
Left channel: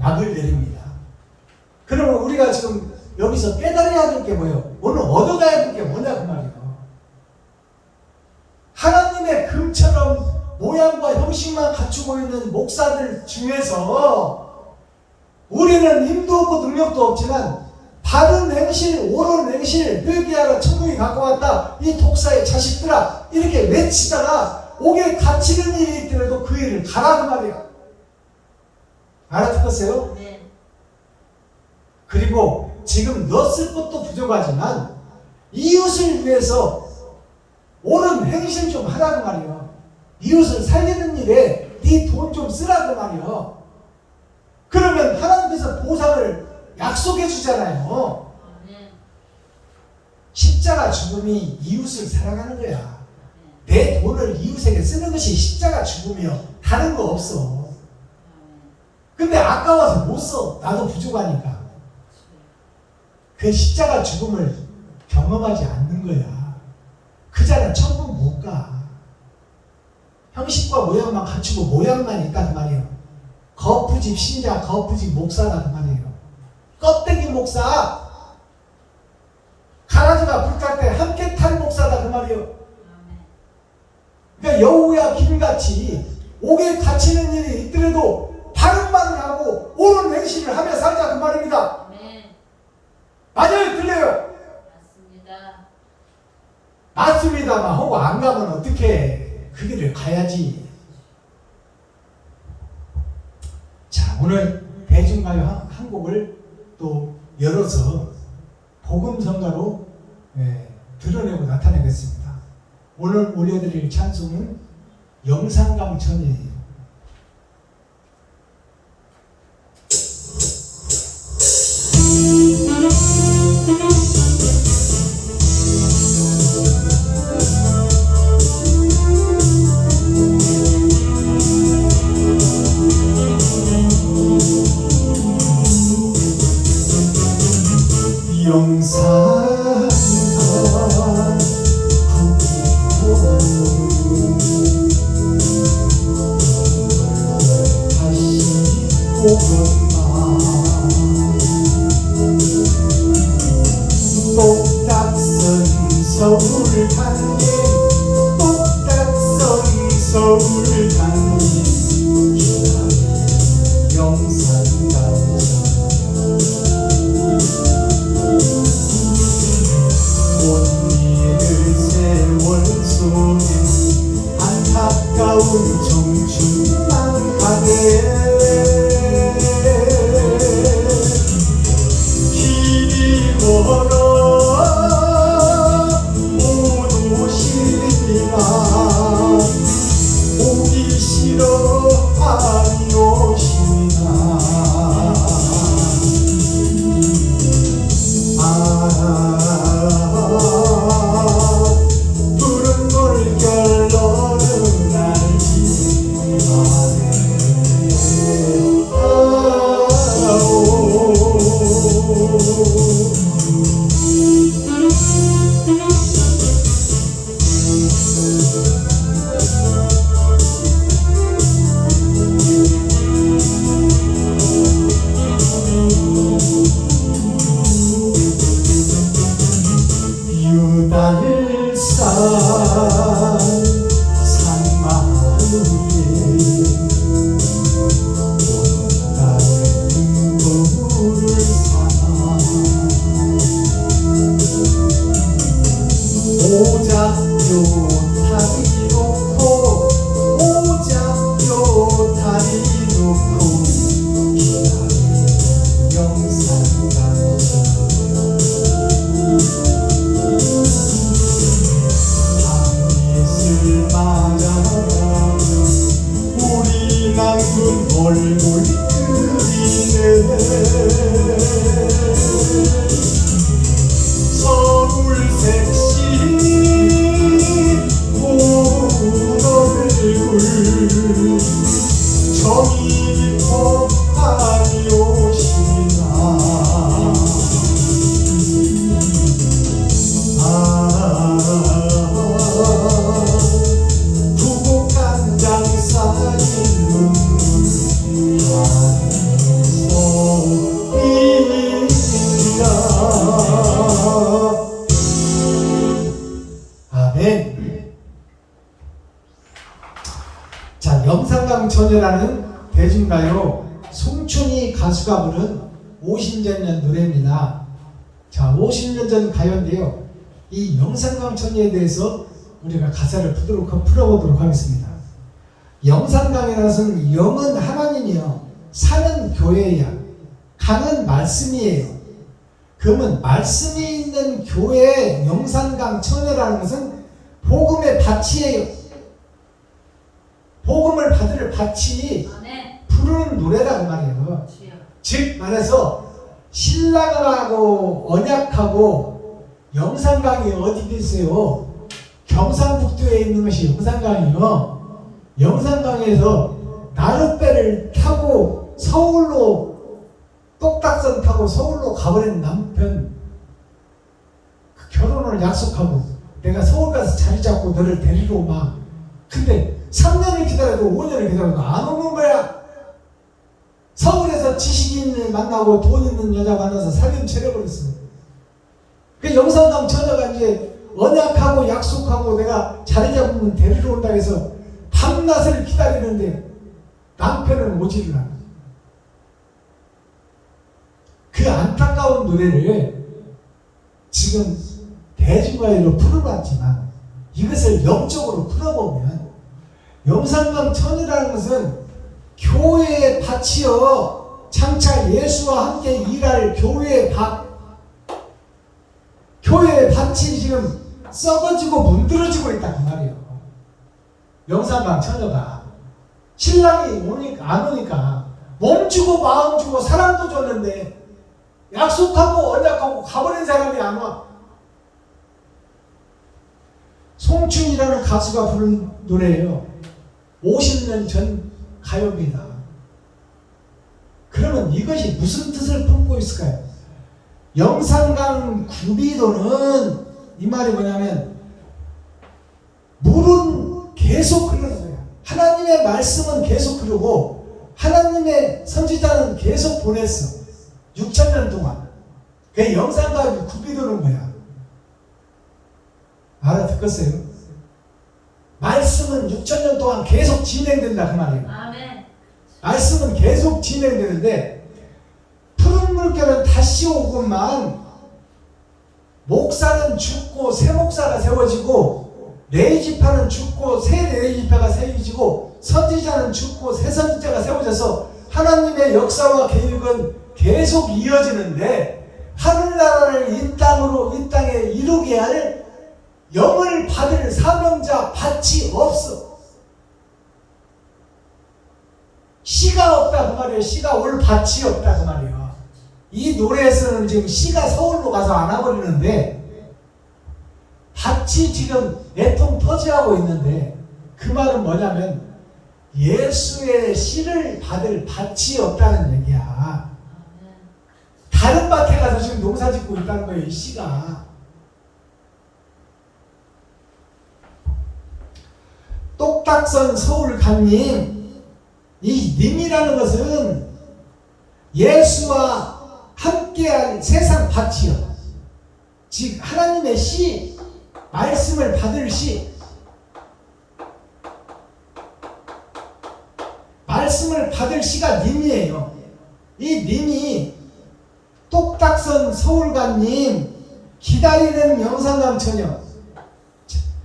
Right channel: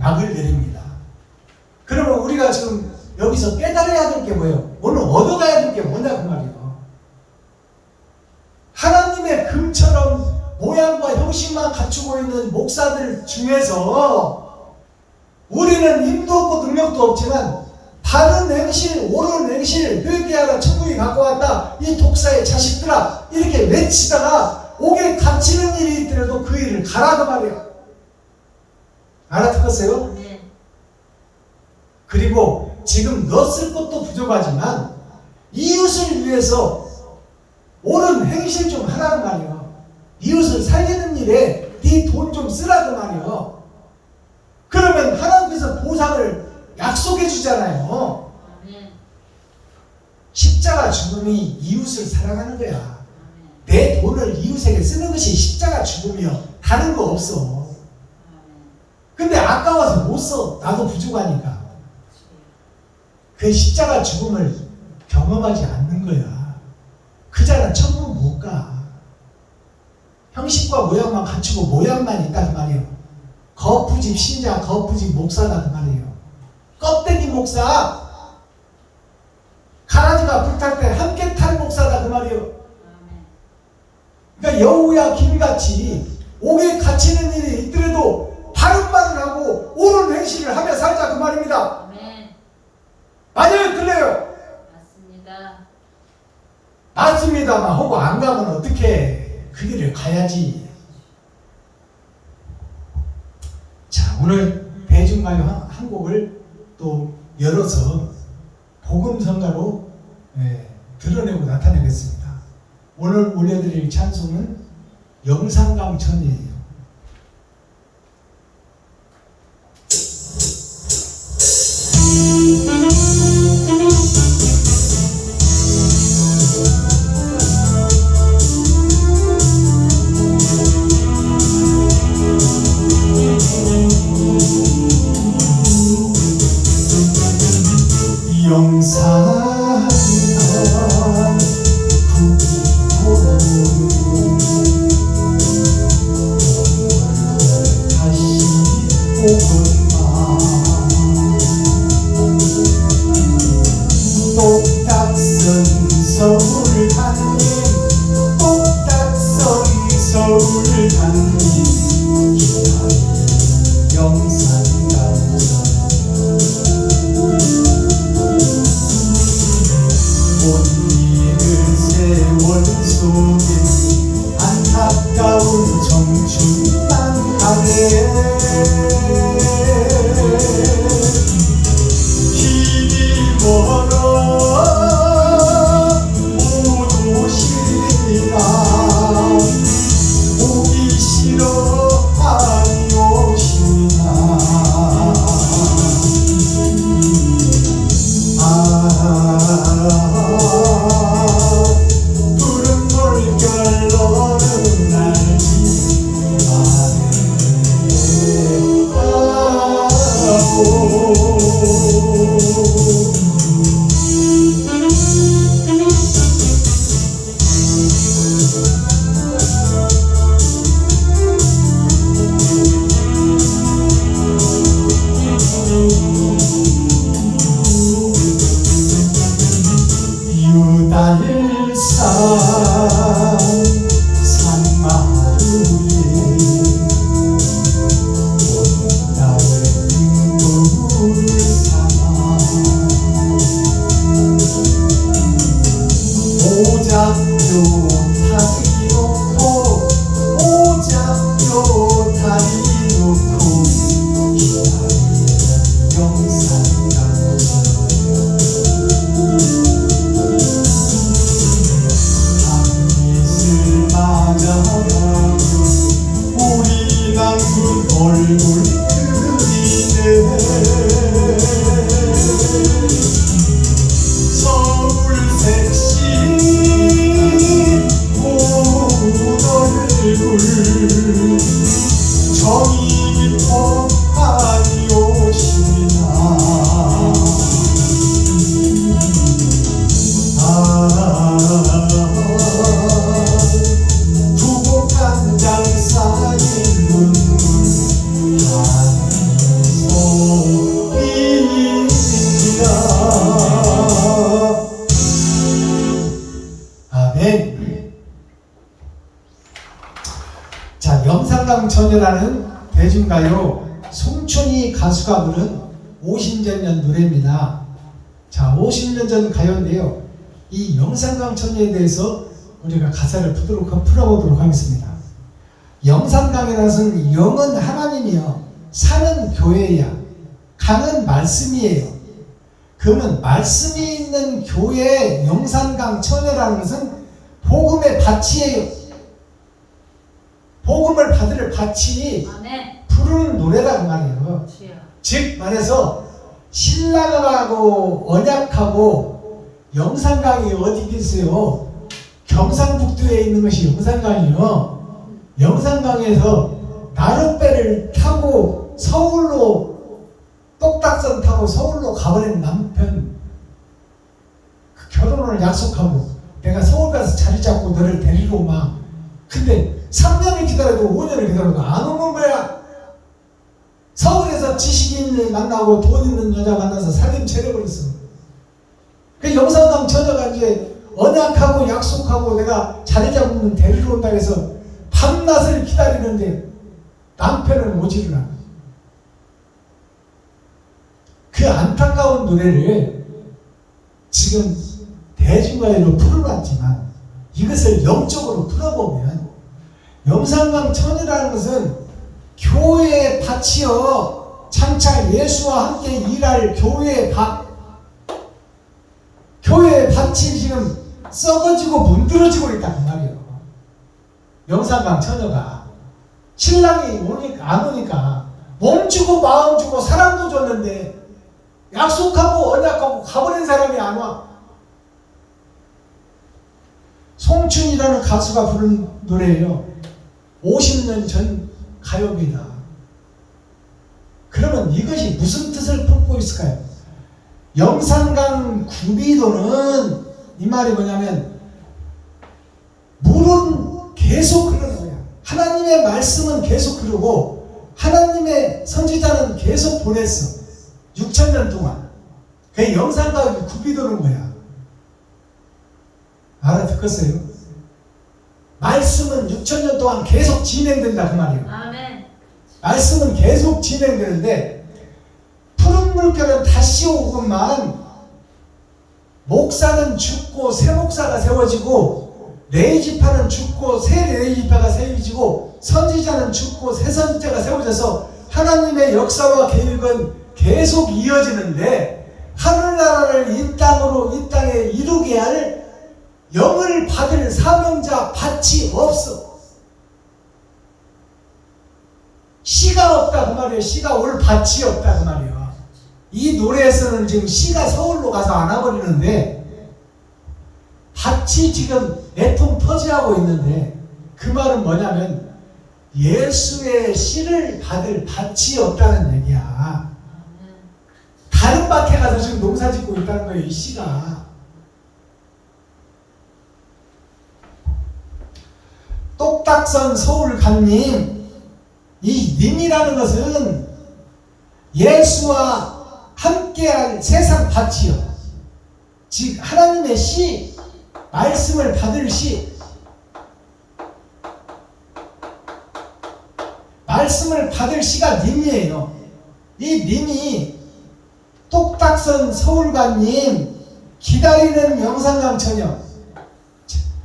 박을 내립니다. 그러면 우리가 지금 여기서 깨달아야 될 게 뭐예요? 오늘 얻어가야 될 게 뭐냐 그 말이에요. 하나님의 금처럼 모양과 형식만 갖추고 있는 목사들 중에서 우리는 힘도 없고 능력도 없지만 바른 행실, 옳은 행실, 회개하라, 천국이 가까웠다, 이 독사의 자식들아, 이렇게 외치다가 옥에 갇히는 일이 있더라도 그 일을 가라 그 말이야. 알아듣겠어요? 아멘. 그리고 지금 너 쓸 것도 부족하지만 이웃을 위해서 옳은 행실 좀 하라고 말이요. 이웃을 살리는 일에 네 돈 좀 쓰라고 말이요. 그러면 하나님께서 보상을 약속해 주잖아요. 아멘. 십자가 죽음이 이웃을 사랑하는 거야. 아멘. 내 돈을 이웃에게 쓰는 것이 십자가 죽음이요. 다른 거 없어. 아멘. 근데 아까워서 못 써. 나도 부족하니까. 그 십자가 죽음을 경험하지 않는 거야. 그 자는 천국 못 가. 형식과 모양만 갖추고 모양만 있다 그 말이에요. 거푸집 신자, 거푸집 목사다 그 말이에요. 껍데기 목사, 가라지가 불탈 때 함께 탈 목사다 그 말이에요. 아멘. 그러니까 여우야 김같이 옥에 갇히는 일이 있더라도 바른 말을 하고 옳은 행실을 하며 살자 그 말입니다. 아멘. 맞아요? 틀려요? 맞습니다. 맞습니다만 하고 안 가면 어떻게 그 길을 가야지. 자, 오늘 대중가요 한 곡을 또 열어서 복음성가로 드러내고 나타내겠습니다. 오늘 올려드릴 찬송은 영산강천이에요. 영산강천이라는 대중가요 송춘희 가수가 부른 50년 전 노래입니다. 자, 50년 전 가요인데요. 이 영산강천이에 대해서 우리가 가사를 풀어보도록 하겠습니다. 영산강이라는 것은 영은 하나님이요, 산은 교회야, 강은 말씀이에요. 그 그러면 말씀이 있는 교회 영산강 처녀라는 것은 복음의 밭이에요. 복음을 받을 밭이 아멘. 부르는 노래다 그 말이에요. 주여. 즉 말해서 신랑하고 언약하고 영산강이 어디 계세요? 경상북도에 있는 것이 영산강이요. 영산강에서 나룻배를 타고 서울로 똑딱선 타고 서울로 가버린 남편, 그 결혼을 약속하고 내가 서울 가서 자리 잡고 너를 데리러 오마. 근데 3년을 기다려도 5년을 기다려도 안 오는 거야. 서울에서 지식인을 만나고 돈 있는 여자 만나서 살림 차려버렸어. 그 영산강 처녀가 이제 언약하고 약속하고 내가 자리 잡으면 데리러 온다 해서 밤낮을 기다리는데 남편은 오지를 않아. 그 안타까운 노래를 지금 대중가요로 풀어봤지만 이것을 영적으로 풀어보면 영산강 처녀라는 것은 교회의 밭이요, 장차 예수와 함께 일할 교회의 밭, 교회의 밭이 지금 썩어지고 문드러지고 있다 그 말이에요. 영산강 처녀가 신랑이 오니까 안 오니까 몸 주고 마음 주고 사랑도 줬는데 약속하고 언약하고 가버린 사람이 안 와. 송춘이라는 가수가 부른 노래예요. 50년 전 가요입니다. 그러면 이것이 무슨 뜻을 품고 있을까요? 영산강 구비도는 이 말이 뭐냐면 물은 계속 흐르는 거예요. 하나님의 말씀은 계속 흐르고 하나님의 선지자는 계속 보냈어. 6,000년 동안. 그게 영산강이 구비도는 거야. 알아듣겠어요? 말씀은 6,000년 동안 계속 진행된다 그 말이에요. 아멘. 말씀은 계속 진행되는데 푸른 물결은 다시 오고만 목사는 죽고 새 목사가 세워지고 레이지파는 죽고 새 레이지파가 세워지고 선지자는 죽고 새 선지자가 세워져서 하나님의 역사와 계획은 계속 이어지는데 하늘나라를 이 땅에 이루게 할 영을 받을 사명자 밭이 없어. 씨가 없다 그 말이에요. 씨가 올 밭이 없다 그 말이에요. 이 노래에서는 지금 씨가 서울로 가서 안 와버리는데 밭이 지금 내통 터지하고 있는데 그 말은 뭐냐면 예수의 씨를 받을 밭이 없다는 얘기야. 다른 밭에 가서 지금 농사 짓고 있다는 거예요. 이 씨가. 똑딱선 서울 간님, 이 님이라는 것은 예수와 함께할 세상 밭이요. 즉 하나님의 씨, 말씀을 받을 씨, 말씀을 받을 씨가 님이에요. 이 님이 똑딱선 서울간님, 기다리는 영산강 처녀,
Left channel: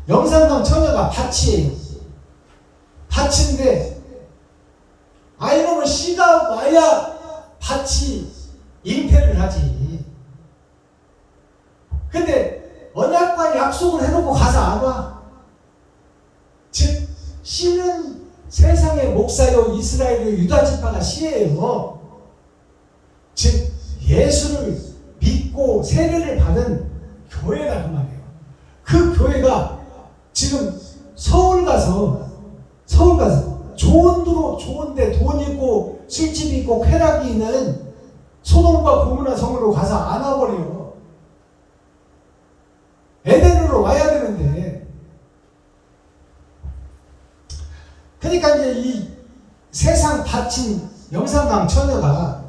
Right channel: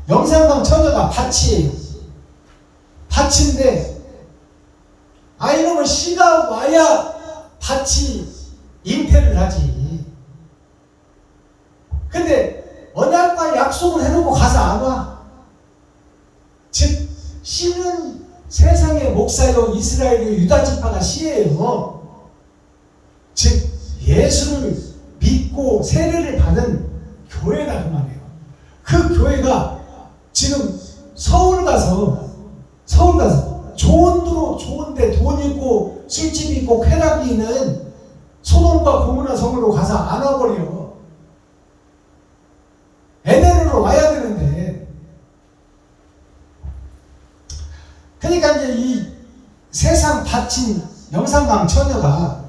영산강 처녀가 밭이에요. 밭인데 이놈은 씨가 와야 밭이 잉태를 하지. 근데 언약과 약속을 해놓고 가서 안 와. 즉 씨는 세상의 목사요 이스라엘의 유다지파가 씨예요. 즉 예수를 믿고 세례를 받은 교회다 그 말이에요. 그 교회가 지금 서울 가서 좋은 도로 좋은데 돈 있고 술집 있고 쾌락이 있는 소돔과 고모라 성으로 가서 안 와버려. 에덴으로 와야 되는데. 그러니까 이제 이 세상 밭인 영산강 처녀가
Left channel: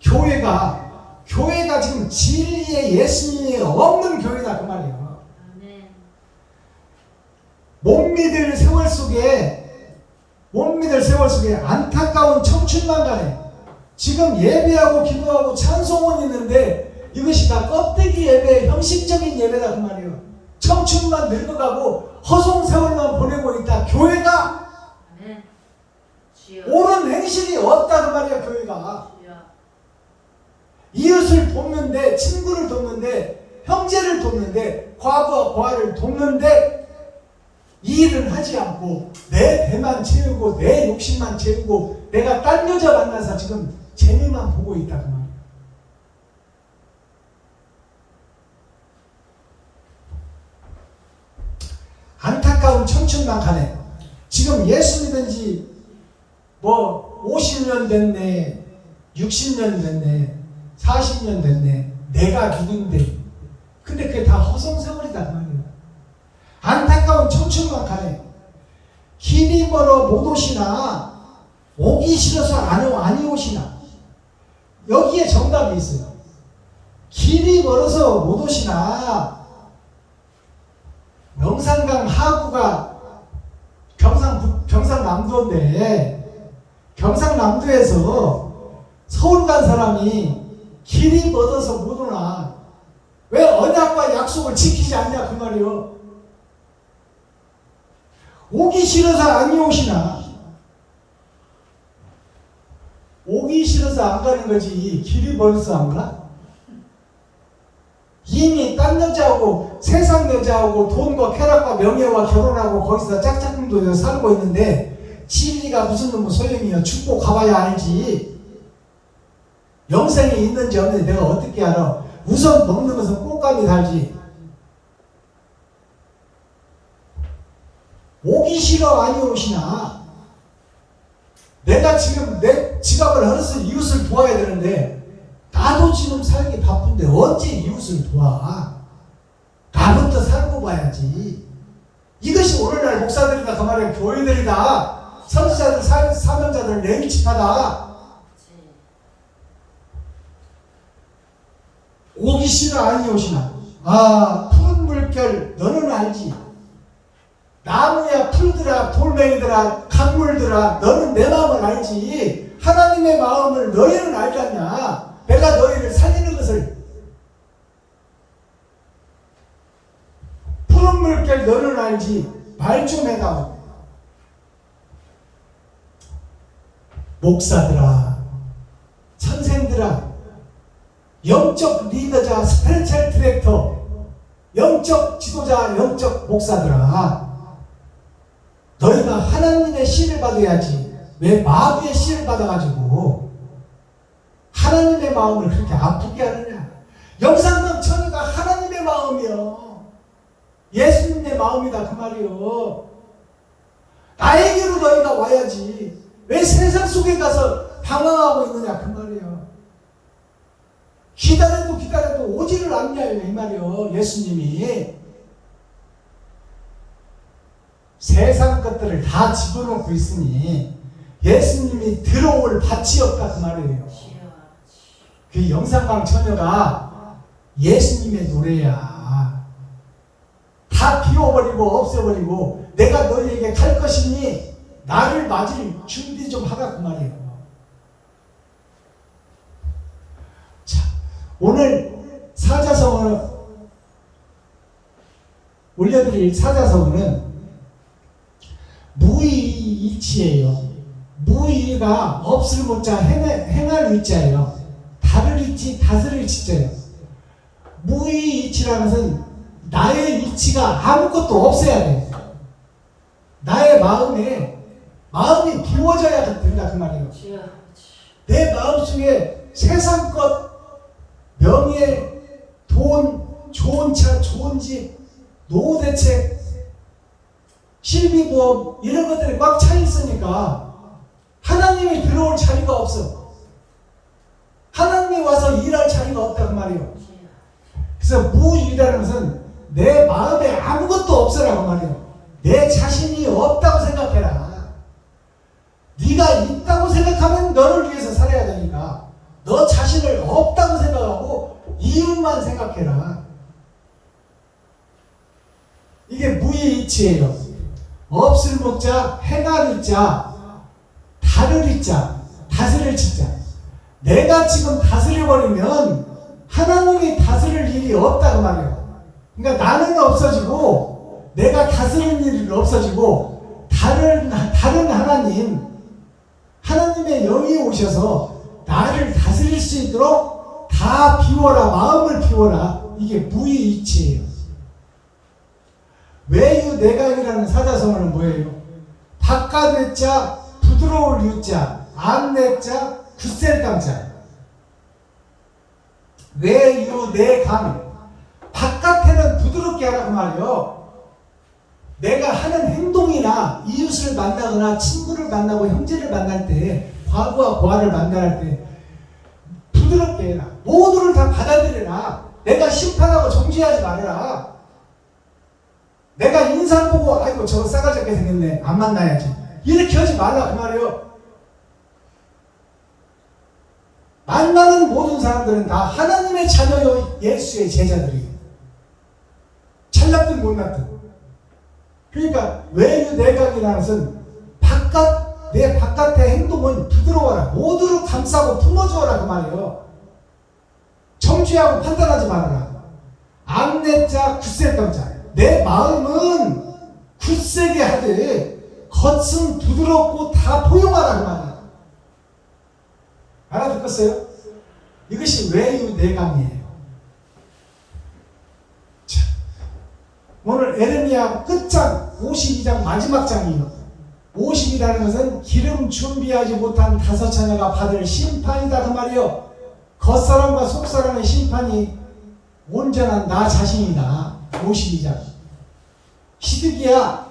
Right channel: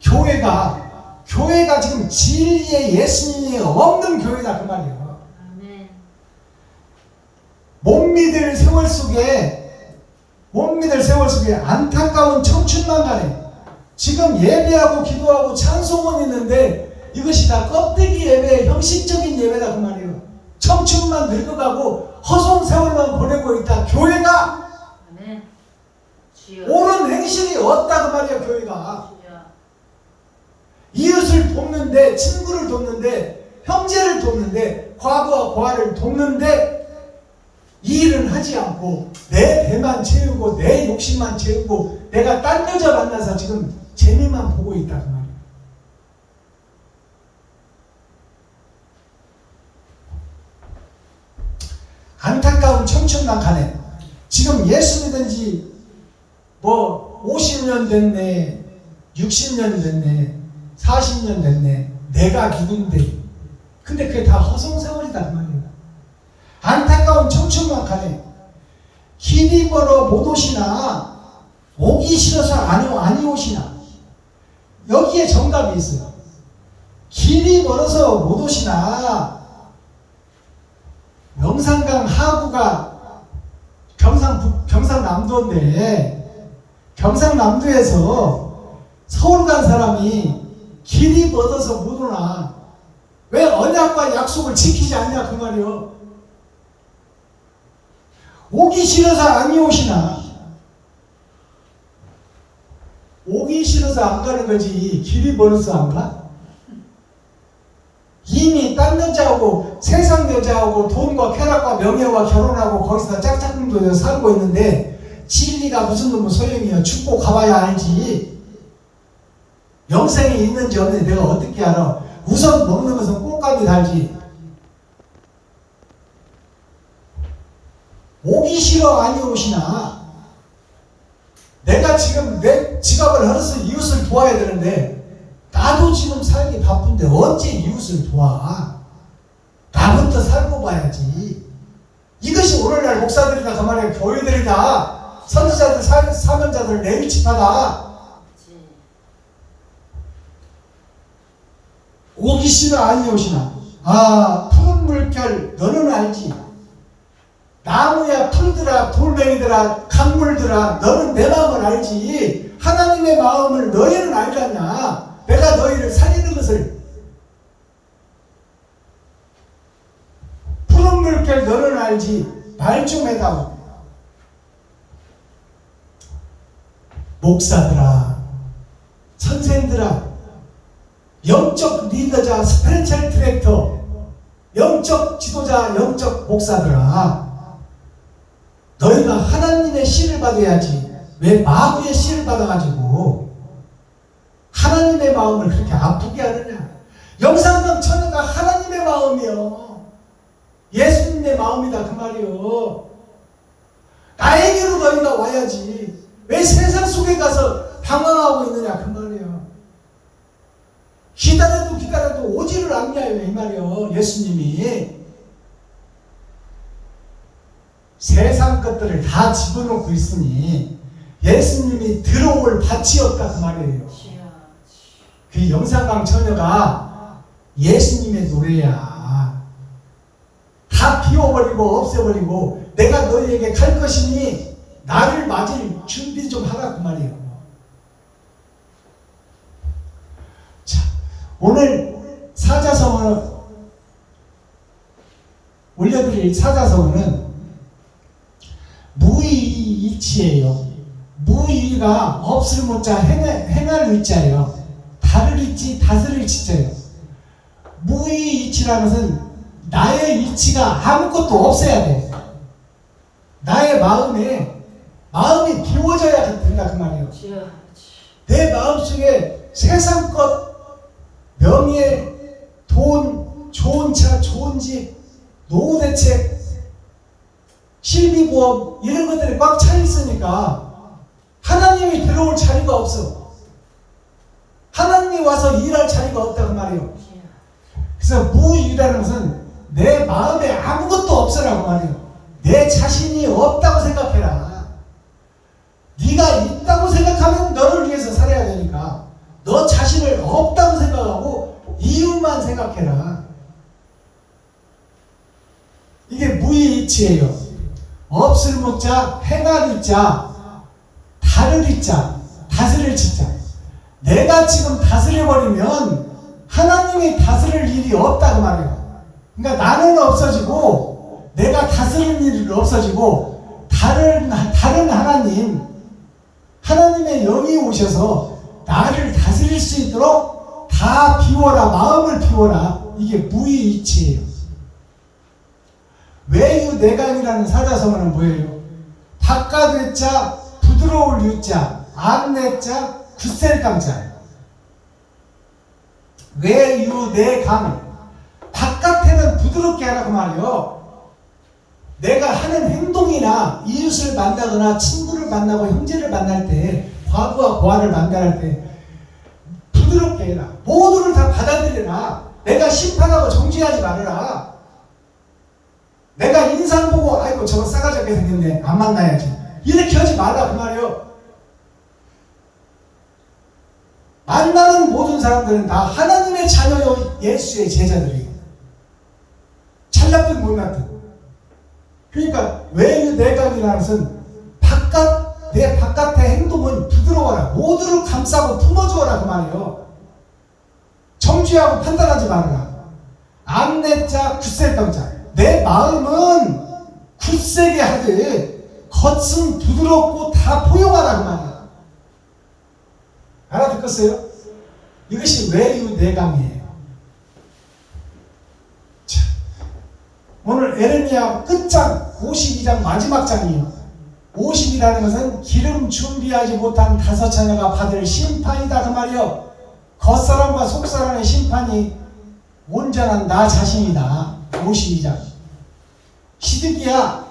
교회가 지금 진리의 예수님이 없는 교회다 그 말이에요. 아멘. 못 믿을 세월 속에 안타까운 청춘만 가네. 지금 예배하고 기도하고 찬송은 있는데 이것이 다 껍데기 예배, 형식적인 예배다 그 말이에요. 청춘만 늙어가고 허송세월만 보내고 있다. 교회가 아멘. 주여. 옳은 행실이 없다 그 말이에요. 교회가 주여. 이웃을 이웃을 돕는데, 친구를 돕는데, 형제를 돕는데, 과부와 고아를 돕는데 이 일은 하지 않고 내 배만 채우고 내 욕심만 채우고 내가 딴 여자 만나서 지금 재미만 보고 있다 그 말이에요. 안타까운 청춘만 가네. 지금 예수 믿은 지 뭐 50년 됐네, 60년 됐네, 40년 됐네. 내가 누군데. 근데 그게 다 허송세월이다 그 말이에요. 안타까운 청춘만 가네. 길이 멀어 못 오시나, 오기 싫어서 안 오시나. 여기에 정답이 있어요. 길이 멀어서 못 오시나, 영산강 하구가 경상남도인데, 경상남도에서 서울 간 사람이 길이 멀어서 못 오나, 왜 언약과 약속을 지키지 않냐 그 말이요. 오기 싫어서 안 오시나. 오기 싫어서 안 가는 거지 길이 멀어서 안 가? 이미 딴 여자하고 세상 여자하고 돈과 쾌락과 명예와 결혼하고 거기서 짝짝꿍도 살고 있는데 진리가 무슨 놈의 소용이야. 죽고 가봐야 알지. 영생이 있는지 없는지 내가 어떻게 알아. 우선 먹는 것은 꽃감이 달지. 오기 싫어 아니 오시나. 내가 지금 내 지갑을 헐어서 이웃을 도와야 되는데 나도 지금 살기 바쁜데 언제 이웃을 도와. 나부터 살고 봐야지. 이것이 오늘날 목사들이다 그 말이야. 교회들이다. 선지자들 사명자들 레일집하다. 오기 싫어 아니 오시나. 아 푸른 물결 너는 알지. 나무야 풀들아 돌멩이들아 강물들아 너는 내 마음을 알지. 하나님의 마음을 너희는 알지 않냐. 내가 너희를 살리는 것을. 푸른 물결 너는 알지. 말 좀 해다오. 목사들아 선생들아 영적 리더자 스피리추얼 디렉터 영적 지도자 영적 목사들아 너희가 하나님의 씨를 받아야지. 왜 마귀의 씨를 받아가지고 하나님의 마음을 그렇게 아프게 하느냐. 영산강 처녀가 하나님의 마음이요. 예수님의 마음이다 그 말이요. 나에게로 너희가 와야지. 왜 세상 속에 가서 방황하고 있느냐 그 말이요. 기다려도 오지를 않냐요 이 말이요. 예수님이 세상 것들을 다 집어넣고 있으니 예수님이 들어올 밭이었다 그 말이에요. 그 영산강 처녀가 예수님의 노래야. 다 비워버리고 없애버리고 내가 너희에게 갈 것이니 나를 맞을 준비 좀 하라 그 말이에요. 자, 오늘 사자성어는 올려드릴 사자성어는 무의이치예요. 무의가 없을 못자 행할 의자예요. 다를 이치 다스릴 치자예요. 무의이치라는 것은 나의 이치가 아무것도 없어야 돼. 나의 마음이 비워져야 된다 그 말이에요. 내 마음속에 세상 것, 명예, 돈, 좋은 차, 좋은 집, 노후 대책, 실비부업 이런 것들이 꽉 차 있으니까 하나님이 들어올 자리가 없어. 하나님이 와서 일할 자리가 없다 그 말이에요. 그래서 무일이라는 것은 내 마음에 아무것도 없어라 그 말이에요. 내 자신이 없다고 생각해라. 네가 있다고 생각하면 너를 위해서 살아야 되니까 너 자신을 없다고 생각하고 이웃만 생각해라. 이게 무의이치예요. 없을 목자, 행할 의자, 다를 의자, 다스릴 치자. 내가 지금 다스려버리면 하나님이 다스릴 일이 없다 그 말이에요. 그러니까 나는 없어지고 내가 다스릴 일은 없어지고 다른 하나님의 영이 오셔서 나를 다스릴 수 있도록 다 비워라, 마음을 비워라. 이게 무의이치예요. 외유내강이라는 사자성어는 뭐예요? 바깥외자 부드러울 유자, 안내자 굳셀강자. 외유내강. 바깥에는 부드럽게 하라 그 말이요. 내가 하는 행동이나 이웃을 만나거나 친구를 만나고 형제를 만날 때, 과부와 고아를 만날 때 부드럽게 해라. 모두를 다 받아들여라. 내가 심판하고 정죄하지 말아라. 내가 인상 보고 아이고 저거 싸가지 없게 생겼네, 안 만나야지, 이렇게 하지 말라 그 말이요. 만나는 모든 사람들은 다 하나님의 자녀요, 예수의 제자들이고, 잘났든 못났든. 그러니까 외유내강이라는 것은 내 바깥의 행동은 부드러워라. 모두를 감싸고 품어주어라 그 말이에요. 정죄하고 판단하지 말아라. 안내자 굳셀강자. 내 마음은 굳세게 하되 겉은 부드럽고 다 포용하라 그 말이에요. 알아듣겠어요? 이것이 외유내강이에요. 자, 오늘 에레미야 끝장 52장 마지막 장이에요. 50이라는 것은 기름 준비하지 못한 다섯 자녀가 받을 심판이다 그 말이요. 겉사람과 속사람의 심판이 온전한 나 자신이다. 52장. 시드기야,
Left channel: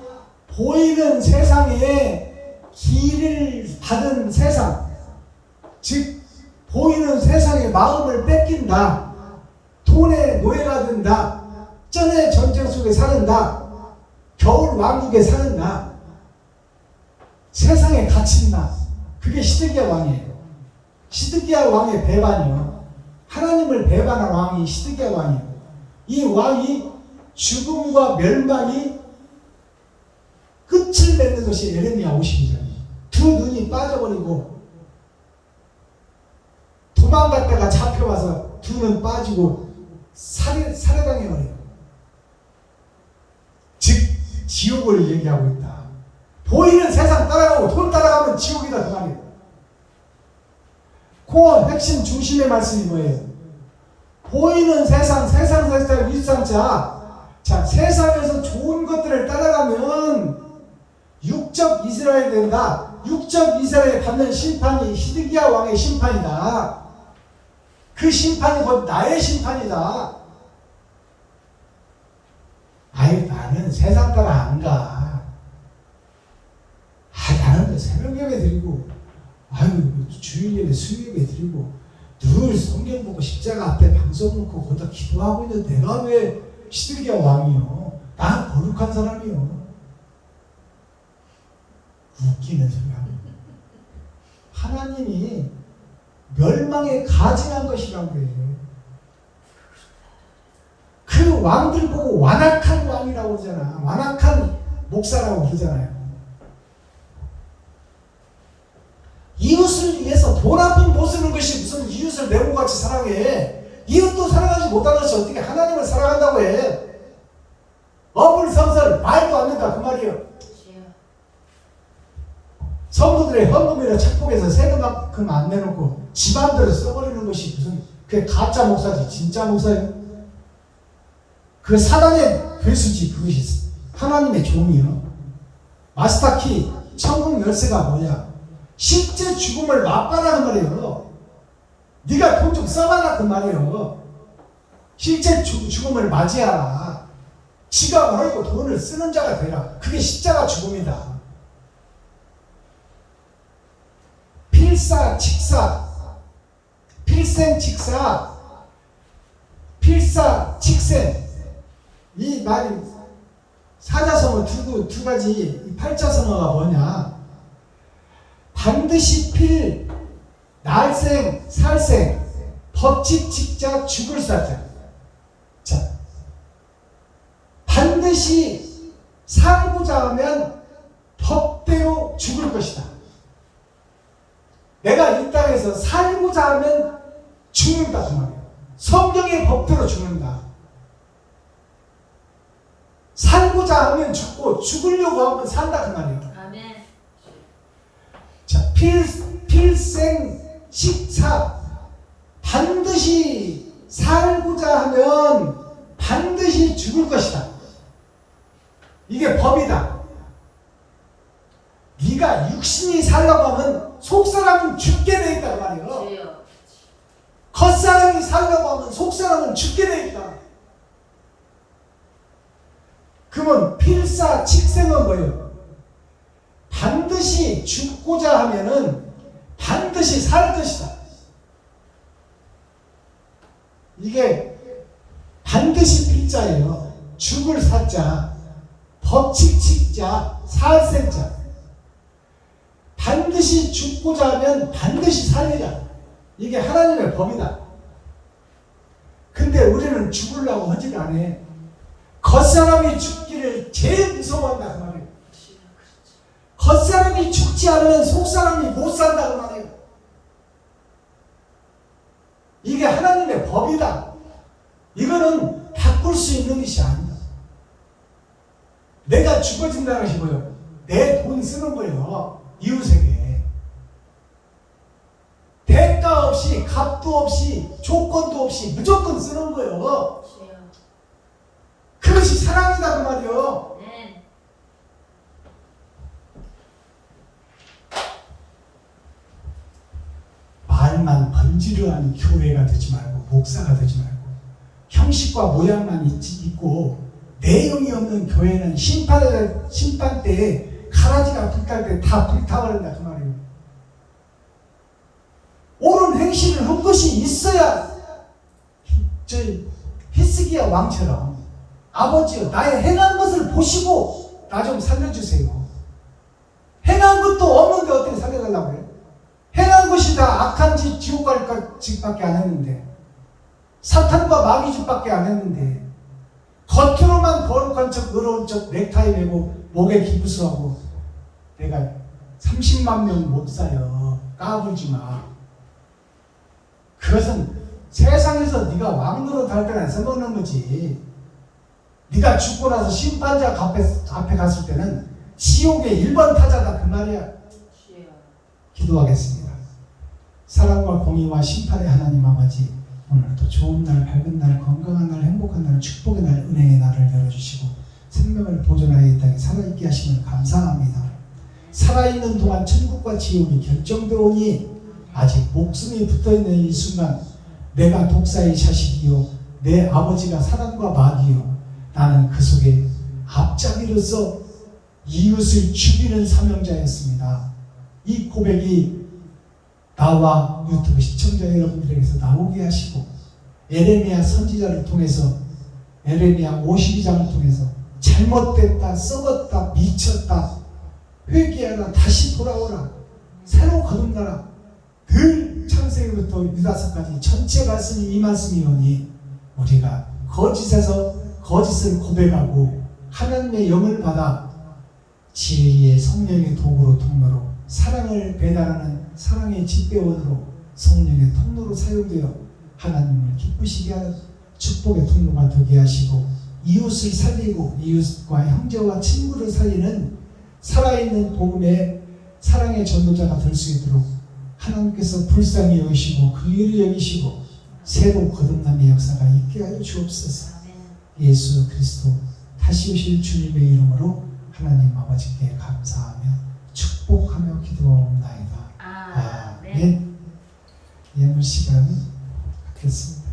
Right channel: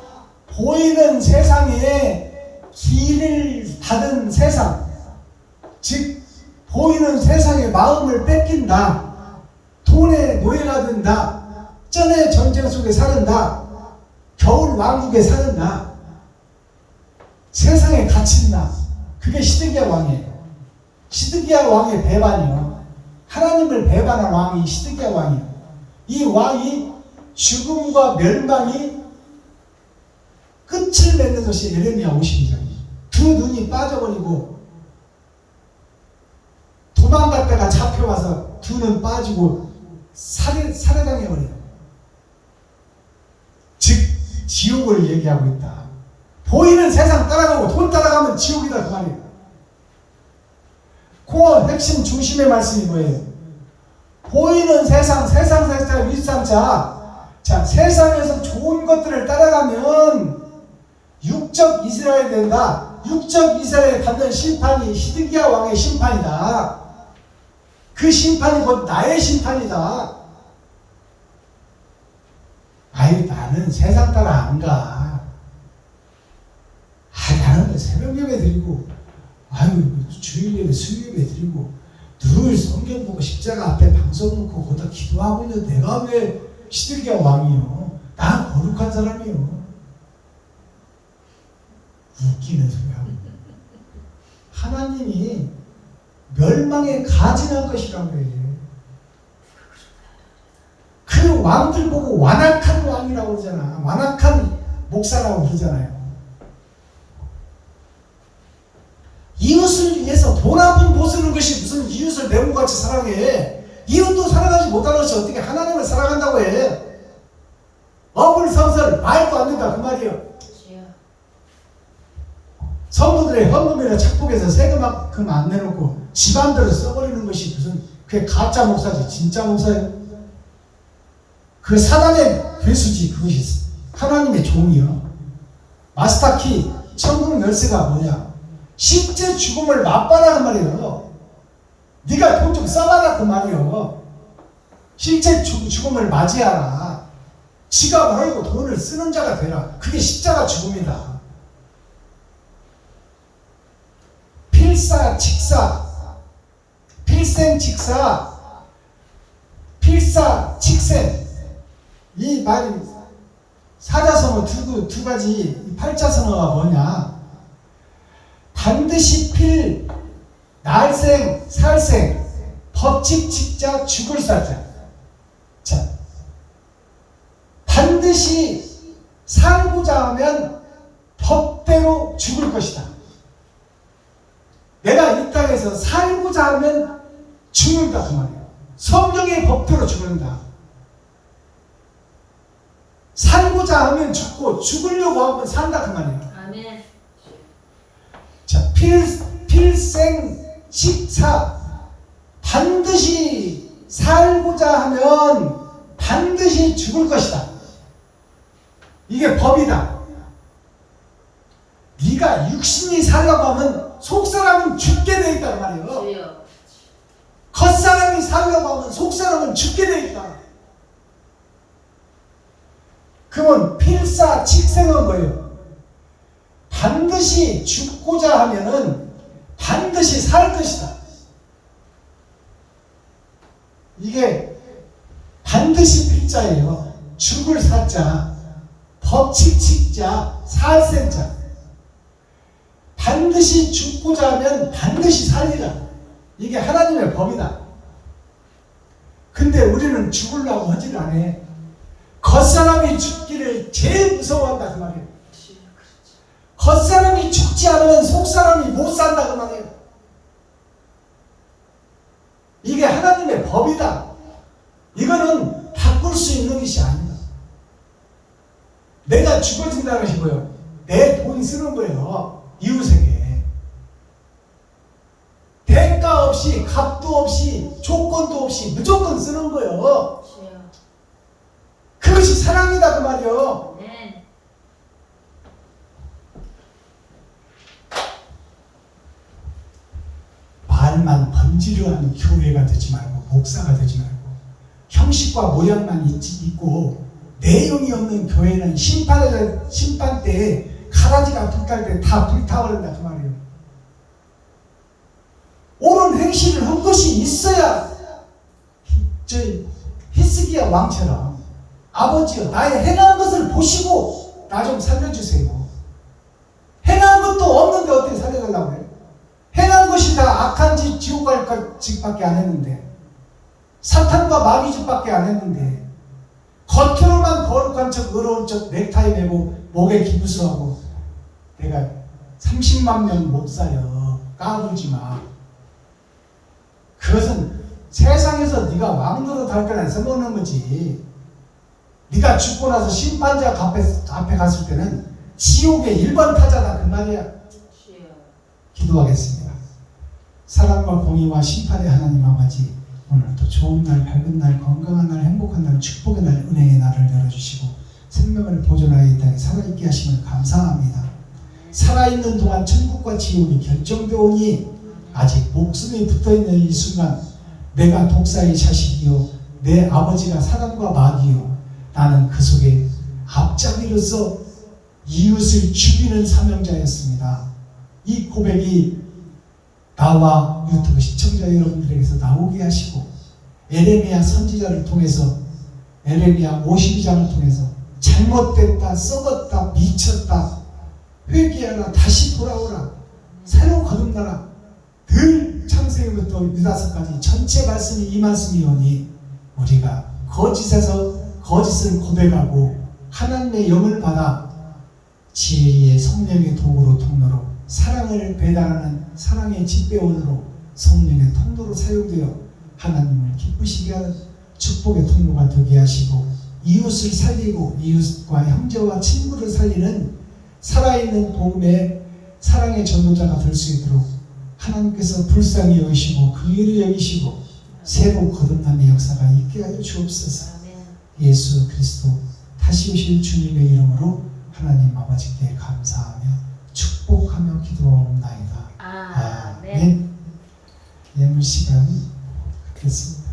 보이는 세상에 길을 받은 세상, 즉 보이는 세상에 마음을 뺏긴다. 돈의 노예가 된다. 전의 전쟁 속에 사는다. 겨울 왕국에 사는다. 세상에 갇힌다. 그게 시드기야 왕이에요. 시드기야 왕의 배반이요. 하나님을 배반한 왕이 시드기야 왕이에요. 이 왕이 죽음과 멸망이 끝을 맺는 것이 에레미야 52장이에요. 두 눈이 빠져버리고 도망갔다가 잡혀와서 두 눈 빠지고 살해당해버려요. 즉 지옥을 얘기하고 있다. 보이는 세상 따라가고 돈 따라가면 지옥이다 그 말이에요. 코어 핵심 중심의 말씀이 뭐예요? 보이는 세상 윗삼자. 자, 세상에서 좋은 것들을 따라가면 육적 이스라엘이 된다. 육적 이스라엘이 받는 심판이 시드기야 왕의 심판이다. 그 심판이 곧 나의 심판이다. 아유, 나는 세상 따라 안 가. 나는 새벽 예배 드리고, 주일 예배, 수요 예배 드리고, 늘 성경 보고 십자가 앞에 방송 놓고 거기다 기도하고 있는데 내가 왜 시드기야 왕이요? 난 거룩한 사람이요. 웃기는 소리하고. 하나님이 멸망에 가증한 것이라고 그래요. 그 왕들 보고 완악한 왕이라고 그러잖아. 완악한 목사라고 그러잖아요. 이웃을 위해서 돈 한 푼 못 쓰는 것이 무슨 이웃을 매운같이 사랑해. 이웃도 사랑하지 못하는 것이 어떻게 하나님을 사랑한다고 해. 어불성설 말도 안 된다 그 말이에요. 성도들의 헌금이나 착복해서 세금만큼 안 내놓고 집안대로 써버리는 것이 무슨 그게 가짜 목사지 진짜 목사예요? 그 사단의 괴수지. 그것이 하나님의 종이요. 마스터키 천국 열쇠가 뭐냐? 실제 죽음을 맛봐라 그 말이에요. 네가 돈 좀 써봐라 그 말이에요. 실제 죽음을 맞이하라. 지가 벌고 돈을 쓰는 자가 되라. 그게 십자가 죽음이다. 필사직사, 필생직사, 필사직생. 이 말이 사자성어 두 가지 팔자성어가 뭐냐? 반드시 필, 날생, 살생, 법칙, 직자, 죽을 살자. 자, 반드시 살고자 하면 법대로 죽을 것이다. 내가 이 땅에서 살고자 하면 죽는다 그 말이에요. 성경의 법대로 죽는다. 살고자 하면 죽고 죽으려고 하면 산다 그 말이에요. 아멘. 자, 필생 식사. 반드시 하면 반드시 죽을 것이다. 이게 법이다. 네가 육신이 살려고 하면 속사람은 죽게 돼 있다 그 말이에요. 주여. 겉사람이 살려고 하면 속사람은 죽게 돼 있다. 그러면 필사직생은 뭐예요? 반드시 죽고자 하면은 반드시 살 것이다. 이게 반드시 필자예요. 죽을 사자, 법칙칙자, 살생자. 반드시 죽고자 하면 반드시 살리라. 이게 하나님의 법이다. 근데 우리는 죽으려고 하질 않아. 겉사람이 죽기를 제일 무서워한다 그 말이에요. 주여. 그렇죠. 겉사람이 죽지 않으면 속사람이 못 산다 그 말이에요. 이게 하나님의 법이다. 이거는 바꿀 수 있는 것이 아니다. 내가 죽어진다는 것이 뭐예요? 내 돈 쓰는 거예요. 이웃에게. 대가 없이, 값도 없이, 조건도 없이 무조건 쓰는 거예요. 주여. 그것이 사랑이다 그 말이에요. 네. 말만 번지르한 교회가 되지 말고 목사가 되지 말고 형식과 모양만 있고 내용이 없는 교회는 심판 때에 가라지가 불탈 때 다 불타버린다 그 말이에요. 옳은 행실을 한 것이 있어야 저 히스기야 왕처럼 아버지여 나의 행한 것을 보시고 나 좀 살려주세요. 행한 것도 없는데 어떻게 살려달라고 그래요? 행한 것이 다 악한 짓, 지옥 갈 짓밖에 안 했는데 사탄과 마귀 짓밖에 안 했는데 겉으로만 거룩한 척 의로운 척 넥타이 매고 목에 기부수하고 내가 30만 명 목사여 까불지 마. 그것은 세상에서 네가 왕노릇 할 때나 써먹는 거지. 네가 죽고 나서 심판자 앞에 갔을 때는 지옥의 1번 타자다 그 말이야. 주여. 기도하겠습니다. 사랑과 공의와 심판의 하나님 아버지, 오늘도 좋은 날, 밝은 날, 건강한 날, 행복한 날, 축복의 날, 은혜의 날을 열어주시고 생명을 보존하여 이 땅에 살아있게 하심을 감사합니다. 살아있는 동안 천국과 지옥이 결정되오니 아직 목숨이 붙어있는 이 순간 내가 독사의 자식이요 내 아버지가 사단과 마귀요 나는 그 속에 앞잡이로서 이웃을 죽이는 사명자였습니다. 이 고백이 나와 유튜브 시청자 여러분들에게서 나오게 하시고 에레미야 선지자를 통해서 에레미야 52장을 통해서 잘못됐다, 썩었다, 미쳤다, 회개하라, 다시 돌아오라, 새로 거듭나라, 늘 창세기부터 유다서까지 전체 말씀이 이 말씀이오니 우리가 거짓에서 거짓을 고백하고 하나님의 영을 받아 진리의 성령의 도구로 통로로 사랑을 배달하는 사랑의 집배원으로 성령의 통로로 사용되어 하나님을 기쁘시게 하는 축복의 통로가 되게 하시고 이웃을 살리고 이웃과 형제와 친구를 살리는 살아있는 복음의 사랑의 전도자가 될 수 있도록 하나님께서 불쌍히 여기시고 긍휼히 여기시고 새로 거듭남의 역사가 있게 하여 주옵소서. 예수 그리스도 다시 오실 주님의 이름으로 하나님 아버지께 감사하며 축복하며 기도하옵나이다. 아멘. 예물 시간 갖겠습니다.